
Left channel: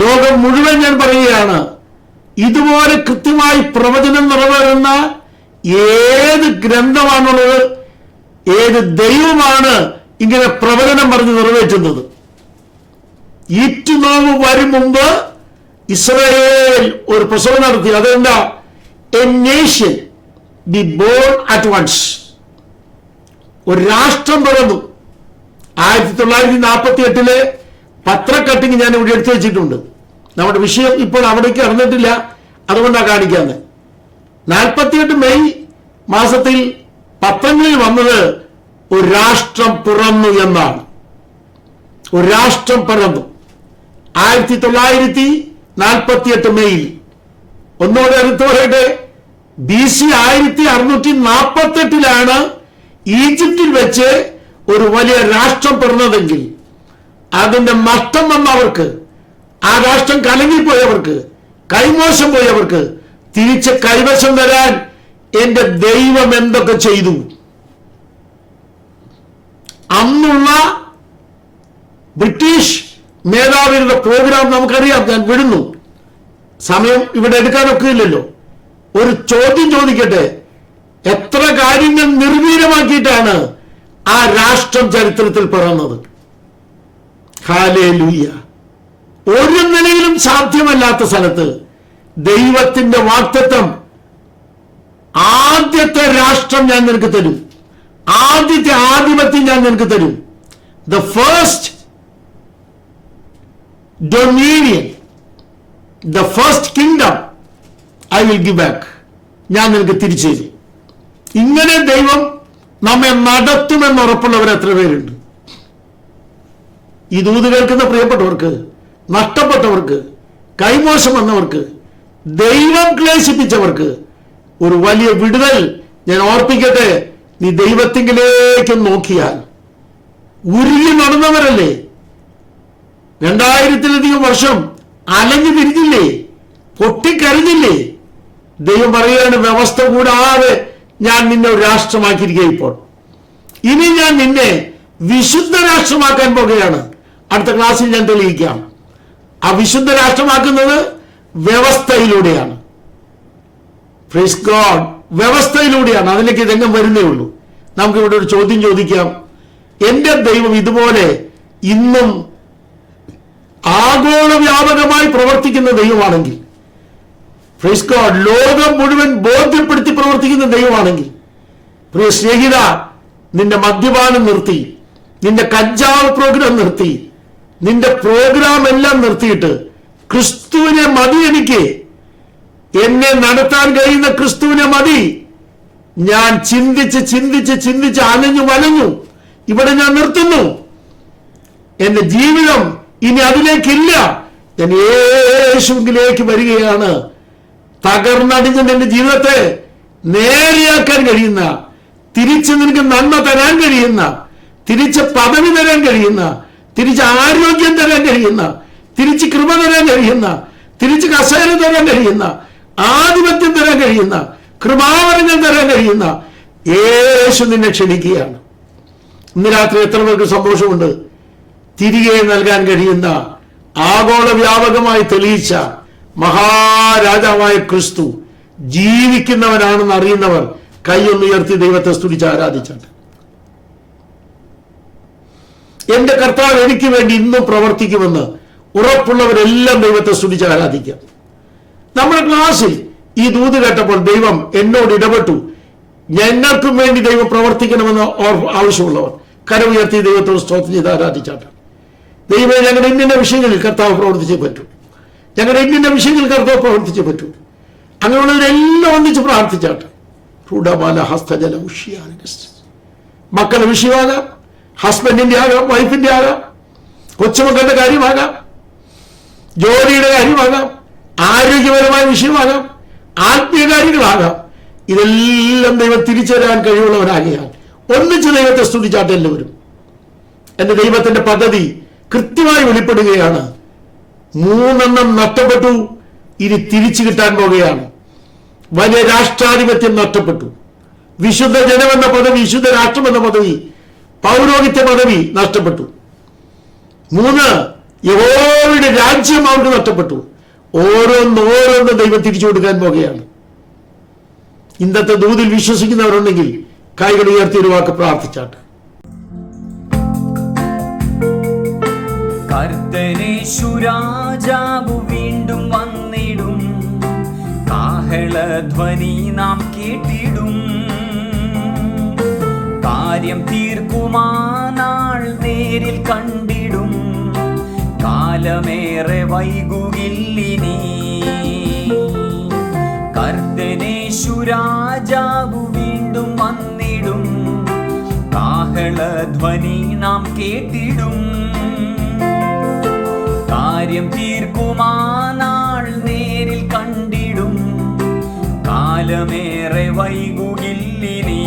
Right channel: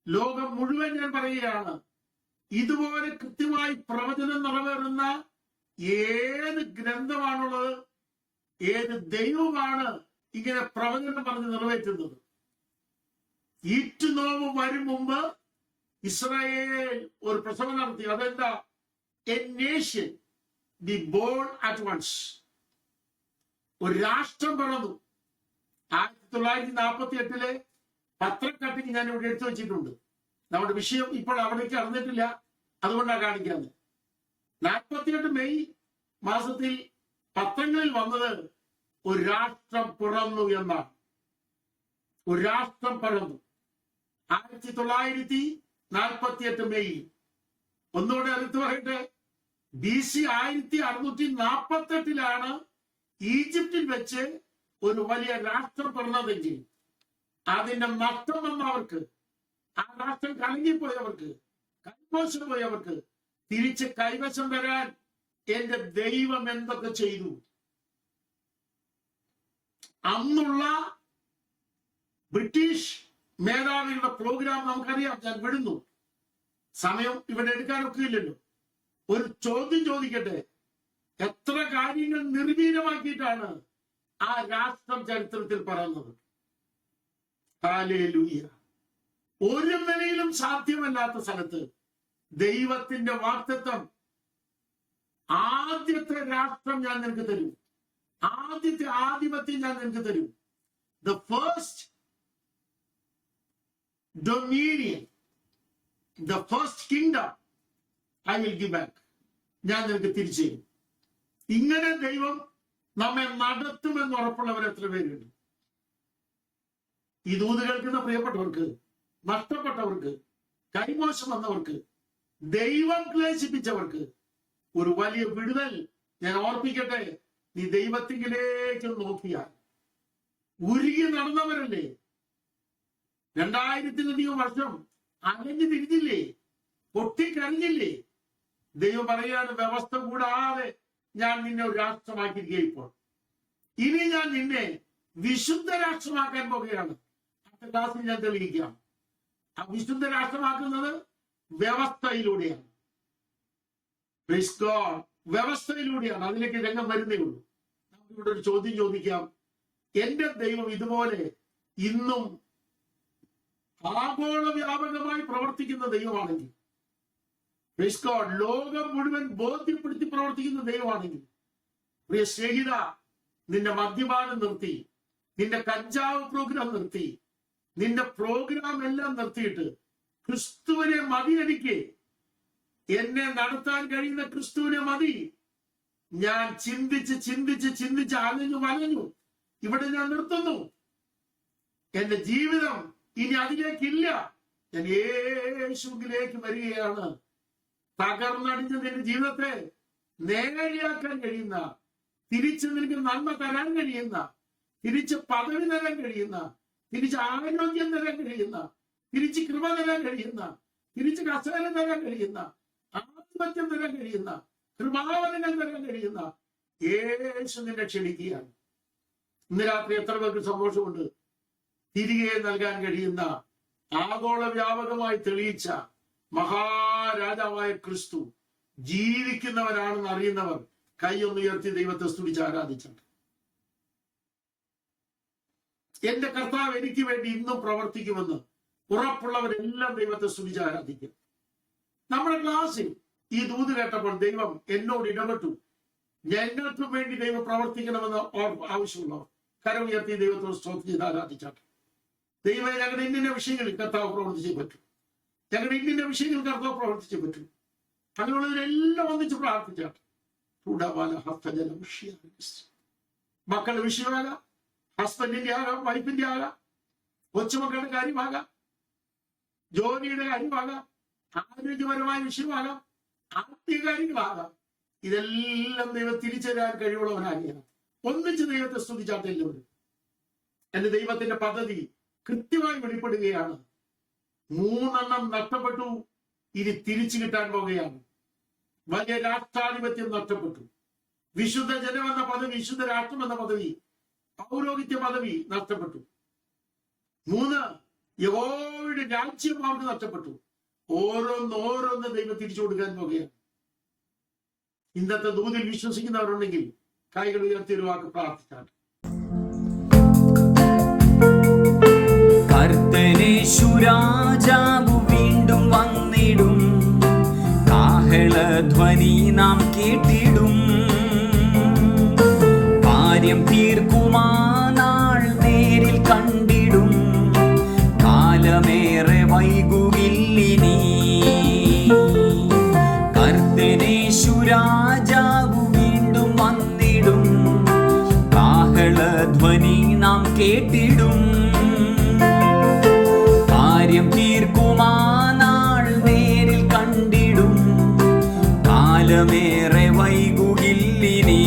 ലോകം മുഴുവൻ ഞാൻ പറയുകയാണ്, ഇതുപോലെ കൃത്യമായി പ്രവചനം നിറവേറുന്ന ഏത് ഗ്രന്ഥമാണുള്ളത്, ഏത് ദൈവമാണ് ഇങ്ങനെ പ്രവചനം പറഞ്ഞ് നിറവേറ്റുന്നത്? ഈറ്റുനോവ് വരും മുമ്പ് ഇസ്രായേൽ ഒരു പ്രസവം നടത്തി. അതെന്താ? A nation be born at once. ഒരു രാഷ്ട്രം പിറന്നു. 1948 പത്രക്കട്ടിങ് ഞാൻ ഇവിടെ എടുത്തു വെച്ചിട്ടുണ്ട്. നമ്മുടെ വിഷയം ഇപ്പോൾ അവിടേക്ക് അറിഞ്ഞിട്ടില്ല, അതുകൊണ്ടാണ് കാണിക്കാന്ന്. 48 മെയ് മാസത്തിൽ പത്രങ്ങളിൽ വന്നത് ഒരു രാഷ്ട്രം പിറന്നു എന്നാണ്. ഒരു രാഷ്ട്രം പിറന്നു 1948 മെയ്യിൽ. ഒന്നുകൂടെ എടുത്തു പറയട്ടെ, BC 1648 ഈജിപ്തിൽ വെച്ച് ഒരു വലിയ രാഷ്ട്രം പിറന്നതെങ്കിൽ അതിന്റെ നഷ്ടം വന്നവർക്ക്, ആ രാഷ്ട്രം കലങ്ങിപ്പോയവർക്ക്, കൈമോശം പോയവർക്ക് തിരിച്ച് കൈവശം വരാൻ എന്റെ ദൈവം എന്തൊക്കെ ചെയ്തു? അന്നുള്ള ബ്രിട്ടീഷ് മേധാവികളുടെ പ്രോഗ്രാം നമുക്കറിയാം. ഞാൻ വിടുന്നു, സമയം ഇവിടെ എടുക്കാനൊക്കെ ഇല്ലല്ലോ. ഒരു ചോദ്യം ചോദിക്കട്ടെ, എത്ര കാര്യങ്ങൾ നിർവീര്യമാക്കിയിട്ടാണ് ആ രാഷ്ട്രം ചരിത്രത്തിൽ പിറന്നത്? ഹല്ലേലൂയ. ഒരു നിലയിലും സാധ്യമല്ലാത്ത സ്ഥലത്ത് ദൈവത്തിന്റെ വാഗ്ദത്തം, ആദ്യത്തെ രാഷ്ട്രം ഞാൻ നിനക്ക് തരും, ആദ്യത്തെ ആധിപത്യം ഞാൻ നിനക്ക് തരും. The first dominion, the first kingdom I will give back, ഞാൻ നിനക്ക് തിരിച്ചു തരും. ഇങ്ങനെ ദൈവം നമ്മെ നടത്തുമെന്ന് ഉറപ്പുള്ളവർ എത്ര പേരുണ്ട്? ഈ ദൂത് കേൾക്കുന്ന പ്രിയപ്പെട്ടവർക്ക്, നഷ്ടപ്പെട്ടവർക്ക്, കൈമോശം വന്നവർക്ക്, ദൈവം ക്ലേശിപ്പിച്ചവർക്ക് ഒരു വലിയ വിടുതൽ ഞാൻ ഓർപ്പിക്കട്ടെ. നീ ദൈവത്തിങ്കിലേക്ക് നോക്കിയാൽ, ഉരുകി നടന്നവരല്ലേ, 2000-ലധികം വർഷം അലഞ്ഞു തിരിഞ്ഞില്ലേ, പൊട്ടിക്കരഞ്ഞില്ലേ? ദൈവം പറയുകയാണ്, വ്യവസ്ഥ കൂടാതെ ഞാൻ നിന്നെ ഒരു രാഷ്ട്രമാക്കിയിരിക്കുക. ഇപ്പോൾ ഇനി ഞാൻ നിന്നെ വിശുദ്ധ രാഷ്ട്രമാക്കാൻ പോകുകയാണ്. അടുത്ത ക്ലാസ്സിൽ ഞാൻ തെളിയിക്കാം. ആ വിശുദ്ധ രാഷ്ട്രമാക്കുന്നത് വ്യവസ്ഥയിലൂടെയാണ്. Praise God, വ്യവസ്ഥയിലൂടെയാണ്. അതിലേക്ക് രംഗം വരുന്നേ ഉള്ളൂ. നമുക്കിവിടെ ഒരു ചോദ്യം ചോദിക്കാം. എന്റെ ദൈവം ഇതുപോലെ ഇന്നും ആഗോള വ്യാപകമായി പ്രവർത്തിക്കുന്ന ദൈവമാണെങ്കിൽ, പ്രൈസ് ഗോഡ്, ലോകം മുഴുവൻ ബോധ്യപ്പെടുത്തി പ്രവർത്തിക്കുന്ന ദൈവമാണെങ്കിൽ, പ്രിയ സ്നേഹിത, നിന്റെ മദ്യപാനം നിർത്തി, നിന്റെ കഞ്ചാവ് പ്രോഗ്രാം നിർത്തി, നിന്റെ പ്രോഗ്രാം എല്ലാം നിർത്തിയിട്ട് ക്രിസ്തുവിനെ മതി, എനിക്ക് എന്നെ നടത്താൻ കഴിയുന്ന ക്രിസ്തുവിനെ മതി. ഞാൻ ചിന്തിച്ച് ചിന്തിച്ച് ചിന്തിച്ച് അലഞ്ഞു വലഞ്ഞു, ഇവിടെ ഞാൻ നിർത്തുന്നു. എന്റെ ജീവിതം ഇനി അതിലേക്കില്ല, ഞാൻ യേശുവിലേക്ക് വരികയാണ്. തകർന്നടിഞ്ഞ നിന്റെ ജീവിതത്തെ നേരെയാക്കാൻ കഴിയുന്ന, തിരിച്ച് നിനക്ക് നന്മ തരാൻ കഴിയുന്ന, തിരിച്ച് പദവി തരാൻ കഴിയുന്ന, തിരിച്ച് ആരോഗ്യം തരാൻ കഴിയുന്ന, തിരിച്ച് കൃപ തരാൻ കഴിയുന്ന, തിരിച്ച് കസേര തരാൻ കഴിയുന്ന, ആധിപത്യം തരാൻ കഴിയുന്ന, കൃപാവരങ്ങൾ തരാൻ കഴിയുന്ന യേശു നിന്നെ ക്ഷണിക്കുകയാണ്. ഇന്ന് രാത്രി എത്ര പേർക്ക് സന്തോഷമുണ്ട്? തിരികെ നൽകാൻ കഴിയുന്ന, ആഗോള വ്യാപകമായി തെളിയിച്ച മഹാരാജാവായ ക്രിസ്തു ജീവിക്കുന്നവനാണെന്ന് അറിയുന്നവർ കൈയൊന്നുയർത്തി ദൈവത്തെ സ്തുതിച്ച് ആരാധിച്ചിട്ട്, എന്റെ കർത്താവ് എനിക്ക് വേണ്ടി ഇന്നും പ്രവർത്തിക്കുമെന്ന് ഉറപ്പുള്ളവരെല്ലാം ദൈവത്തെ സ്തുതിച്ച് ആരാധിക്കാം. നമ്മുടെ ക്ലാസ്സിൽ ഈ ദൂത് കേട്ടപ്പോൾ ദൈവം എന്നോട് ഇടപെട്ടു. ഞങ്ങൾക്കും വേണ്ടി ദൈവം പ്രവർത്തിക്കണമെന്ന് ആവശ്യമുള്ളവർ കരമുയർത്തി ദൈവത്തോട് സ്തോത്രം ചെയ്ത് ആരാധിച്ചാട്ടാണ്. ദൈവം ഞങ്ങളുടെ ഇന്ന വിഷയങ്ങളിൽ കർത്താവ് പ്രവർത്തിച്ചേ പറ്റൂ, ഞങ്ങളുടെ ഇന്ന വിഷയങ്ങളിൽ കർത്താവ് പ്രവർത്തിച്ചേ പറ്റൂ. അങ്ങനെയുള്ളവരെല്ലാം ഒന്നിച്ച് പ്രാർത്ഥിച്ചാട്ടാണ്. മക്കളുടെ വിഷയമാകാം, ഹസ്ബൻഡിന്റെ ആകാം, വൈഫിന്റെ ആകാം, കൊച്ചുമക്കളുടെ കാര്യമാകാം, ജോലിയുടെ കാര്യമാകാം, ആരോഗ്യപരമായ വിഷയമാകാം, ആത്മീയ കാര്യങ്ങളാകാം. ഇതെല്ലാം ദൈവം തിരിച്ചു തരാൻ കഴിവുള്ളവരാകിയാൽ ഒന്നിച്ച് ദൈവത്തെ സ്തുതിച്ചാട്ടെ എല്ലാവരും. എന്റെ ദൈവത്തിന്റെ പദ്ധതി കൃത്യമായി വെളിപ്പെടുകയാണ്. 3 നഷ്ടപ്പെട്ടു, ഇനി തിരിച്ചു കിട്ടാൻ പോകുകയാണ്. വലിയ രാഷ്ട്രാധിപത്യം നഷ്ടപ്പെട്ടു, വിശുദ്ധ ജനമെന്ന പദവി, വിശുദ്ധ രാഷ്ട്രമെന്ന പദവി, പൗരോഹിത്യ പദവി നഷ്ടപ്പെട്ടു. 3 യഹോവയുടെ രാജ്യം അവർക്ക് നഷ്ടപ്പെട്ടു. ഓരോന്നോരോന്ന് ദൈവം തിരിച്ചു കൊടുക്കാൻ പോകുകയാണ്. ഇന്നത്തെ ദൂതിൽ വിശ്വസിക്കുന്നവരുണ്ടെങ്കിൽ കൈകൾ ഉയർത്തി ഒരു വാക്ക് പ്രാർത്ഥിച്ചാട്ടെ. കർത്തനേശു രാജാവു വീണ്ടും വന്നിടും, കാഹളധ്വനി നാം കേട്ടിടും. കാര്യം തീർക്കുമാ നാൾ നേരിൽ കണ്ടിടും, കാലമേറെ വൈകുകില്ലിനി. കർത്തനേശു രാജാവു വീണ്ടും വന്നിടും, കാഹളധ്വനി നാം കേട്ടിടും. കാര്യം തീർക്കുമാ നാൾ നേരിൽ കണ്ടിടും, കാലമേറെ വൈകുകില്ലിനി.